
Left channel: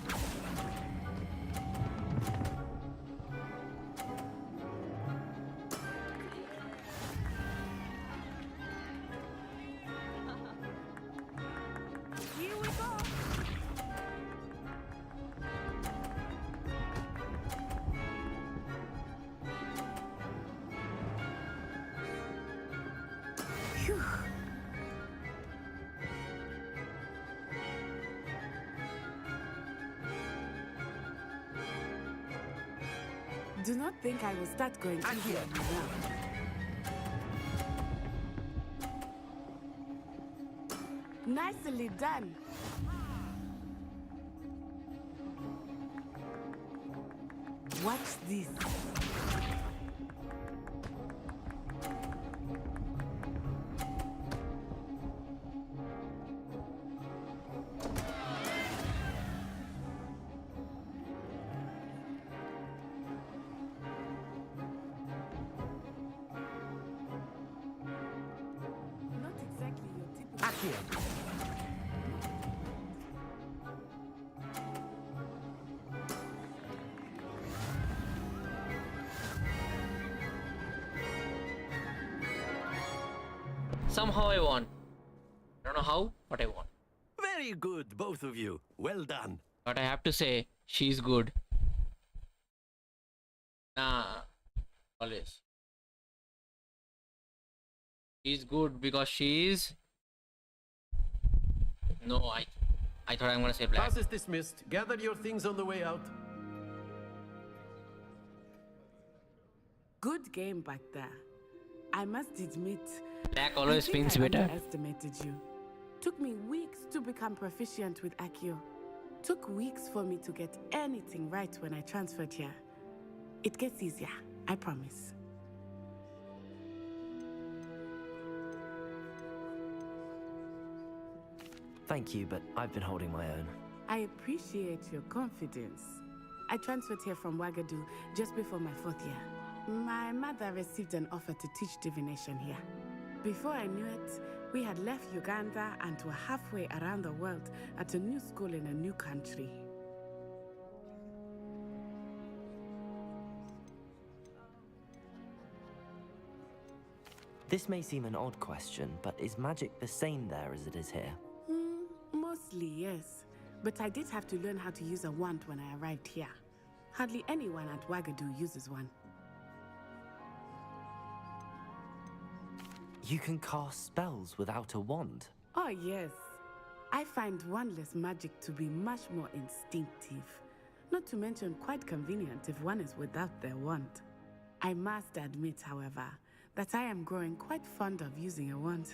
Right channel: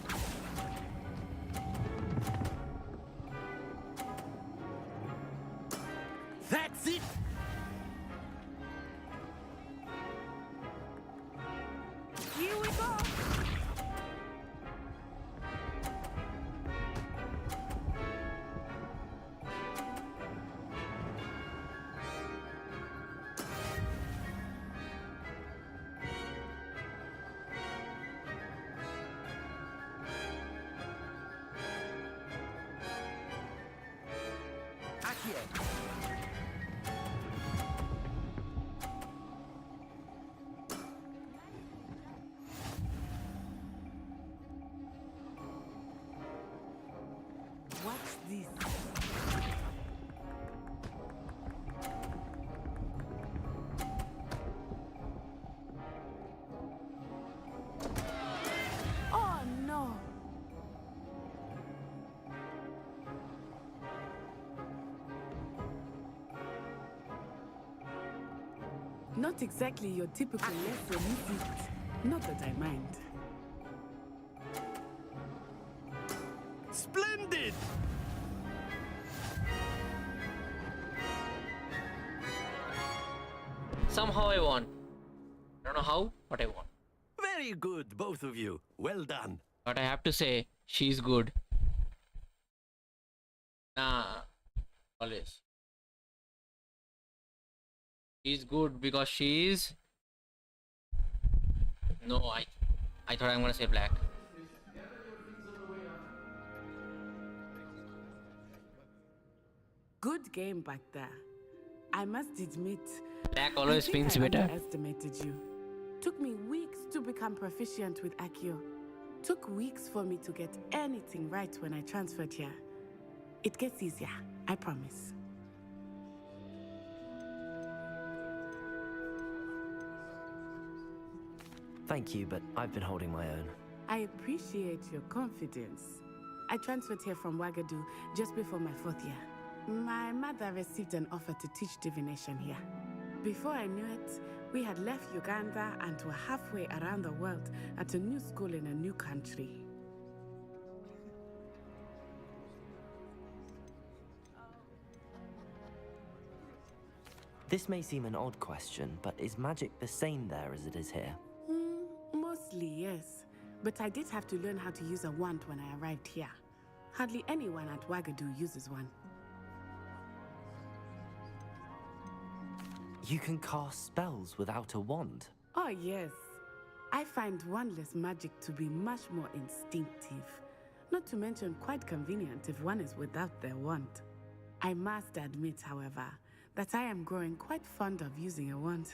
That's it. Here we go. Phew. Do not think I will start going. Nicely done. Watch this. Oh no. Not Not exactly your typical Not that I mind. Splendid! Somehow I won. I don't know how, but I won. Very good, both of you. Well done. But I have to say, she's good. Nah, always. She's good because she's... No, I thought I'm gonna say black. Class is dismissed. Gather your things on the way out. Good game back there. I must admit, Black always I think wins I better. underestimated you. Took me weeks to become proficient with Accio. Took weeks for me to get anything right when I transferred here. It gets easier, I promise. Thank you, but I've been holding my own. I appreciate your confidence. I transferred here from Ouagadougou just before my 4th year. My mother received an offer to teach divination here. Before I knew it, we had left Uganda and were halfway around the world at a new school in a new country. This may seem an odd question, but is magic the same there as it is here? Mostly, yes. But I did have to learn how to use a wand when I arrived here. Hardly anyone at Ouagadougou uses one. You can cast spells without a wand? Oh, yes. I find wandless magic to be much more instinctive. Not to mention quite convenient if one is without their wand. I must admit, however, that I am growing quite fond of using a wand.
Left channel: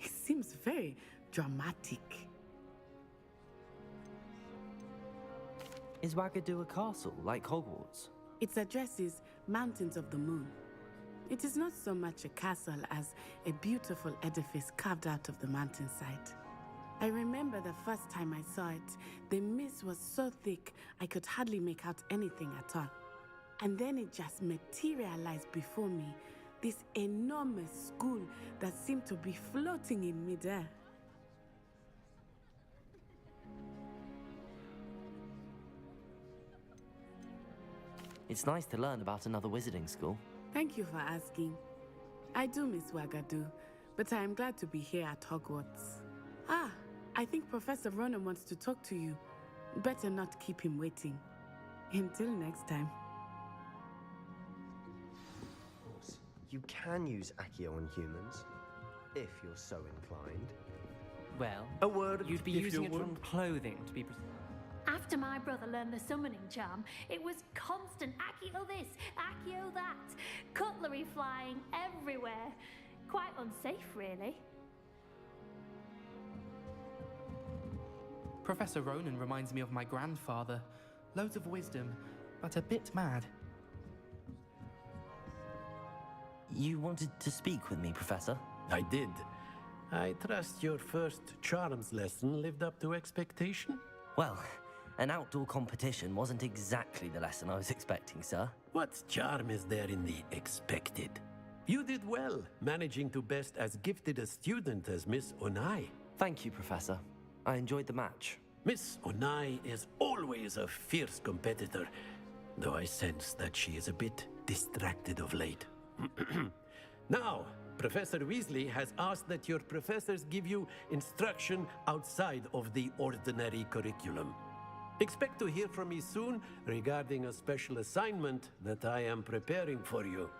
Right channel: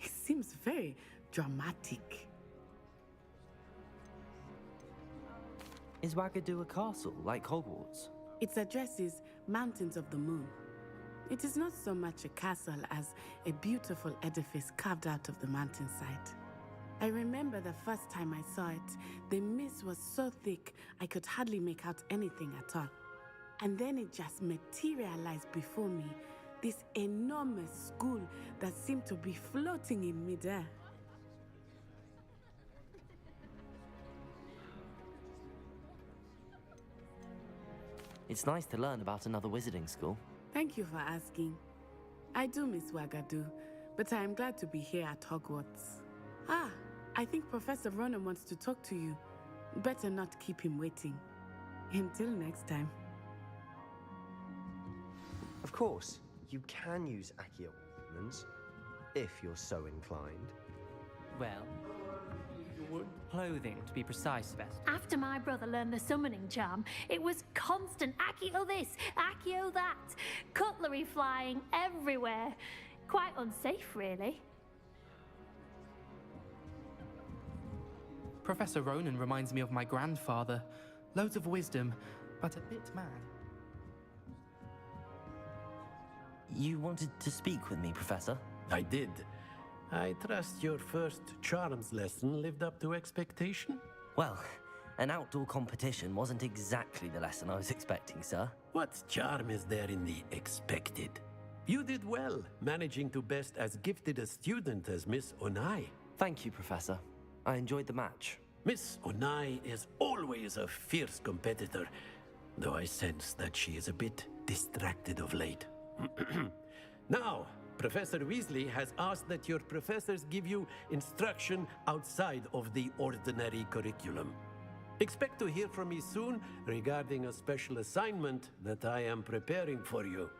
It seems very dramatic. Is Ouagadougou a castle, like Hogwarts? Its address is Mountains of the Moon. It is not so much a castle as a beautiful edifice carved out of the mountainside. I remember the first time I saw it, the mist was so thick I could hardly make out anything at all. And then it just materialized before me, this enormous school that seemed to be floating in midair. It's nice to learn about another wizarding school. Thank you for asking. I do miss Ouagadougou, but I am glad to be here at Hogwarts. Ah, I think Professor Ronan wants to talk to you. Better not keep him waiting. Until next time. Of course, you can use Accio on humans, if you're so inclined. Well, a word you'd be if using you it would. from clothing, to be precise, Beth. After my brother learned the summoning charm, it was constant Accio this, Accio that. Cutlery flying everywhere. Quite unsafe, really. Professor Ronan reminds me of my grandfather. Loads of wisdom, but a bit mad. You wanted to speak with me, Professor? I did. I trust your first charms lesson lived up to expectation? Well, an outdoor competition wasn't exactly the lesson I was expecting, sir. What charm is there in the expected? You did well, managing to best as gifted a student as Miss Onai. Thank you, Professor. I enjoyed the match. Miss Onai is always a fierce competitor, though I sense that she is a bit distracted of late. Now, Professor Weasley has asked that your professors give you instruction outside of the ordinary curriculum. Expect to hear from me soon regarding a special assignment that I am preparing for you.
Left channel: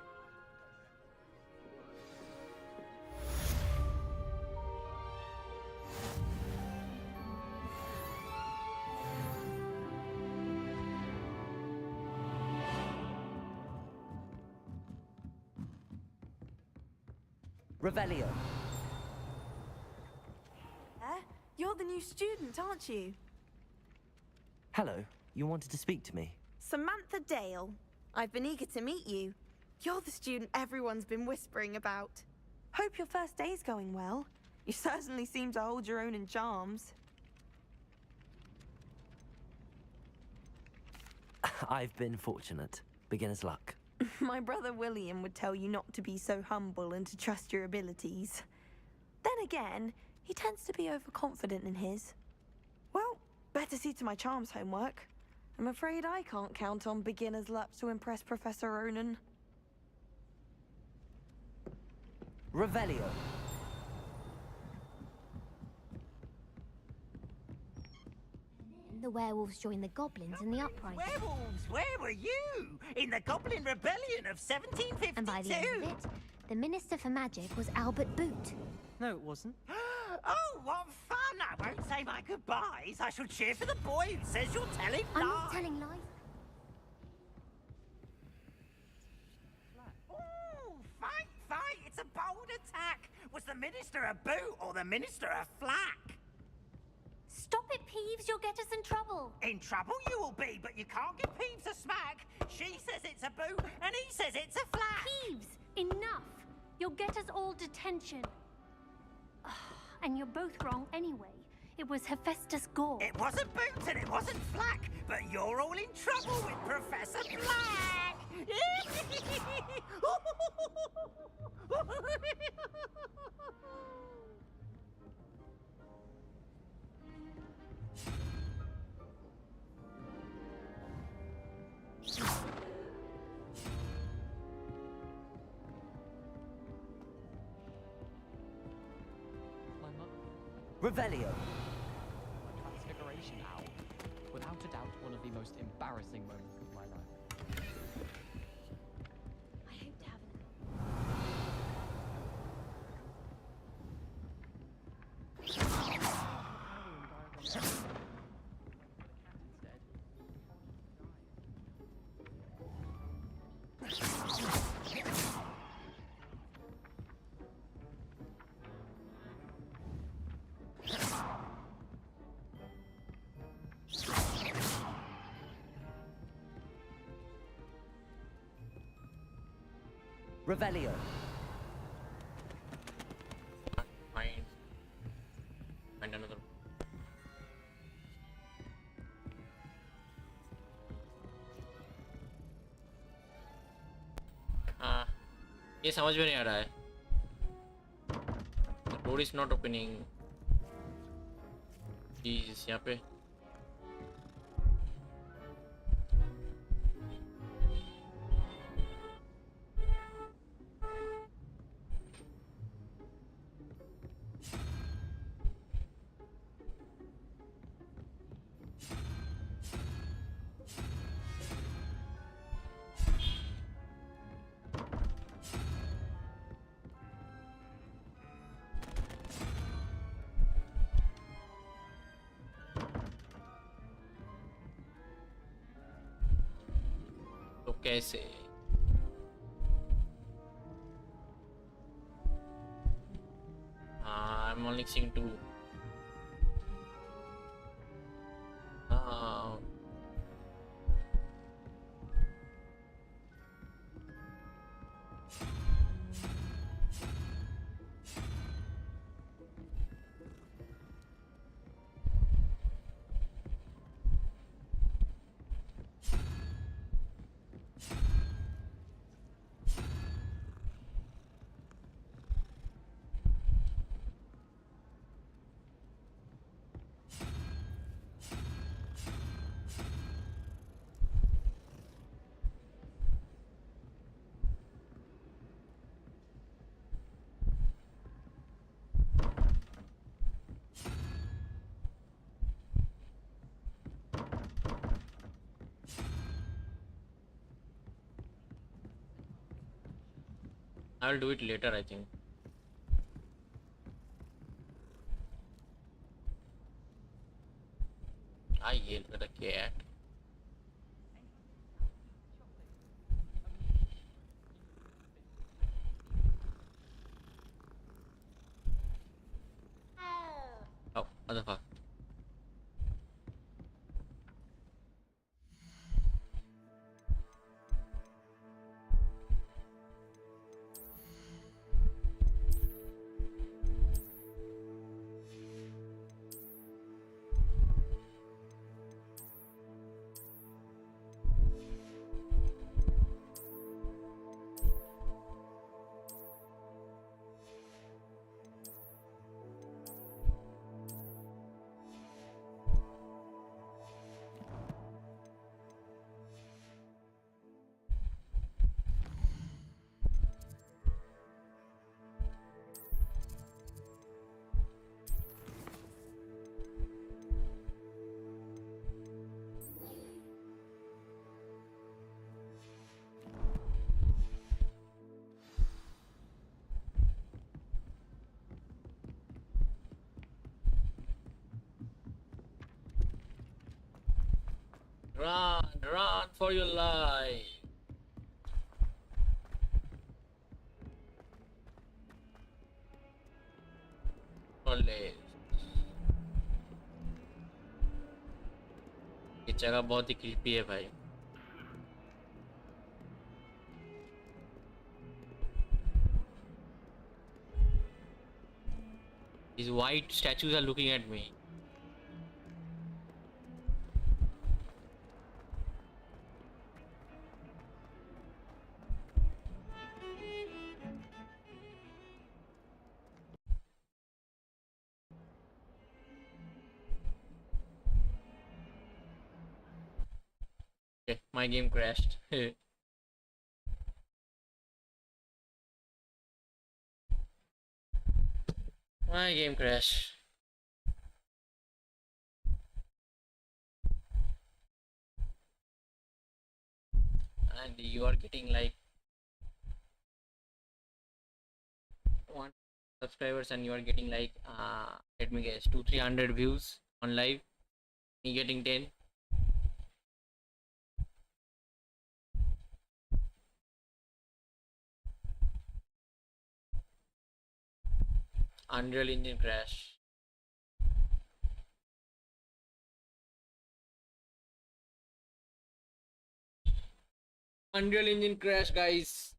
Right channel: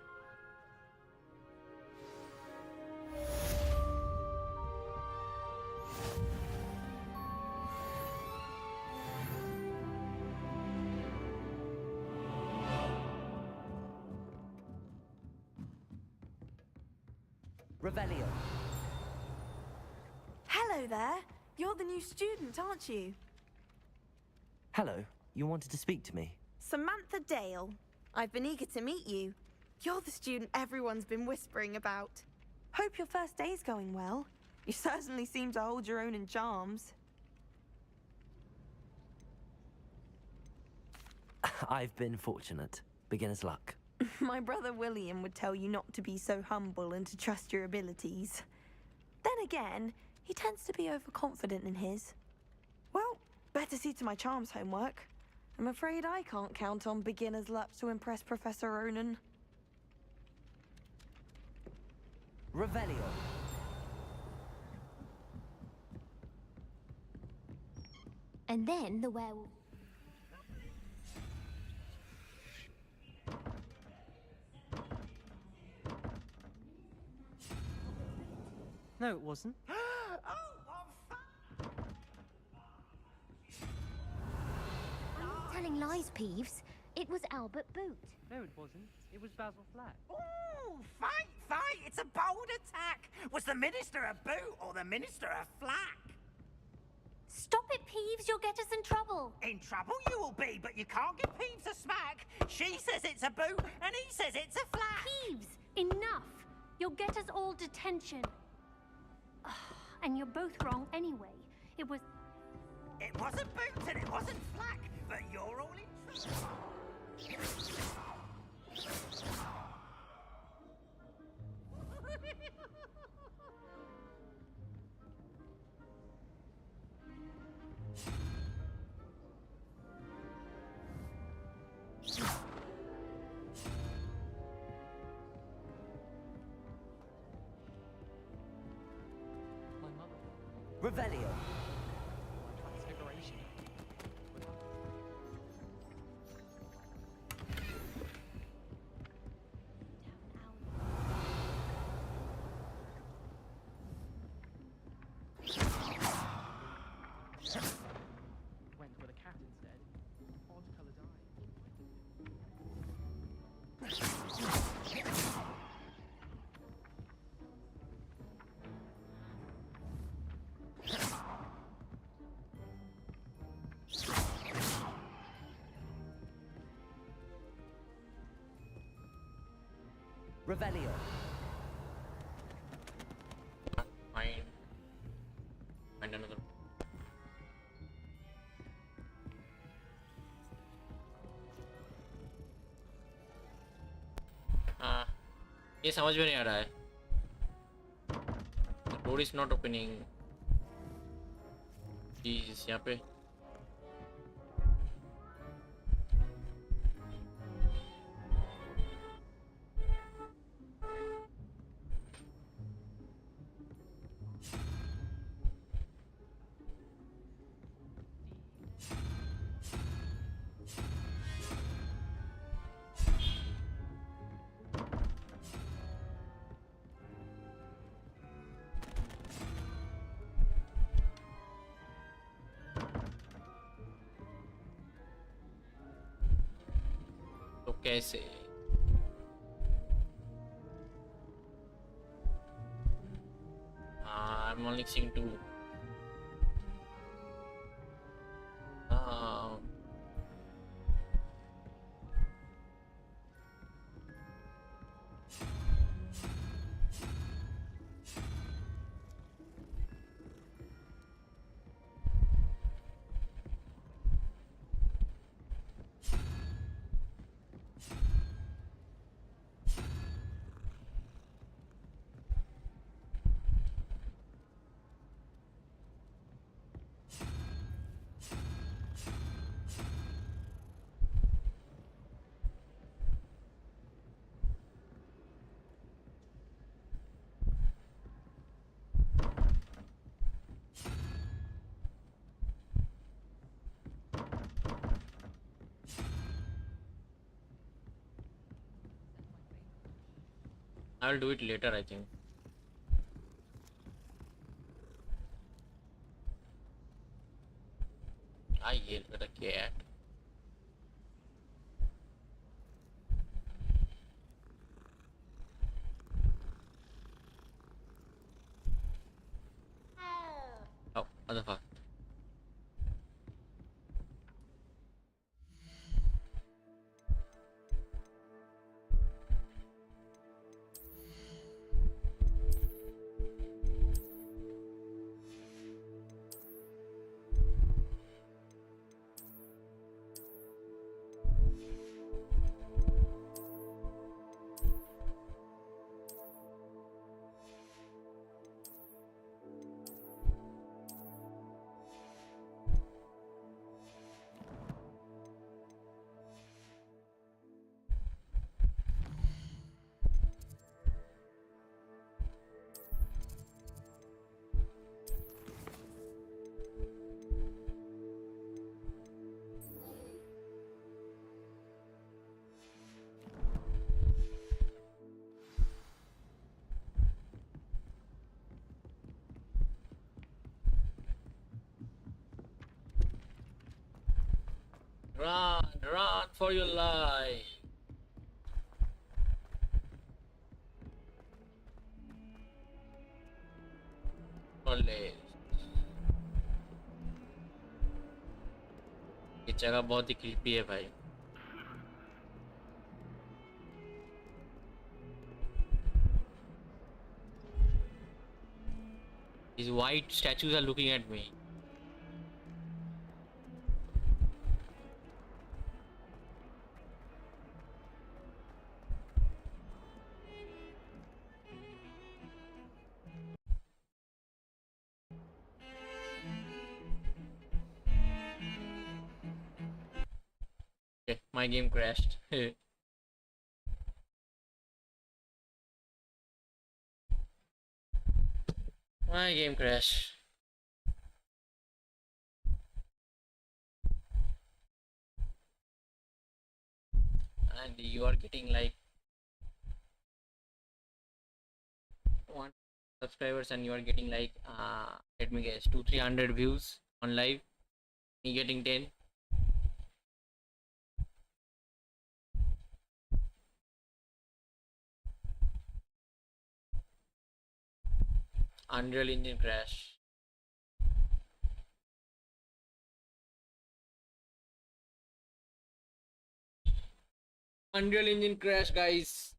Revelio. Hello there. You're the new student, aren't you? Hello. You wanted to speak to me? Samantha Dale. I've been eager to meet you. You're the student everyone's been whispering about. Hope your first day's going well. You certainly seem to hold your own in charms. I've been fortunate. Beginner's luck. My brother William would tell you not to be so humble and to trust your abilities. Then again, he tends to be overconfident in his. Well, better see to my charms homework. I'm afraid I can't count on beginner's luck to impress Professor Ronan. Revelio. And then the werewolves joined the goblins in the uprising. Werewolves, where were you? In the Goblin Rebellion of 1752? And by the end of it, the Minister for Magic was Albert Boot. No, it wasn't. Oh, what fun! I won't say my goodbyes. I shall cheer for the boy who says you're telling lies. I'm not telling lies, Peeves. It was Albert Boot. No, it wasn't. It was Basil Flack. Ooh, fight, fight! It's a bold attack. Was the Minister a boot or the Minister a flack? Stop it, Peeves. You'll get us in trouble. In trouble you will be, but you can't give Peeves a smack. She says it's a boot, and he says it's a flack. Peeves, enough. You'll get us all detention. And you're both wrong anyway. It was Hephaestus Gore. It wasn't boot and it wasn't flack, but you're all in trouble with Professor Flack. My mother. Revelio. My transfiguration owl. Without a doubt, one of the most embarrassing moments of my life. I hope to have an owl. Went for the cat instead. Odd coloured Revelio. Fine. Find another. ये समझ में नहीं आ रहा है. The door is not opening. Jeez, यहाँ पे. तो कैसे? I'm only seeing two. I'll do it later, I think. I yelled with a cat. Oh, motherfucker. Run for your life. ये जगह बहुत ही क्रीपी है भाई. These white statues are looking at me. Okay, my game crashed. My game crashed. And you are getting like 1 subscribers and you are getting like let me guess 200-300 views on live. Me getting 10. Unreal Engine crash. Unreal Engine crash, guys.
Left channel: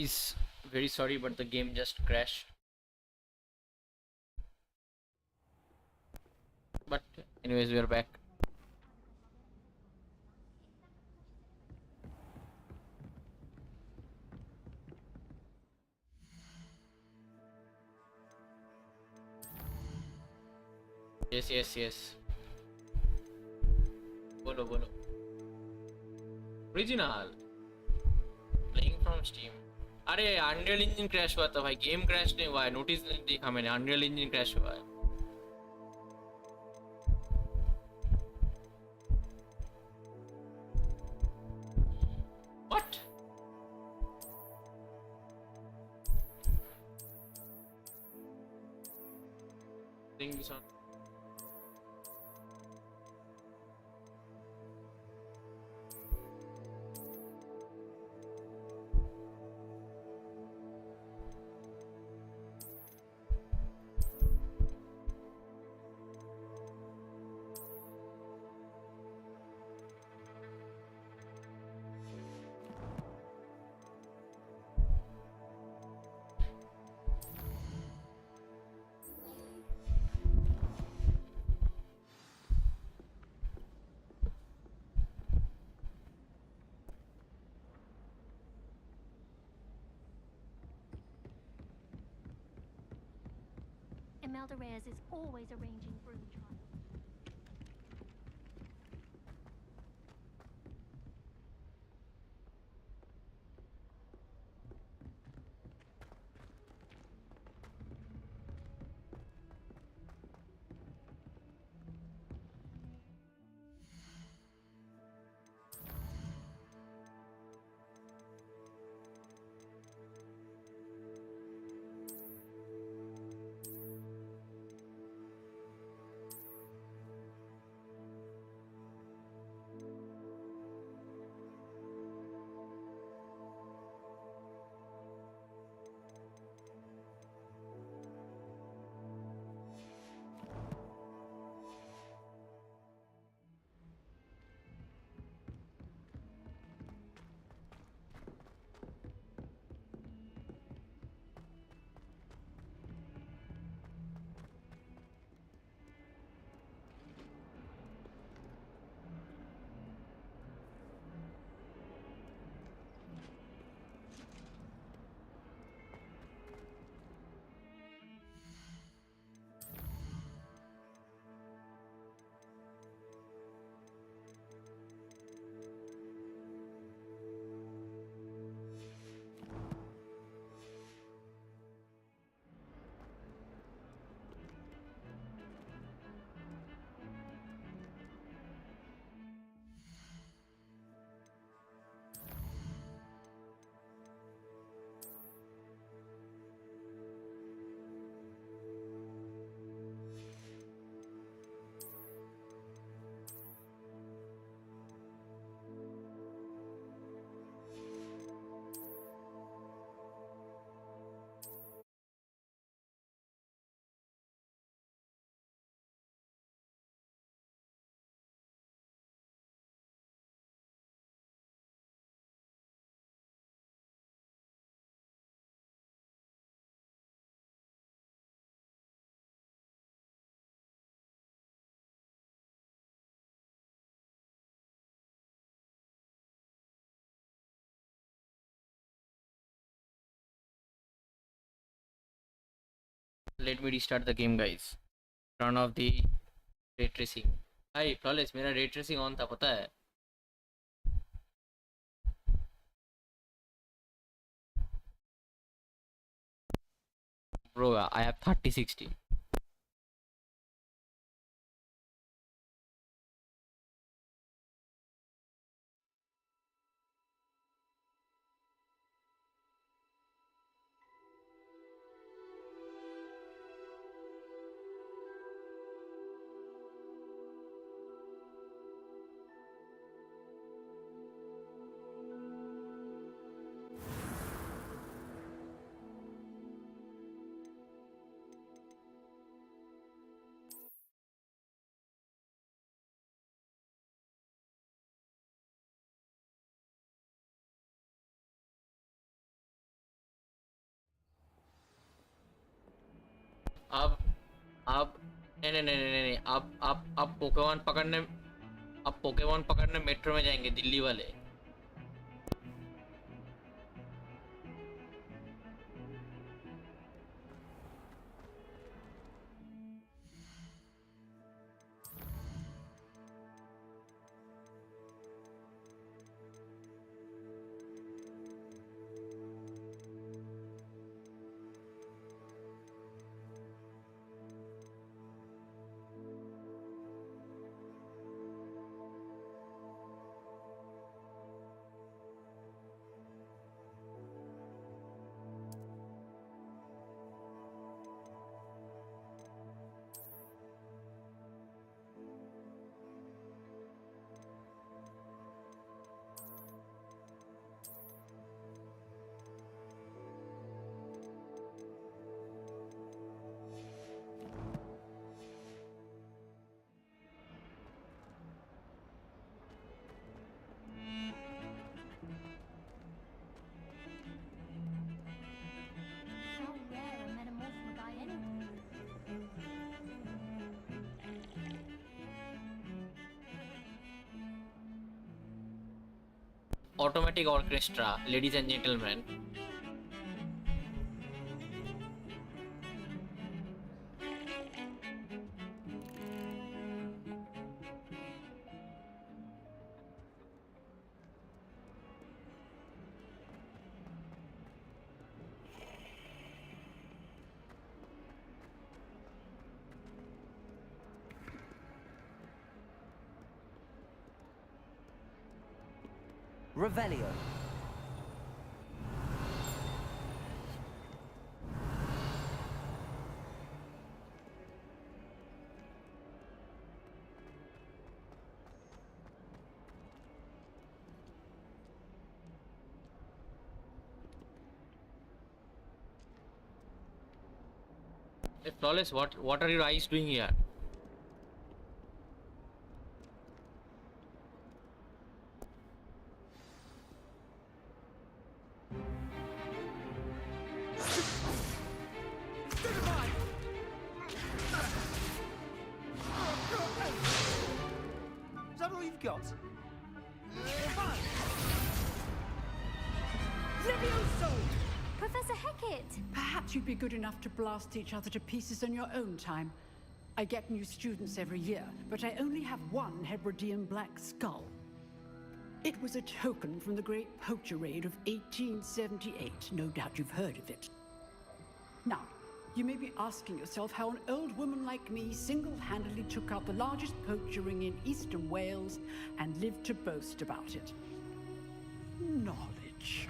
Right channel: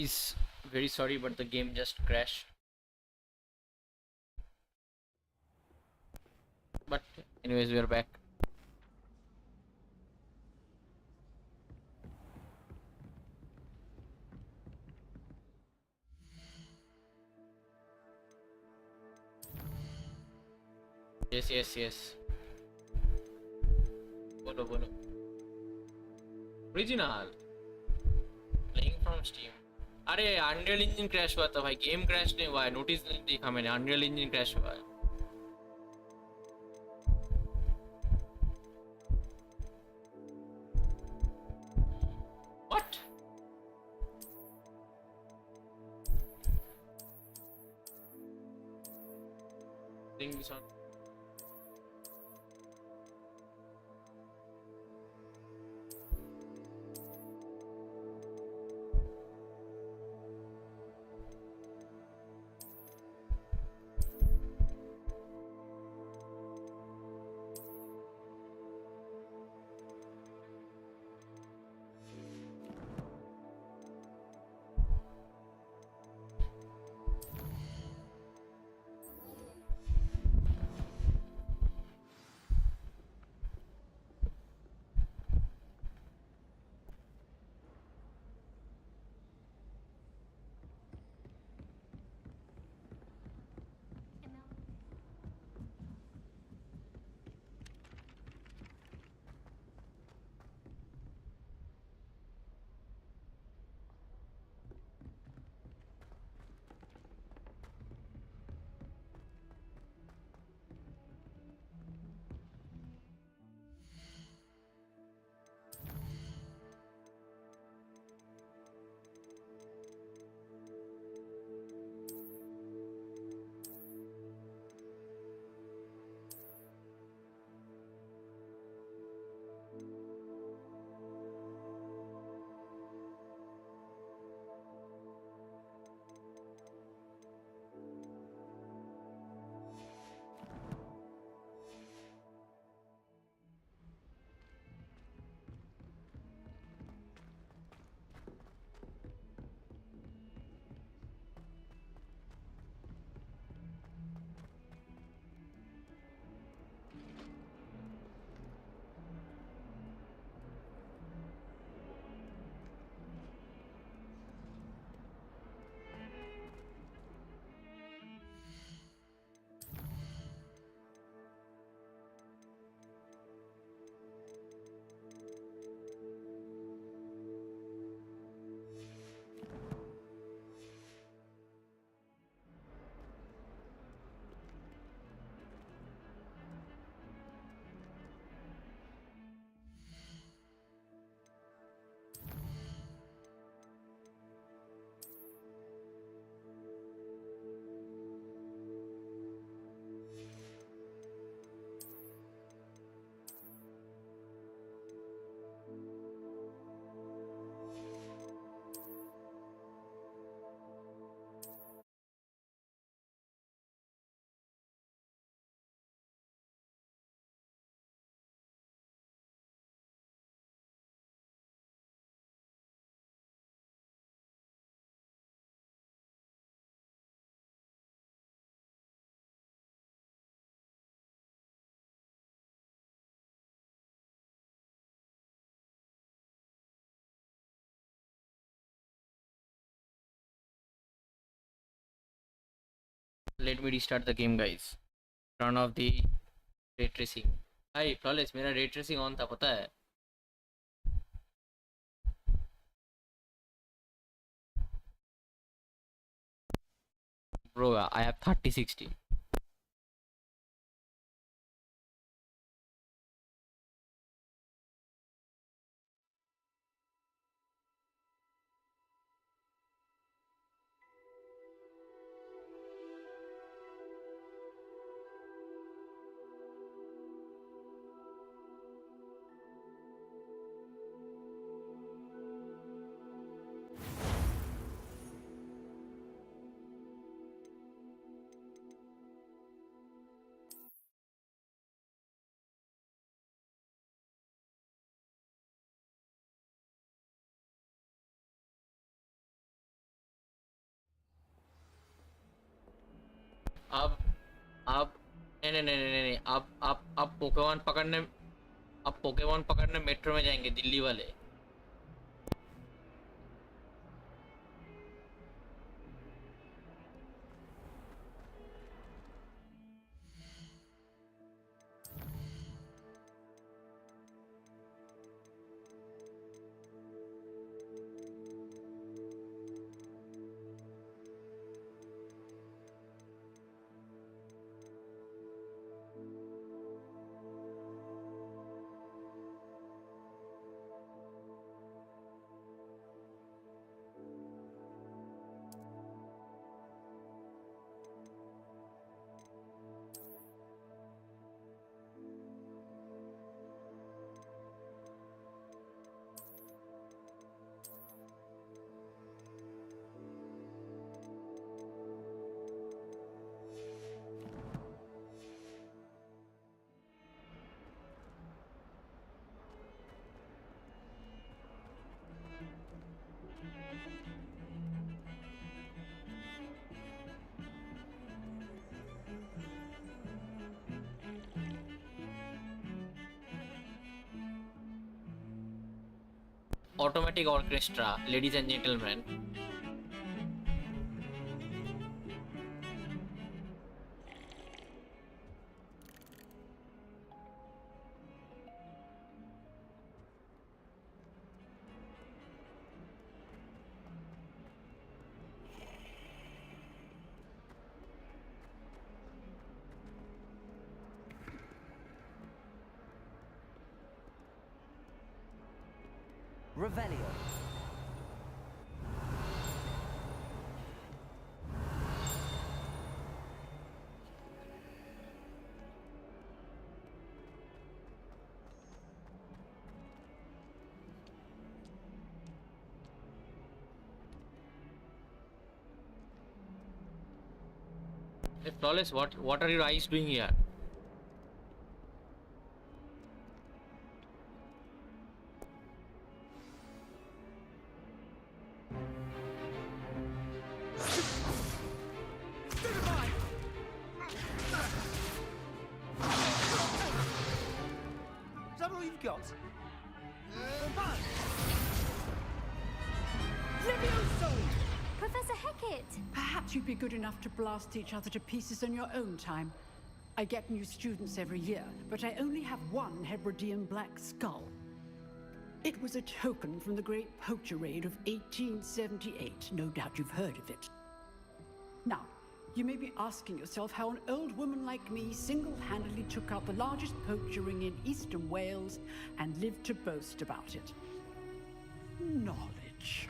Is very sorry, but the game just crashed. But anyways, we are back. Yes. Bono. Original. Playing from Steam. अरे Unreal Engine crash हुआ था भाई, game crash नहीं हुआ है, notice नहीं देखा मैंने, Unreal Engine crash हुआ है. What? Bring this on. Imelda Reyes is always arranging room trials. Let me restart the game, guys. Turn off the ray tracing. Hi, flawless. मेरा ray tracing on था, पता है? Bro, I have 3060. अब नहीं अब Pokemon पकड़ने metro में जाएंगे दिल्ली वाले. Automatic orchestra, ladies and gentlemen. Revelio. Hey, Flawless, what are your eyes doing here? Is that all you've got? Levioso! Professor Hecat! Perhaps you'd be good enough to blast each other to pieces in your own time. I get new students every year, but I only have one Hebridean black skull. It was a token from the Great Poacher Raid of 1878. No doubt you've heard of it. Now, you may be asking yourself how an old woman like me single-handedly took out the largest poacher ring in eastern Wales and lived to boast about it. Knowledge.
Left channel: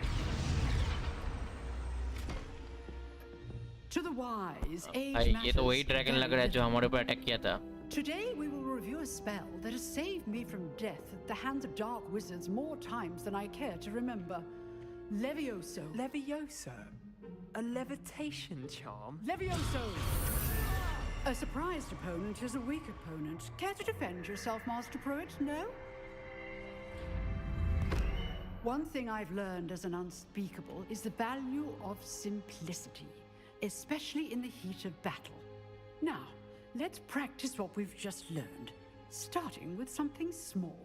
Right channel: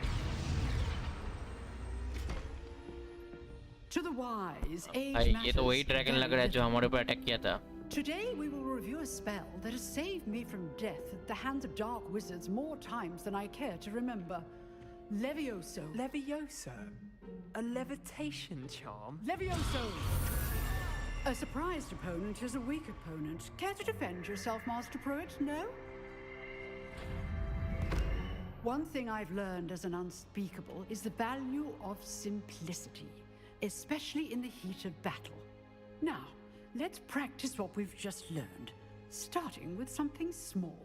To the wise, age भाई ये matters तो वही dragon लग रहा है जो हमारे ऊपर अटैक किया था. Today we will review a spell that has saved me from death at the hands of dark wizards more times than I care to remember. Levioso. Levioso? A levitation charm? Levioso! A surprised opponent is a weak opponent. Care to defend yourself, Master Pruitt? No? One thing I've learned as an unspeakable is the value of simplicity, especially in the heat of battle. Now, let's practice what we've just learned, starting with something small.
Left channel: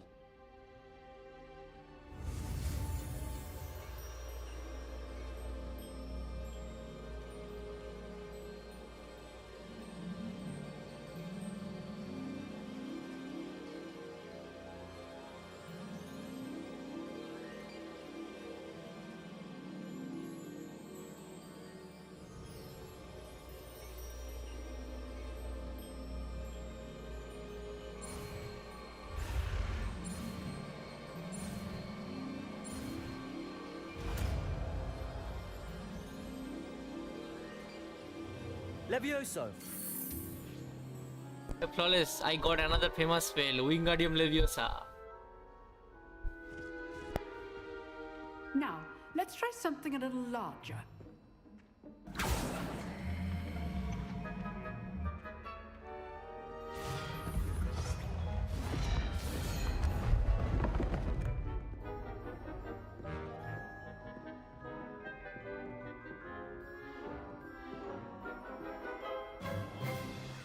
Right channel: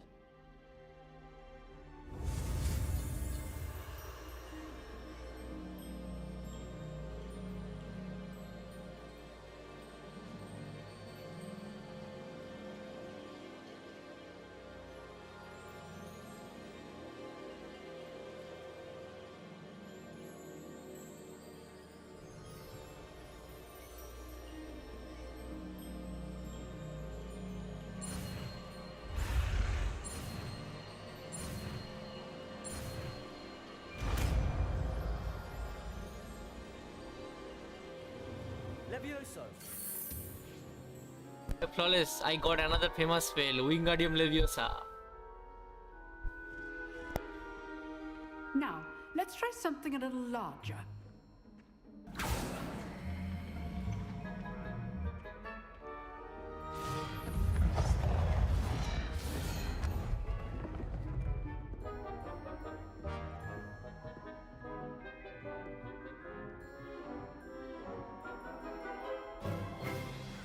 Levioso. Flawless, I got another famous spell, Wingardium Leviosa. Now, let's try something a little larger.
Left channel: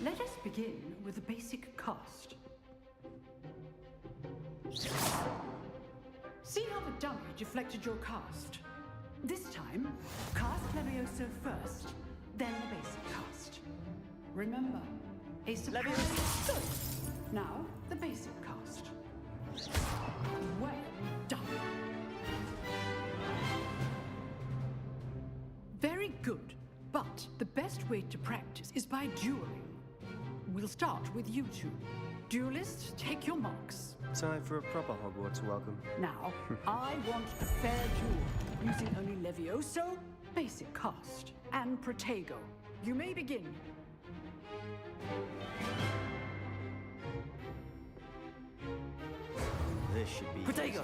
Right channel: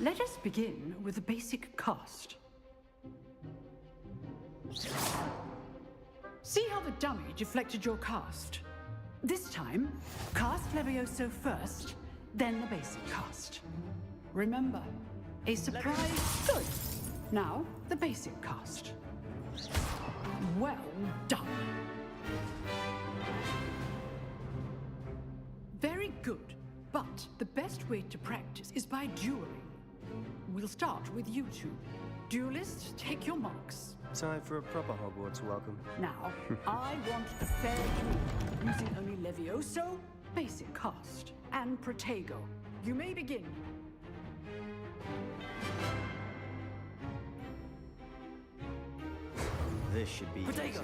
Let us begin with the basic cast. See how the dummy deflected your cast? This time, cast Levioso first, then the basic cast. Remember, a surprise. Good. Now, the basic cast. Well done. Very good. But the best way to practice is by dueling. We'll start with you two. Duelists, take your marks. Time for a proper Hogwarts welcome. Now, I want a fair duel, using only Levioso, basic cast, and Protego. You may begin. This should be Protego!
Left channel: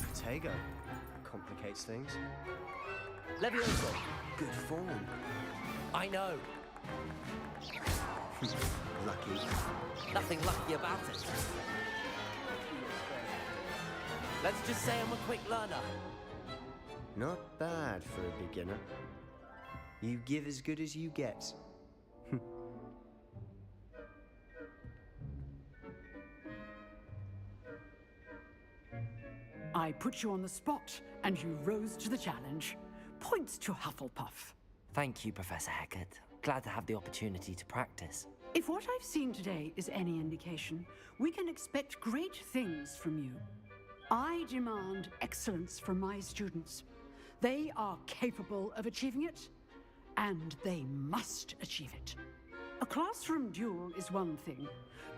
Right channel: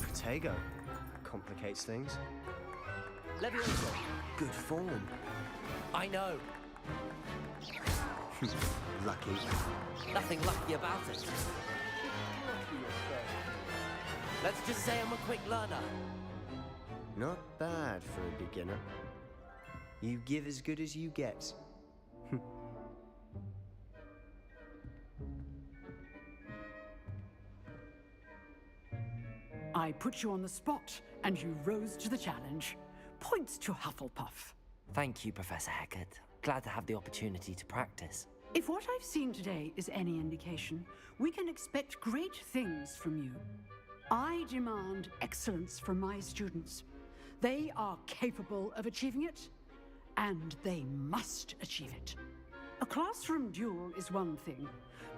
Protego. Complicates things. Levioso! Good form. I know. Lucky. Nothing lucky about it. Let's just say I'm a quick learner. Not bad for a beginner. You give as good as you get. I put you on the spot, and you rose to the challenge. Points to Hufflepuff. Thank you, Professor Hecat. Glad to have the opportunity to practice. If what I've seen today is any indication, we can expect great things from you. I demand excellence from my students. They are capable of achieving it, and they must achieve it. A classroom duel is one thing,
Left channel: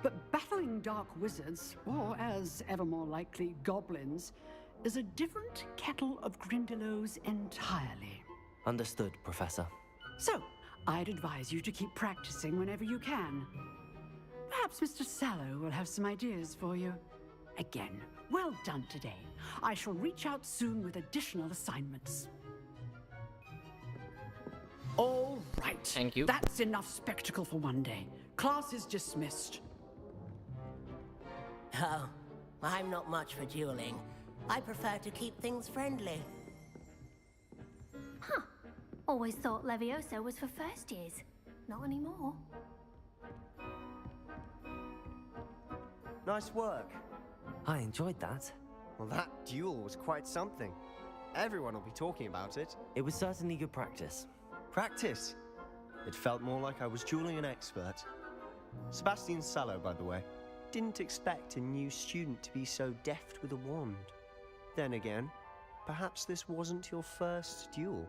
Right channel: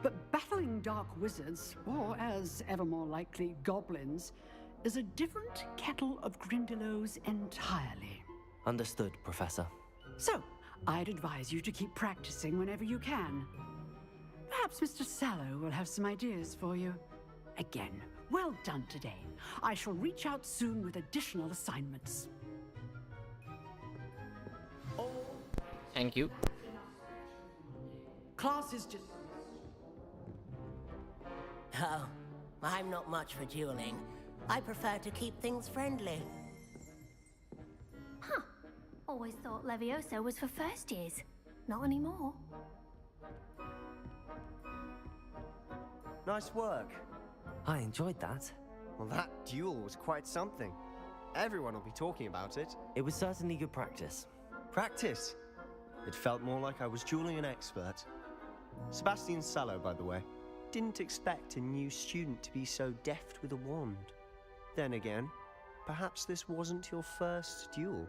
but battling dark wizards, or as ever more likely, goblins, is a different kettle of Grindylows entirely. Understood, Professor. So, I'd advise you to keep practicing whenever you can. Perhaps Mr. Sallow will have some ideas for you. Again, well done today. I shall reach out soon with additional assignments. All right. Thank you. That's enough spectacle for one day. Class is dismissed. Oh, I'm not much for dueling. I prefer to keep things friendly. Huh. Always thought Levioso was for first years. Not anymore. Nice work. I enjoyed that. Well, that duel was quite something. Everyone will be talking about it. It was certainly good practice. Practice? It felt more like I was dueling an expert. Sebastian Sallow, by the way. Didn't expect a new student to be so deft with a wand. Then again, perhaps this wasn't your first duel.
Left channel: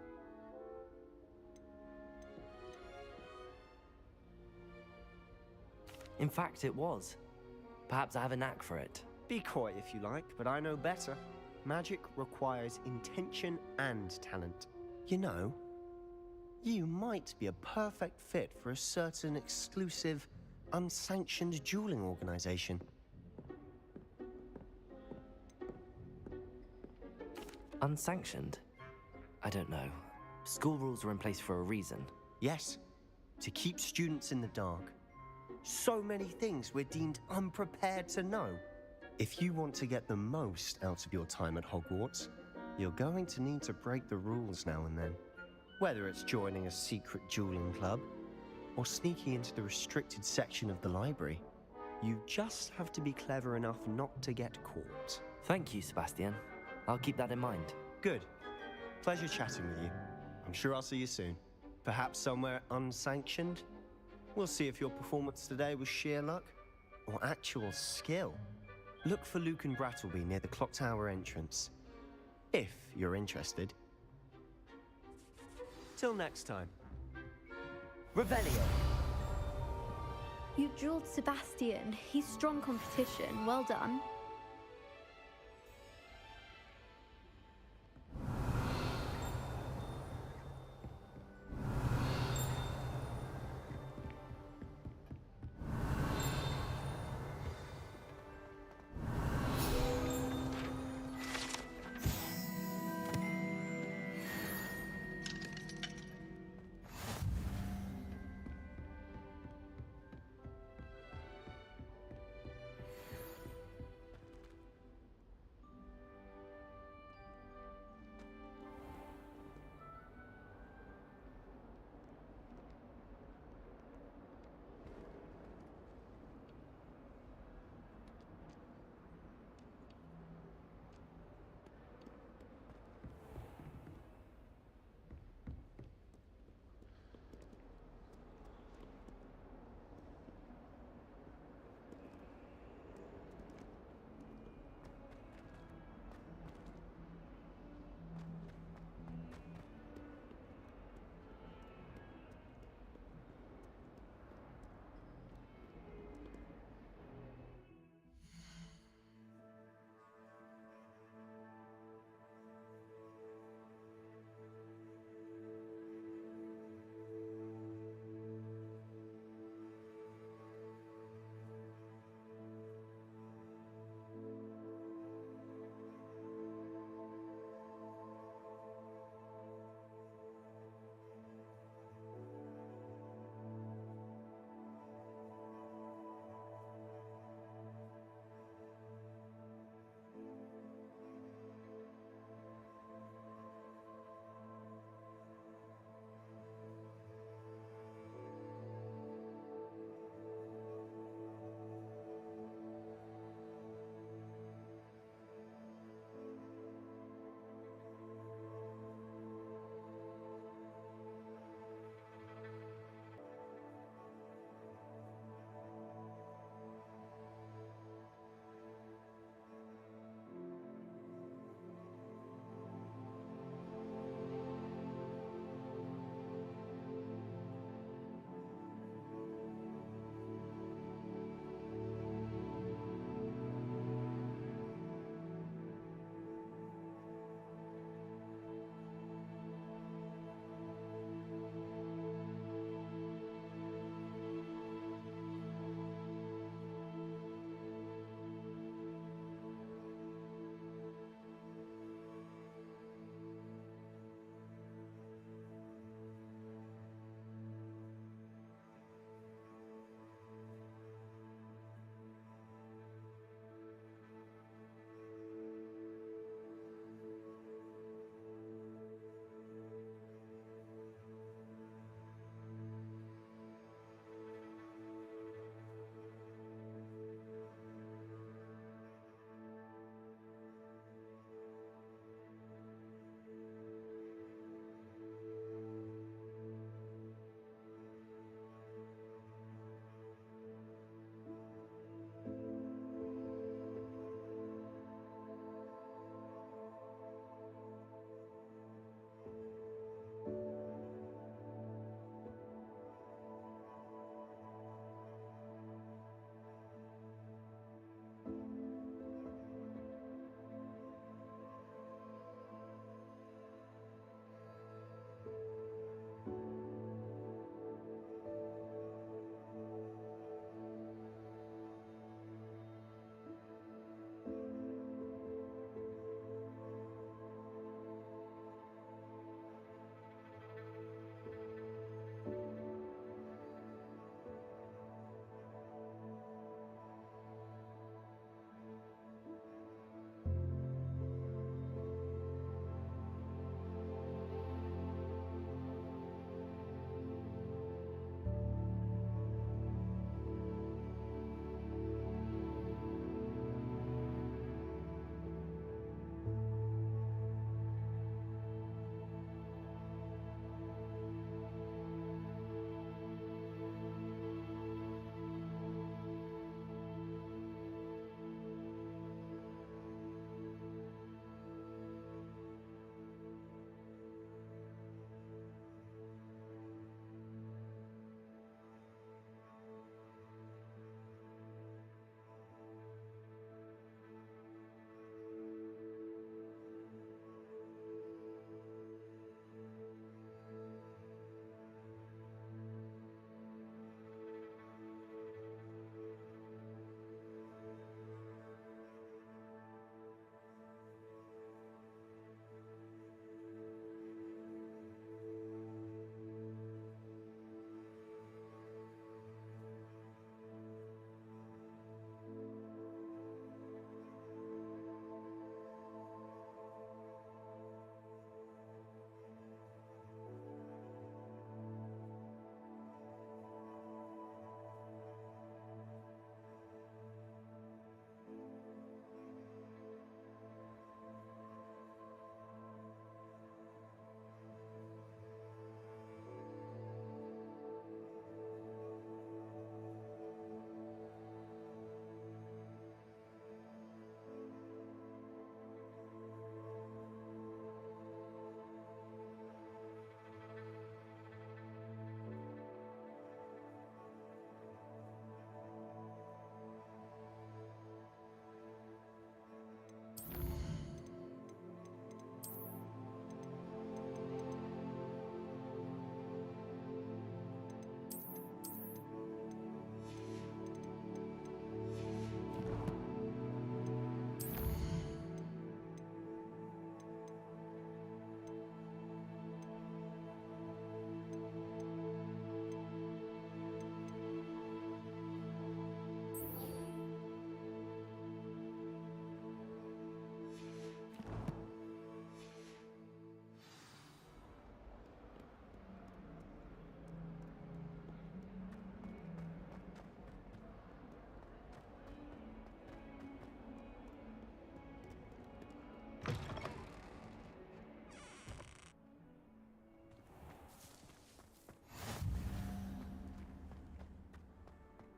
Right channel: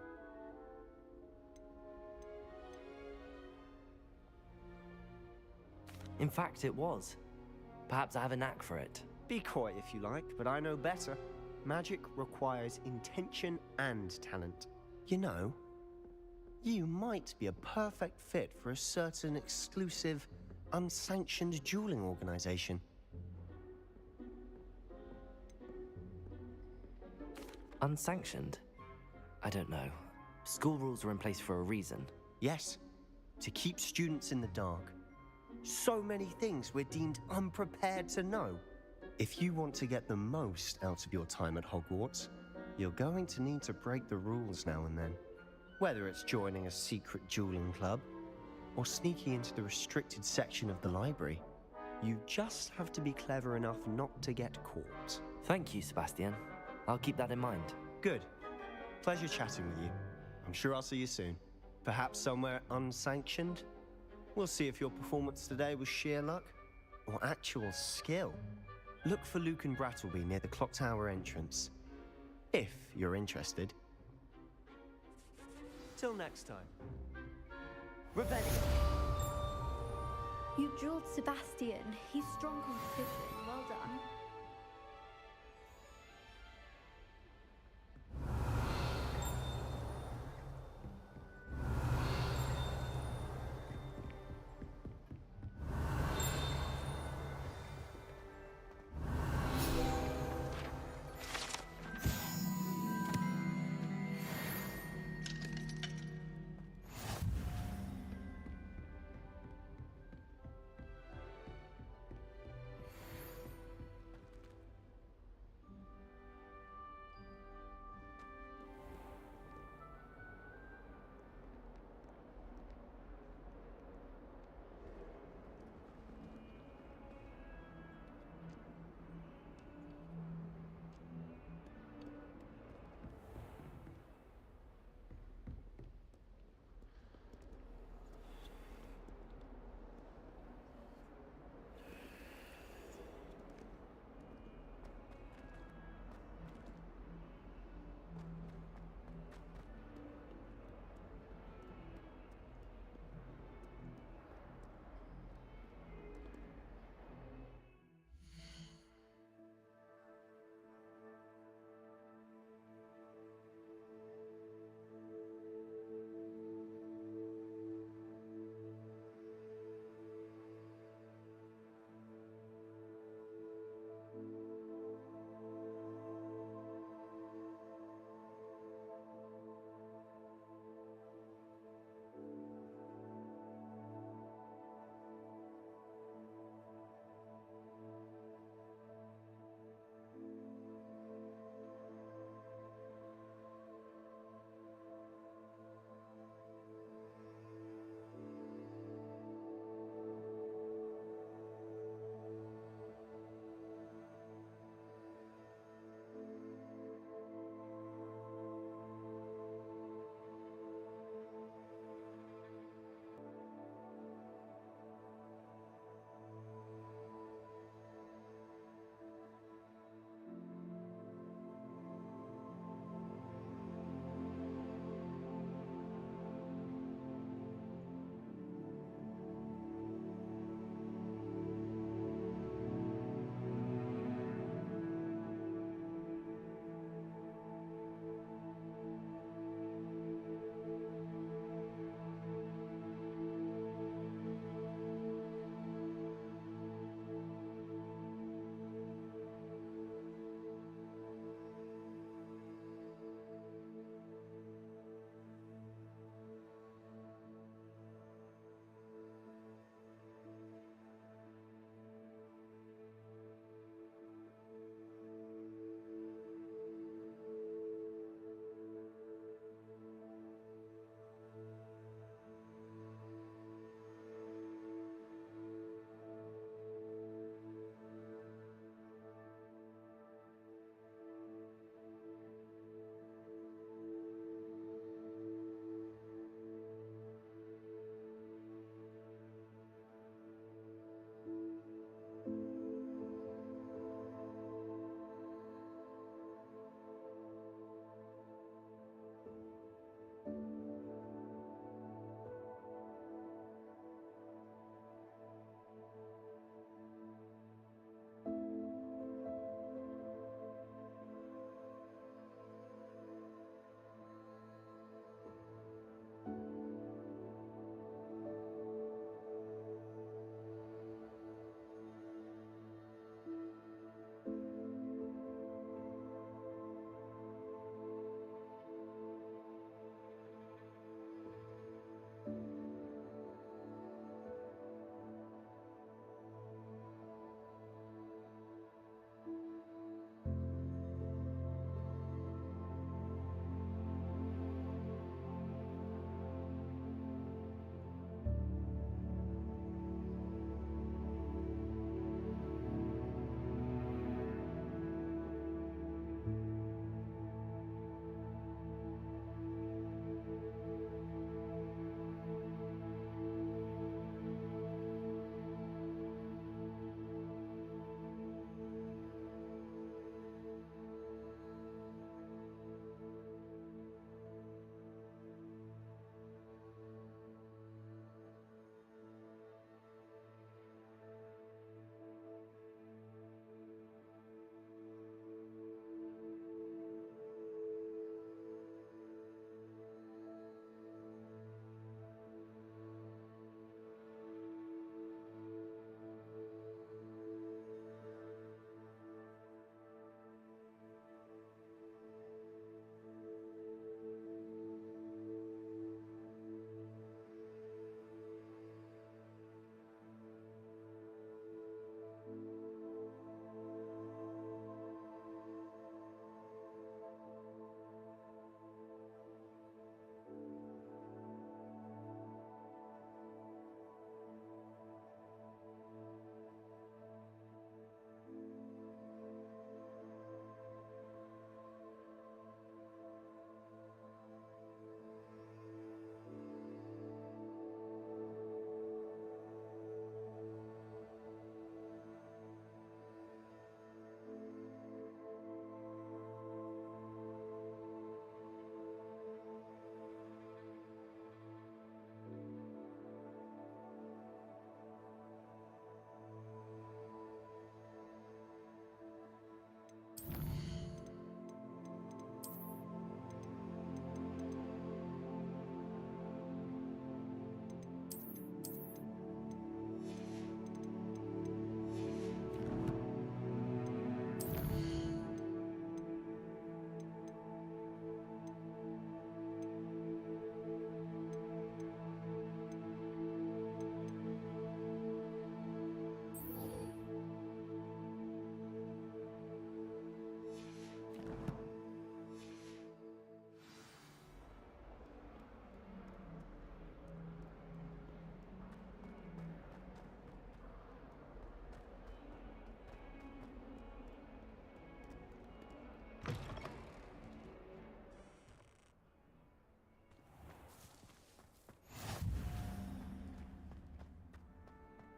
In fact, it was. Perhaps I have a knack for it. Be coy if you like, but I know better. Magic requires intention and talent. You know, you might be a perfect fit for a certain exclusive, unsanctioned dueling organization. Unsanctioned? I don't know. School rules are in place for a reason. Yes, to keep students in the dark. So many things we're deemed unprepared to know. If you want to get the most out of your time at Hogwarts, you're going to need to break the rules now and then. Whether it's joining a secret dueling club, or sneaking into the restricted section of the library, you just have to be clever enough not to get caught. Thank you, Sebastian. I'll keep that in mind. Good. Pleasure chatting with you. I'm sure I'll see you soon. Perhaps somewhere unsanctioned? We'll see if your performance today was sheer luck or actual skill. Look for Luke and Brattleby near the clock tower entrance, if you're interested. Till next time. Revelio! You dueled Sebastian. He's strong competition. Well done.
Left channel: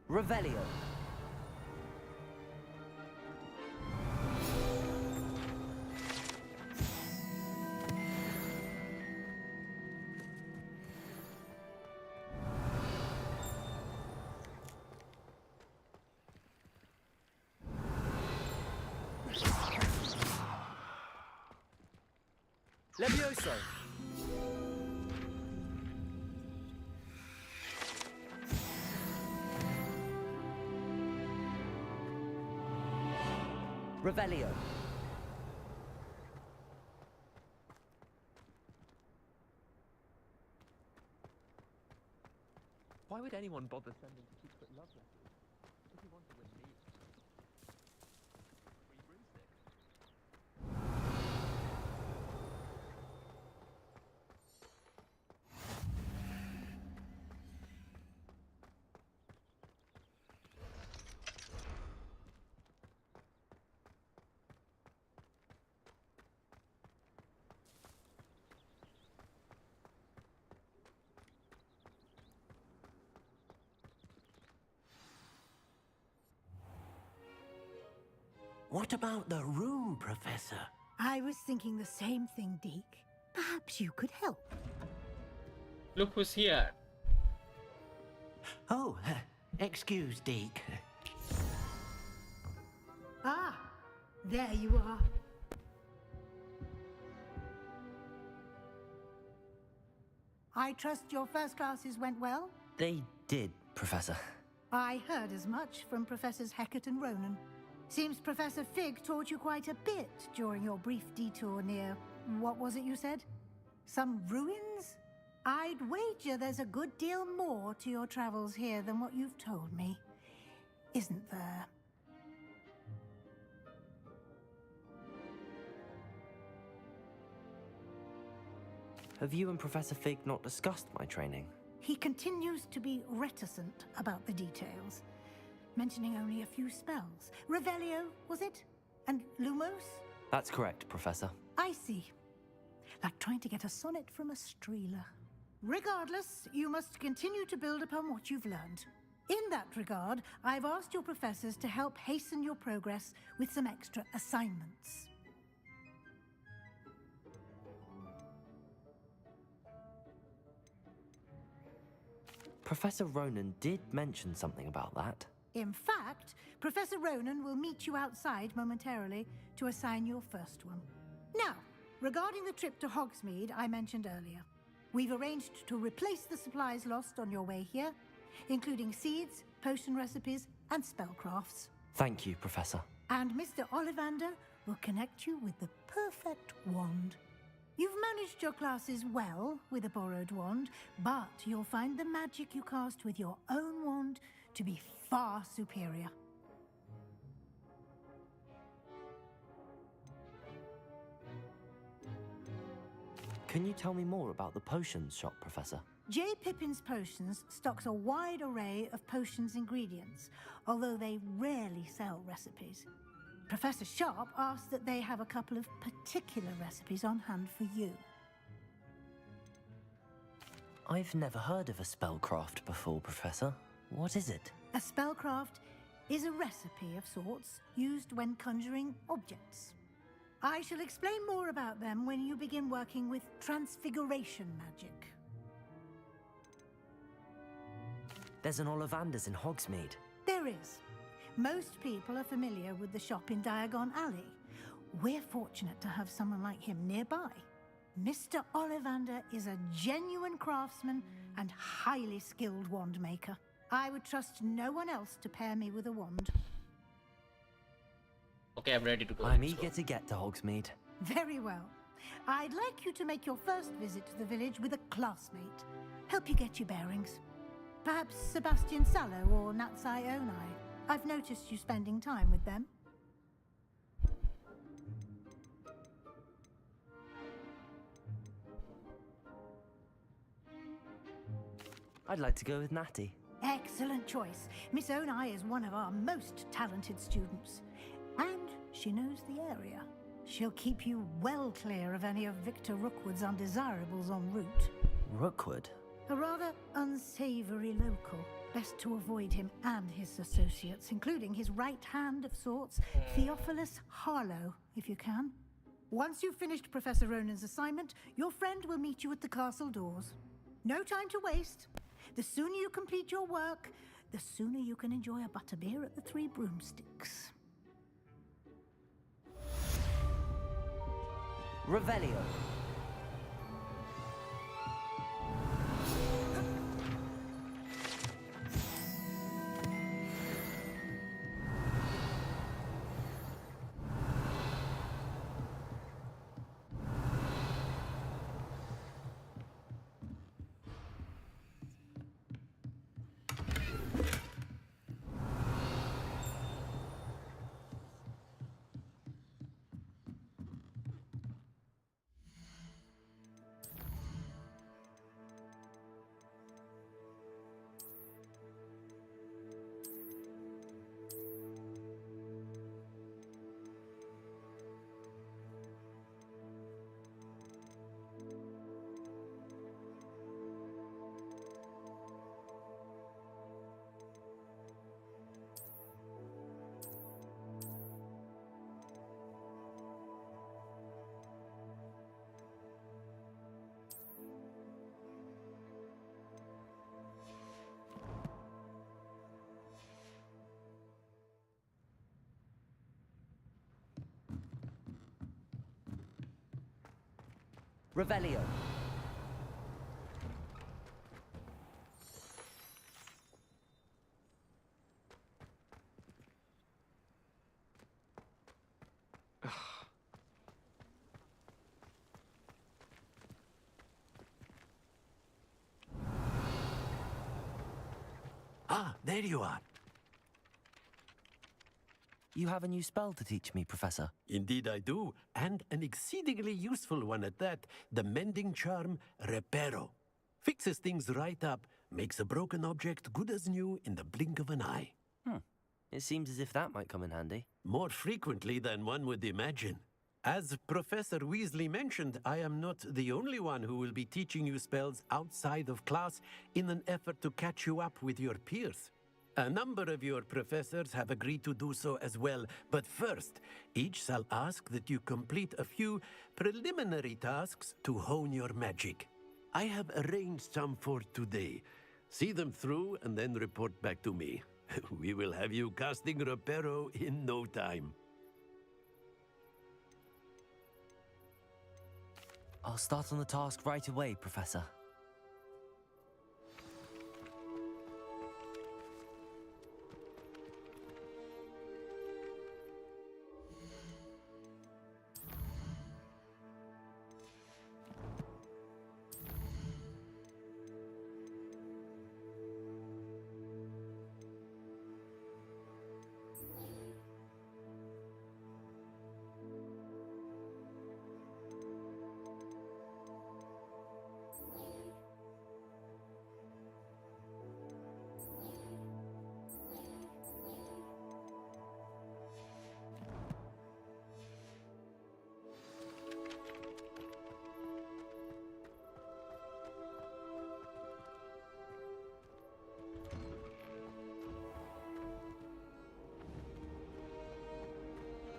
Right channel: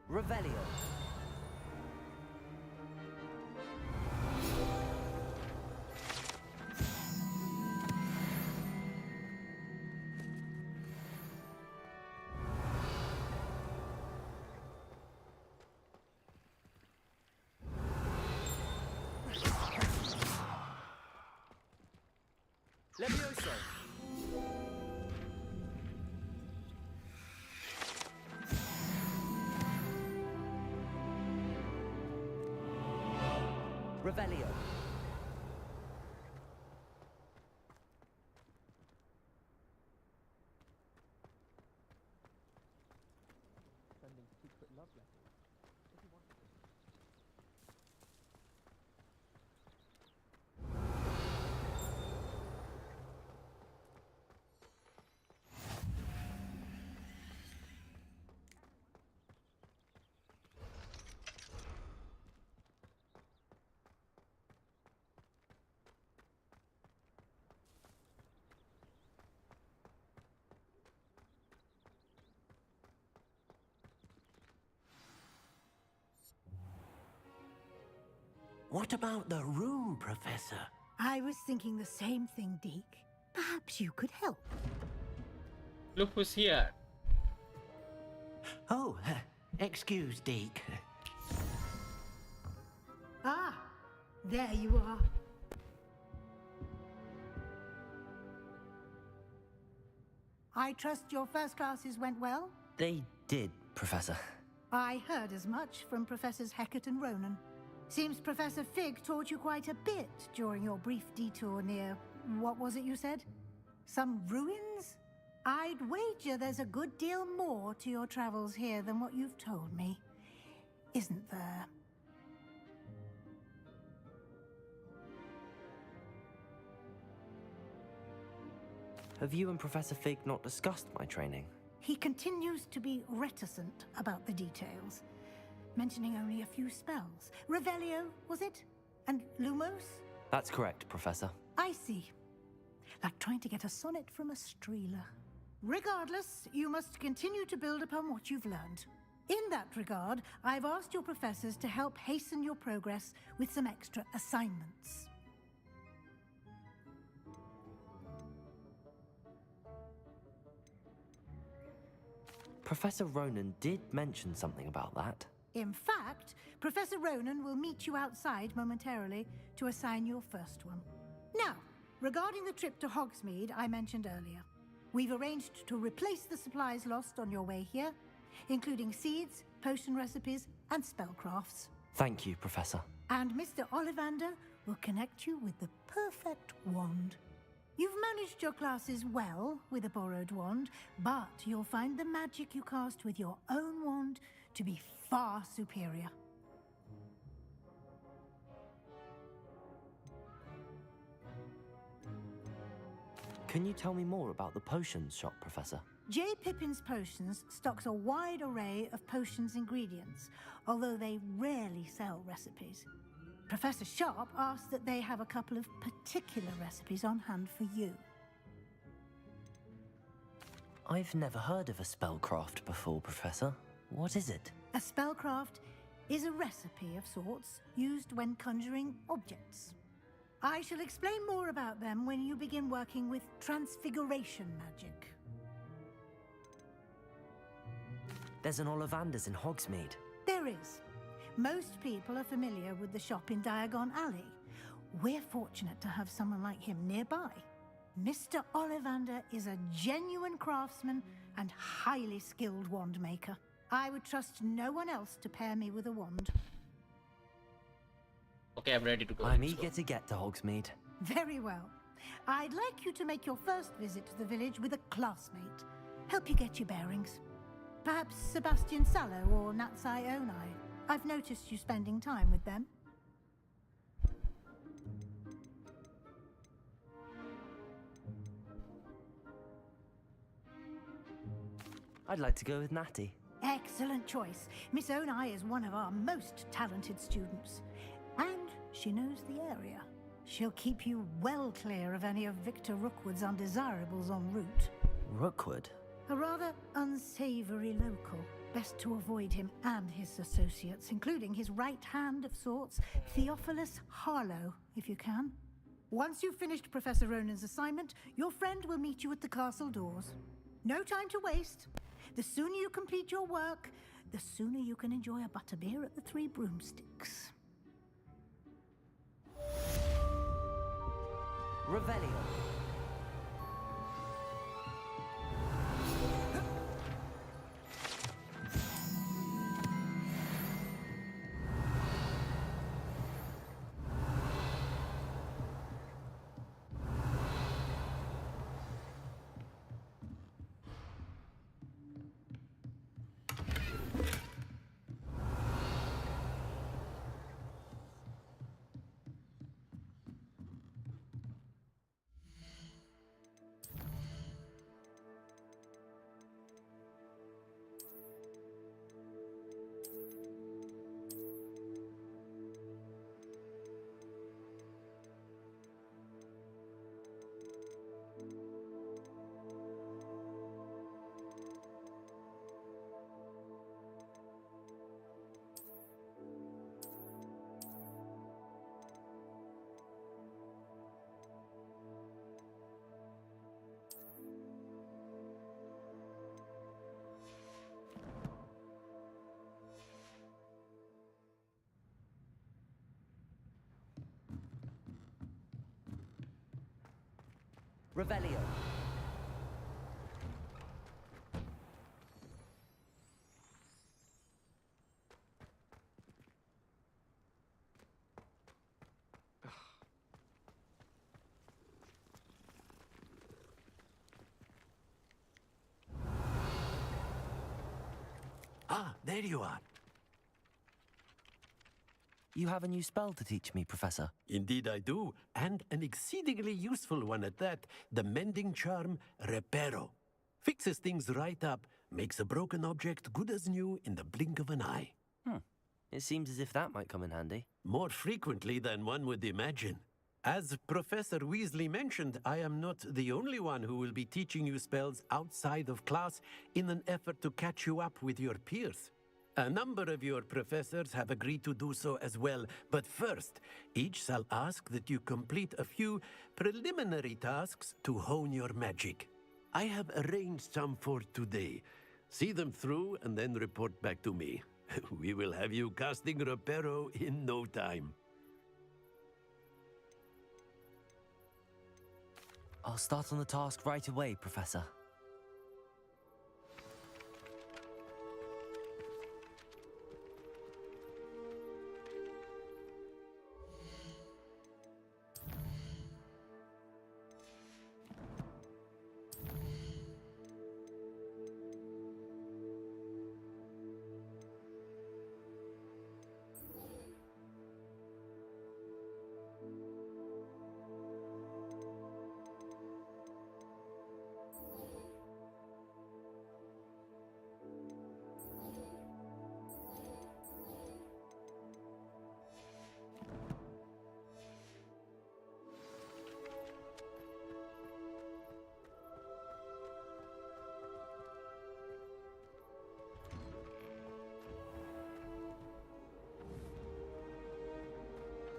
Revelio. Levioso. Revelio. Why would anyone bother sending secret love letters? If you wanted them neat. What about the room, Professor? I was thinking the same thing, Deke. Perhaps you could help. Look who's here. Oh, excuse, Deke. Ah, there you are. I trust your first classes went well? They did, Professor. I heard as much from Professors Hecat and Ronan. Seems Professor Fig taught you quite a bit during your brief detour near... what was it you said? Some ruins? I'd wager there's a good deal more to your travels here than what you've told me. Isn't there? Have you and Professor Fig not discussed my training? He continues to be reticent about the details, mentioning only a few spells. Revelio, was it? And Lumos? That's correct, Professor. I see. Like trying to get a sonnet from a streeler. Regardless, you must continue to build upon what you've learned. In that regard, I've asked your professors to help hasten your progress with some extra assignments. Professor Ronan did mention something about that. In fact, Professor Ronan will meet you outside momentarily to assign your first one. Now, regarding the trip to Hogsmeade I mentioned earlier, we've arranged to replace the supplies lost on your way here, including seeds, potion recipes, and spellcrafts. Thank you, Professor. And Mr. Ollivander will connect you with the perfect wand. You've managed your classes well with a borrowed wand, but you'll find the magic you cast with your own wand to be far superior. Can you tell me more about the potions shop, Professor? J. Pippin's Potions stocks a wide array of potions ingredients, although they rarely sell recipes. Professor Sharp asked that they have a couple of particular recipes on hand for you. I've never heard of a spellcraft before, Professor. What is it? A spellcraft is a recipe of sorts used when conjuring objects. I shall explain more about them when you begin working with transfiguration magic. There's an Ollivander's in Hogsmeade. There is. Most people are familiar with the shop in Diagon Alley. We're fortunate to have someone like him nearby. Mr. Ollivander is a genuine craftsman and highly skilled wand maker. I would trust no one else to pair me with a wand. Okay, I'm ready to go. I'm eager to get to Hogsmeade. Very well. I'd like you to make your first visit to the village with a classmate. Help you get your bearings. Perhaps Sebastian Sallow or Natsai Onai. I've noticed you spending time with them. I'd like to go with Natty. Excellent choice. Miss Onai is one of our most talented students. And she knows the area. She'll keep you well clear of any of Victor Rookwood's undesirables en route. Rookwood? A rather unsavory local. Best to avoid him and his associates, including his right hand of sorts, Theophilus Harlow, if you can. Once you've finished Professor Ronan's assignment, your friend will meet you at the castle doors. No time to waste. The sooner you complete your work, the sooner you can enjoy a butterbeer at the Three Broomsticks. Revelio. Revelio. Ah, there you are. You have a new spell to teach me, Professor. Indeed I do, and an exceedingly useful one at that. The mending charm, Reparo. Fixes things right up, makes a broken object good as new in the blink of an eye. It seems as if that might come in handy. More frequently than one would imagine. As Professor Weasley mentioned, I am not the only one who will be teaching you spells outside of class in an effort to catch you up with your peers. A number of your professors have agreed to do so as well, but first, each shall ask that you complete a few preliminary tasks to hone your magic. I have arranged some for today. See them through and then report back to me. We will have you casting Reparo in no time. I'll start on the task right away, Professor.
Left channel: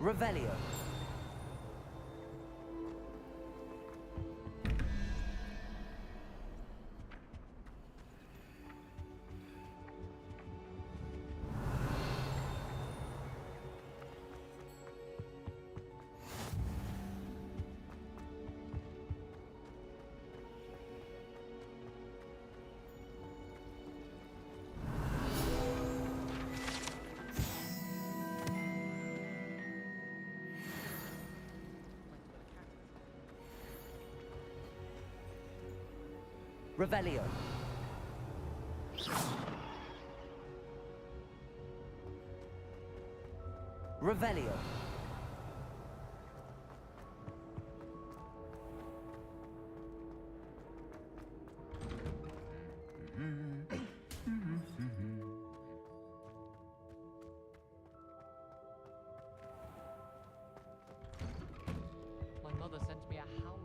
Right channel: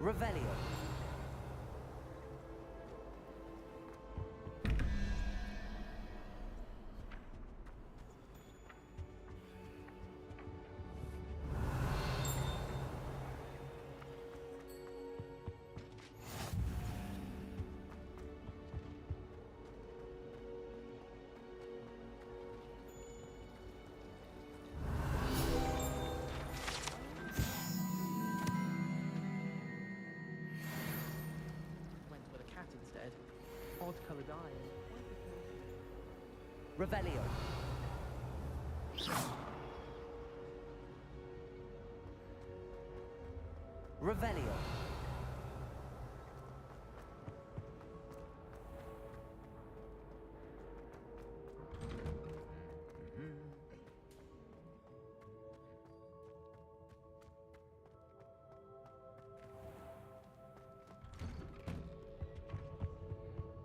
Revelio. Revelio. Revelio. My mother sent me a howler.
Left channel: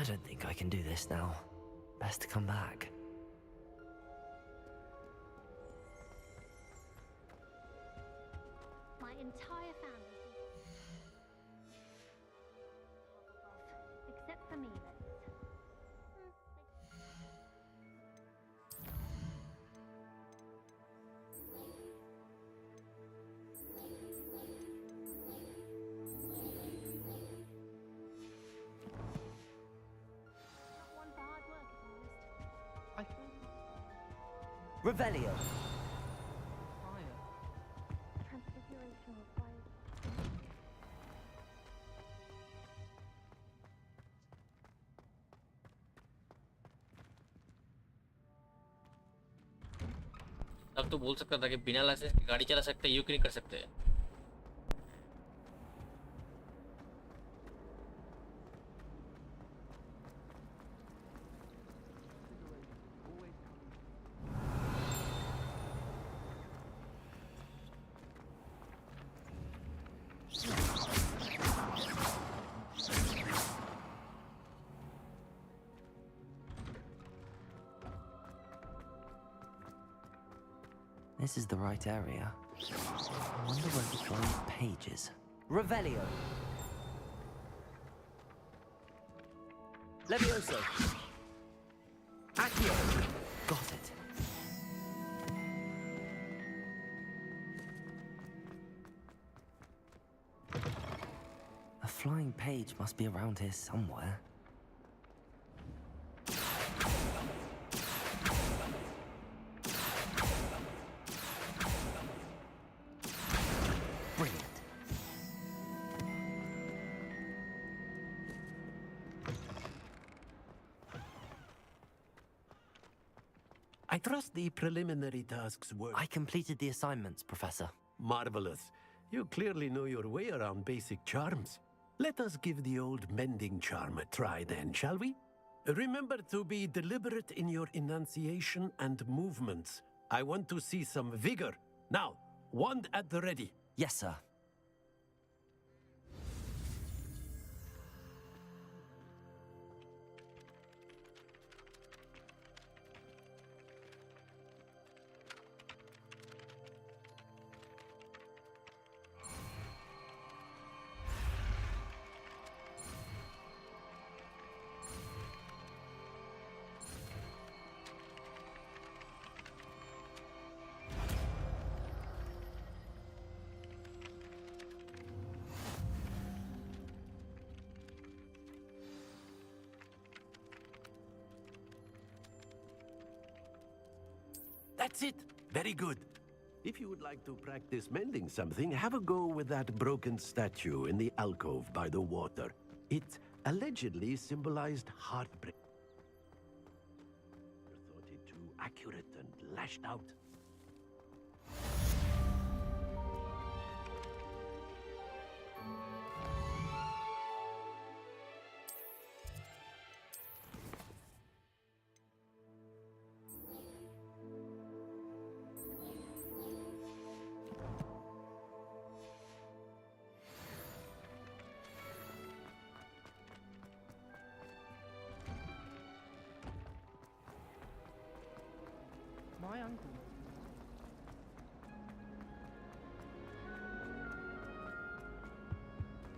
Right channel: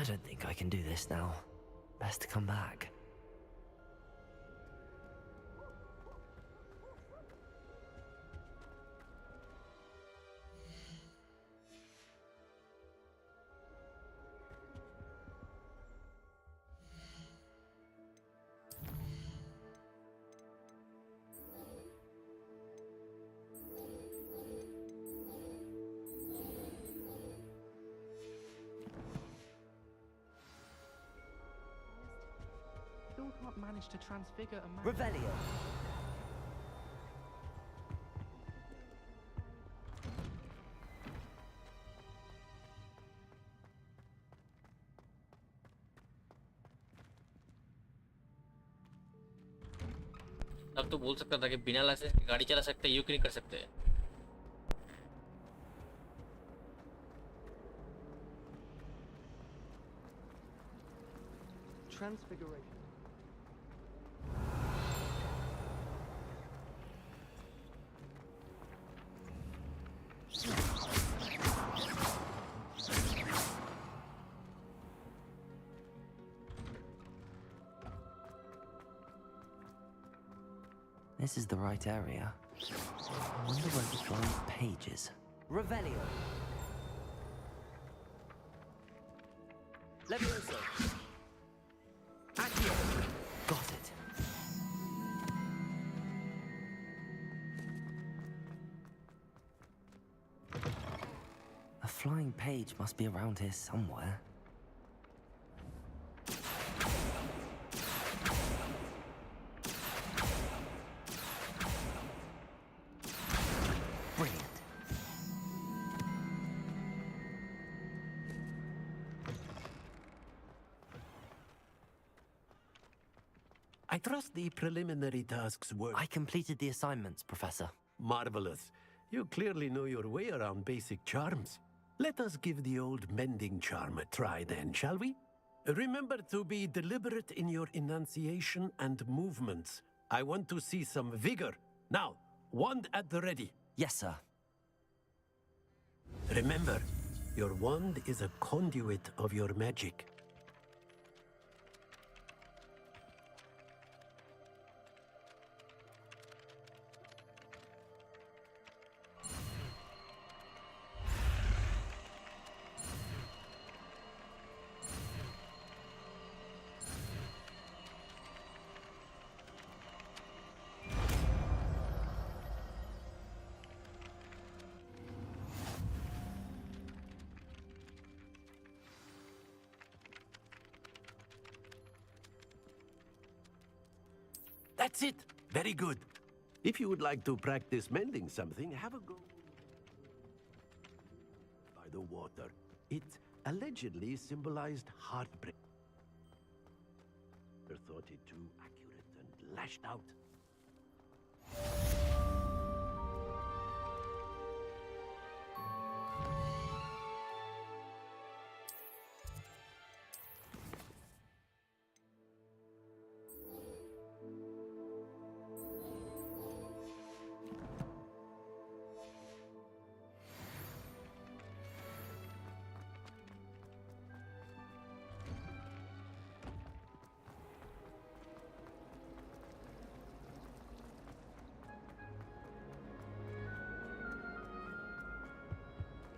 I don't think I can do this now. Best to come back. My entire family. Except for me. I still can't manage to transfigure a man. Revelio. Transfiguration required. अब तो बोल सकता था कि बिना licence के गाड़ी चला सकते हैं, यू क्यों नहीं कर सकते? Transfiguration. This is the right area. I wonder where the flying page is. Revelio. Levioso. Accio. Got it. A flying page must be around here somewhere. Brilliant. I trust the preliminary tasks were... I completed the assignments, Professor. Marvelous. You clearly know your way around basic charms. Let us give the old mending charm a try then, shall we? Remember to be deliberate in your enunciation and movements. I want to see some vigor. Now, wand at the ready. Yes, sir. Remember, your wand is a conduit of your magic. That's it. Very good. If you would like to practice mending something, have a go with that broken statue in the alcove by the water. It allegedly symbolized heartbreak. I thought it too accurate and lashed out.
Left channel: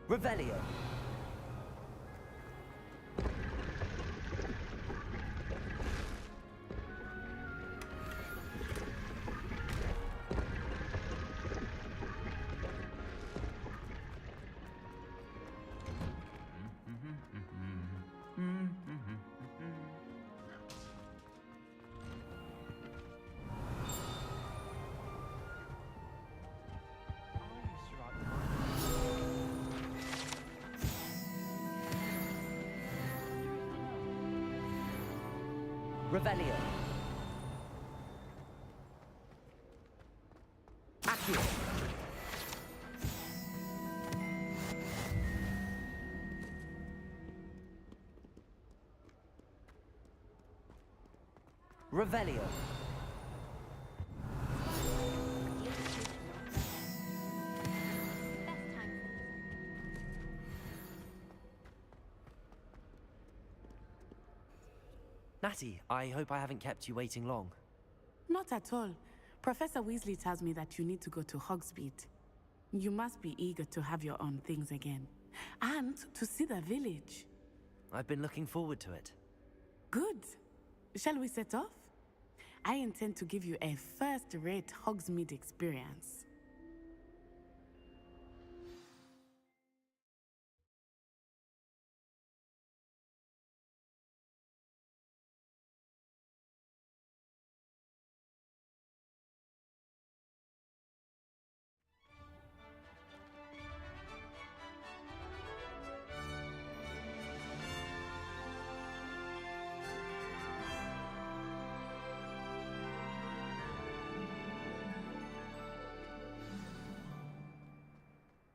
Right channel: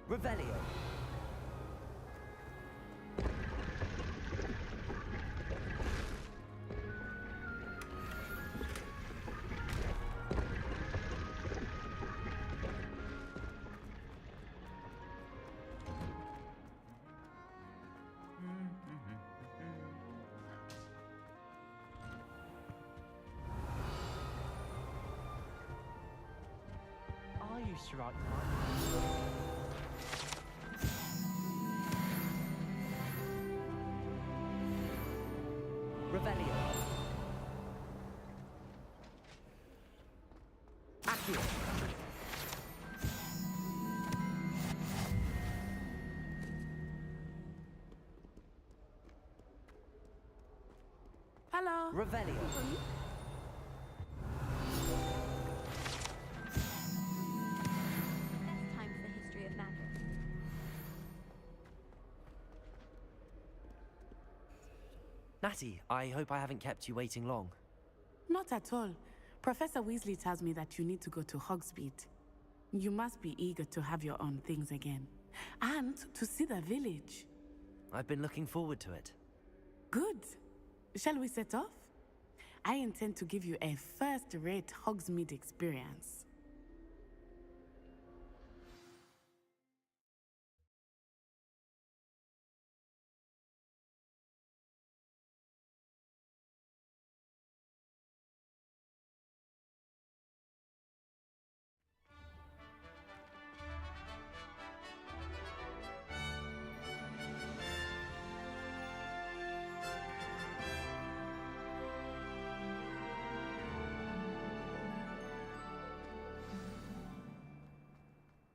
Revelio. I used to write them. Revelio. Accio. Hello. Revelio. Best time for the history of magic. Natty, I hope I haven't kept you waiting long. Not at all. Professor Weasley tells me that you need to go to Hogsmeade. You must be eager to have your own things again. And to see the village. I've been looking forward to it. Good. Shall we set off? I intend to give you a first-rate Hogsmeade experience.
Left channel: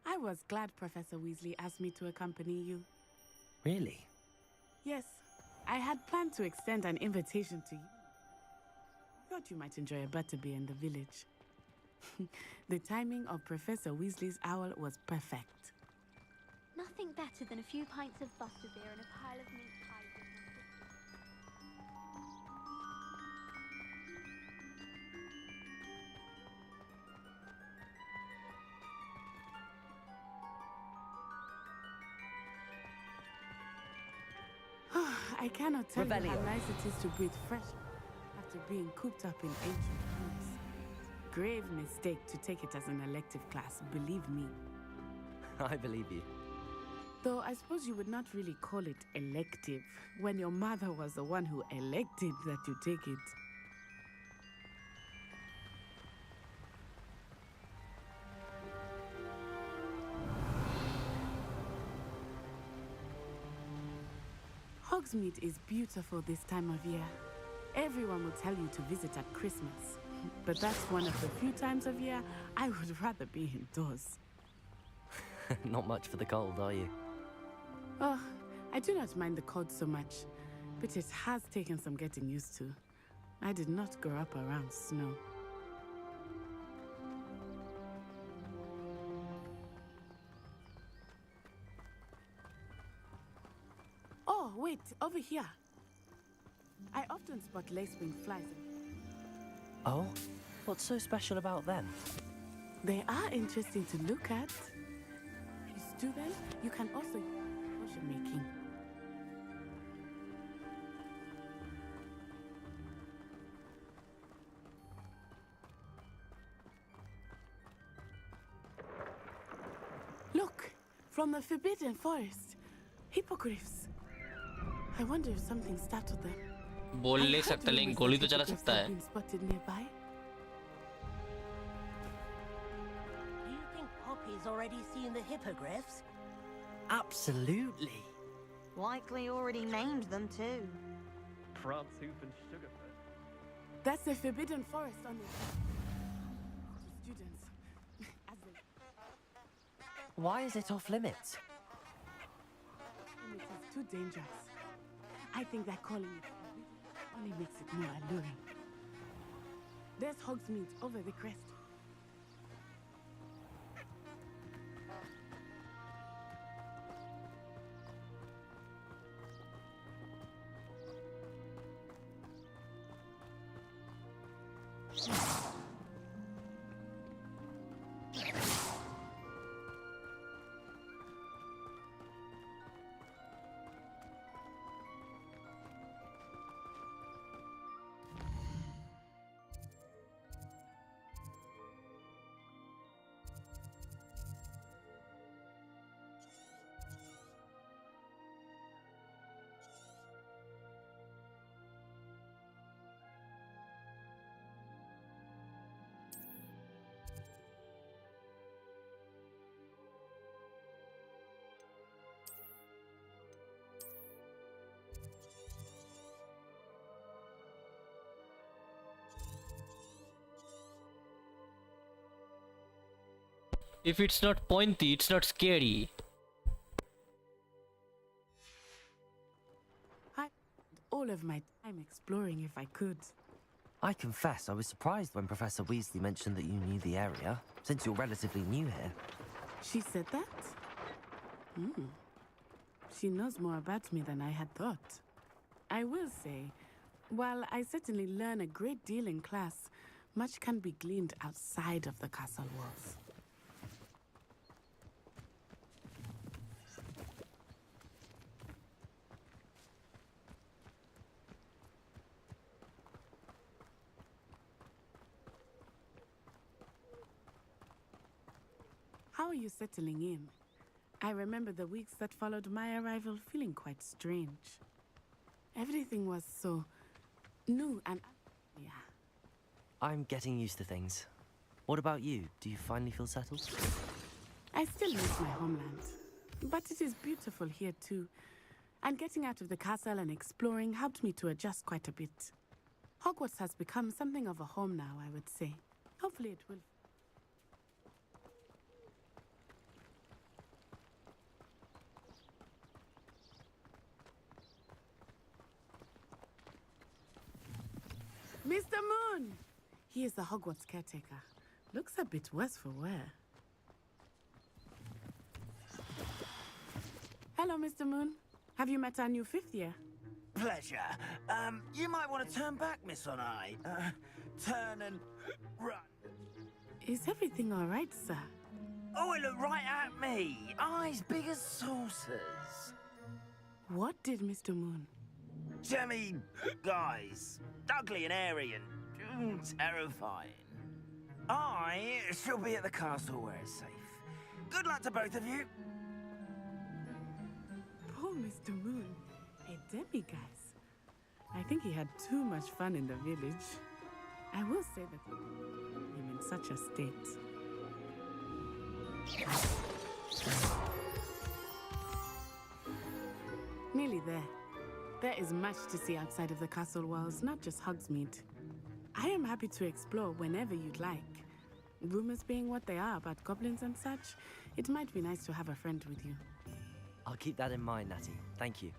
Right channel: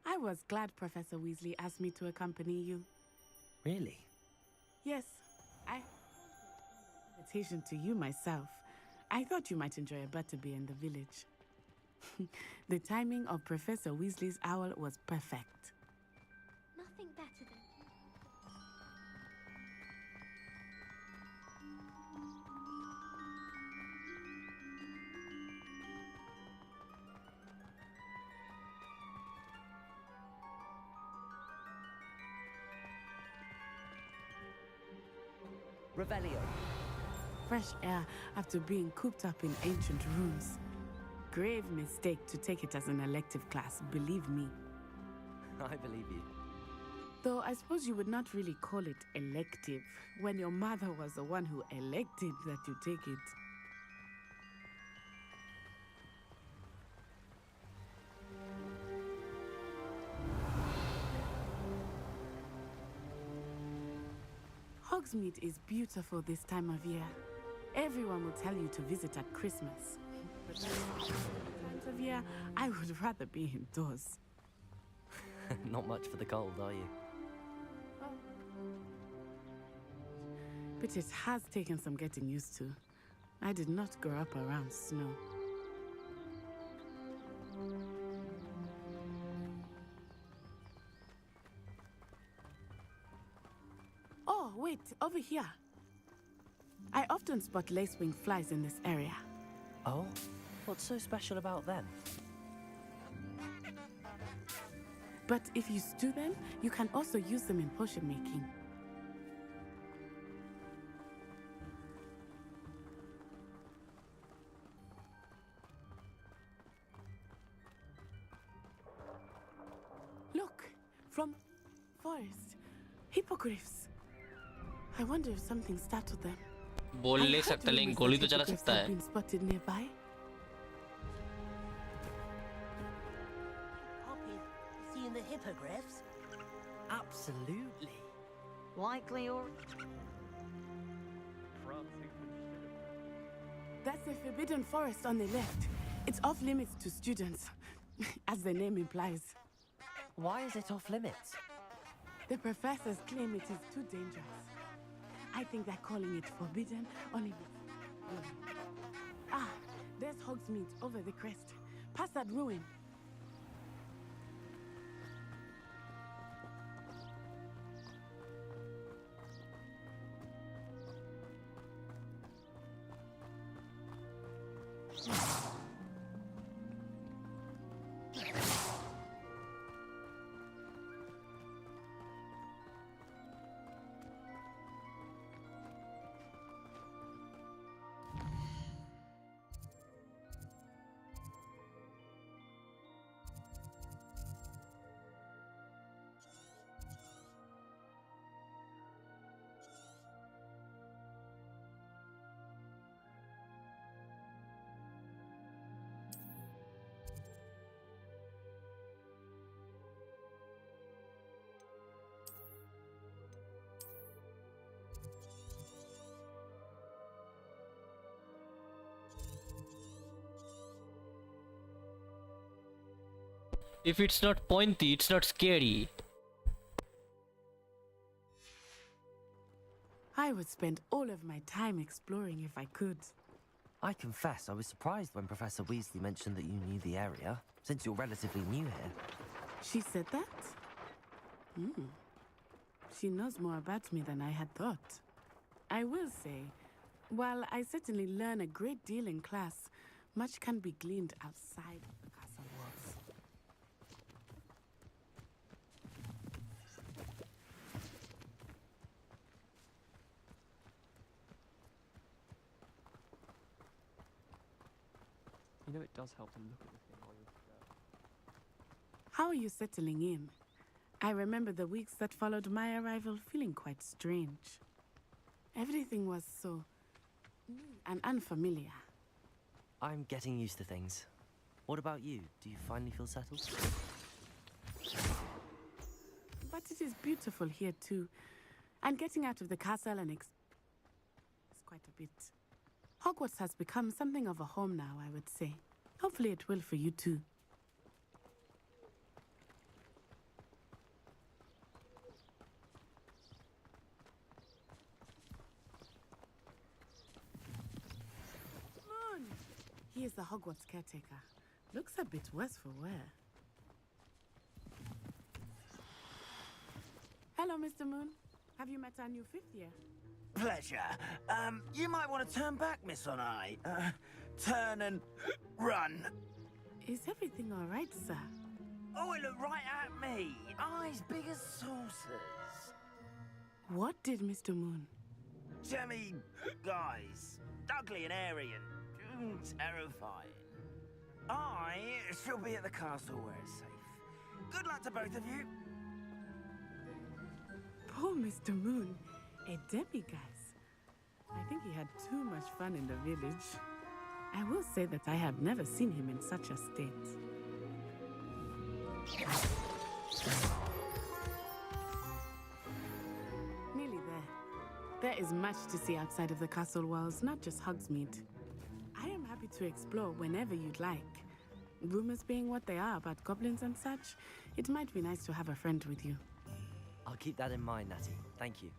I was glad Professor Weasley asked me to accompany you. Really? Yes, I had planned to extend an invitation to you myself. I thought you might enjoy a butterbeer in the village. The timing of Professor Weasley's owl was perfect. Nothing better than a few pints of butterbeer and a pile of meat pies. I cannot tell you how Revelio. nice it is to breathe fresh air after being cooped up in ancient rooms. Grave mistake to take it as an elective class, believe me. I believe you. Though I suppose you would not really call it elective when your mother was the one who elected that you take it. Hogsmeade is beautiful this time of year. Everyone will tell you to visit at Christmas. But that's one of the few times of year I would rather be indoors. Not much for the cold, are you? Oh, I do not mind the cold so much, but it has taken some getting used to. I did not grow up around snow. Oh, wait, over here. I often spot lacewing flies in this area. Oh? What's so special about them? They are interesting to look at, but if you stew them, you can also use them in potion making. Look, from the Forbidden Forest, hippogriffs. I wonder if something startled them. बोल ले सकता लेकिन गोली तो चला सकता है. Been spotted nearby. You think Poppy's already seen the hippogriffs? Absolutely. Likely already named them too. Pranshoop and Sugarfoot. That's the Forbidden Forest on the left. It's off limits to students, as the name implies. Why is it off limits? The professors claim it is too dangerous. I think that calling it forbidden only makes it more alluring. Ah, there's Hogsmeade over the crest. Past that ruin. If it's not pointy, it's not scary. I would spend all of my time exploring if I could. I confess I was surprised when Professor Weasley mentioned that you knew the area, since you're relatively new here. She said that? She knows more about me than I had thought. I will say, While I certainly learn a great deal in class, much can be gleaned outside of the castle walls. You know, it does help them look at the How are you settling in? I remember the weeks that followed my arrival feeling quite strange. Everything was so new and unfamiliar. I'm getting used to things. What about you? Do you finally feel settled? I still miss my homeland, but it is beautiful here too. And getting out of the castle and exploring helped me to adjust quite a bit. Hogwarts has become something of a home now, I would say. Hopefully it will for you too. Mr. Moon! He is the Hogwarts caretaker. Looks a bit worse for wear. Hello, Mr. Moon. Have you met our new fifth year? Pleasure. You might want to turn back, Miss Onai. Turn and run. Is everything all right, sir? Oh, it looked right at me. Eyes big as saucers. What did Mr. Moon? Jammy guys. Ugly and airy and terrifying. I shall be at the castle where it's safe. Good luck to both of you. Poor Mr. Moon. A demiguise. I think he had too much fun in the village. I will say that I have never seen him in such a state. Nearly there. There is much to see outside of the castle walls, not just Hogsmeade. I am happy to explore whenever you'd like. Rumors being what they are about goblins and such, it might be nice to have a friend with you. I'll keep that in mind, Natty. Thank you.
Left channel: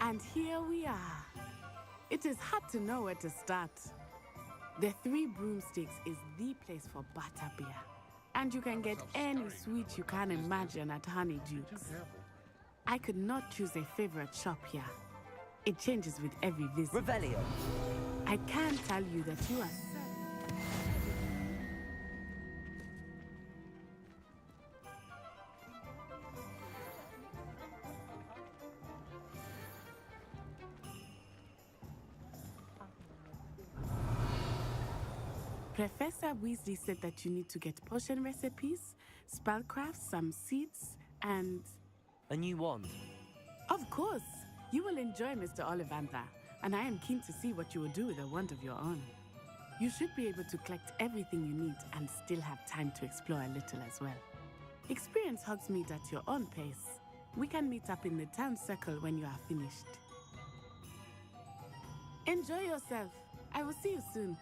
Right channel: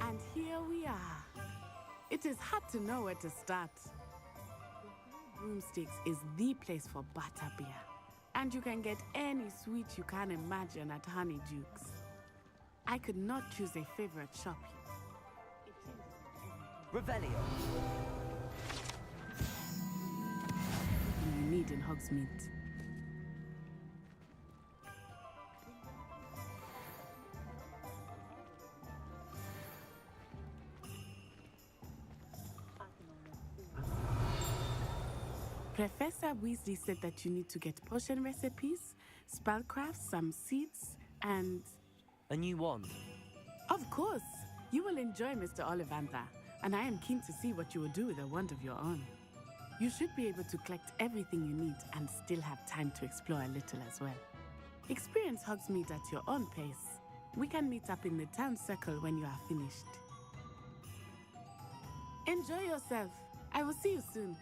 And here we are. It is hard to know where to start. The Three Broomsticks is the place for butterbeer. And you can get any sweet you can imagine at Honeyduke's. I could not choose a favorite shop here. It changes with every visit. Revelio. I can tell you that you are selling everything you need in Hogsmeade. Professor Weasley said that you need to get potion recipes, spellcrafts, some seeds, and... A new wand. Of course! You will enjoy Mr. Ollivander, and I am keen to see what you will do with a wand of your own. You should be able to collect everything you need and still have time to explore a little as well. Experience Hogsmeade at your own pace. We can meet up in the town circle when you are finished. Enjoy yourself. I will see you soon.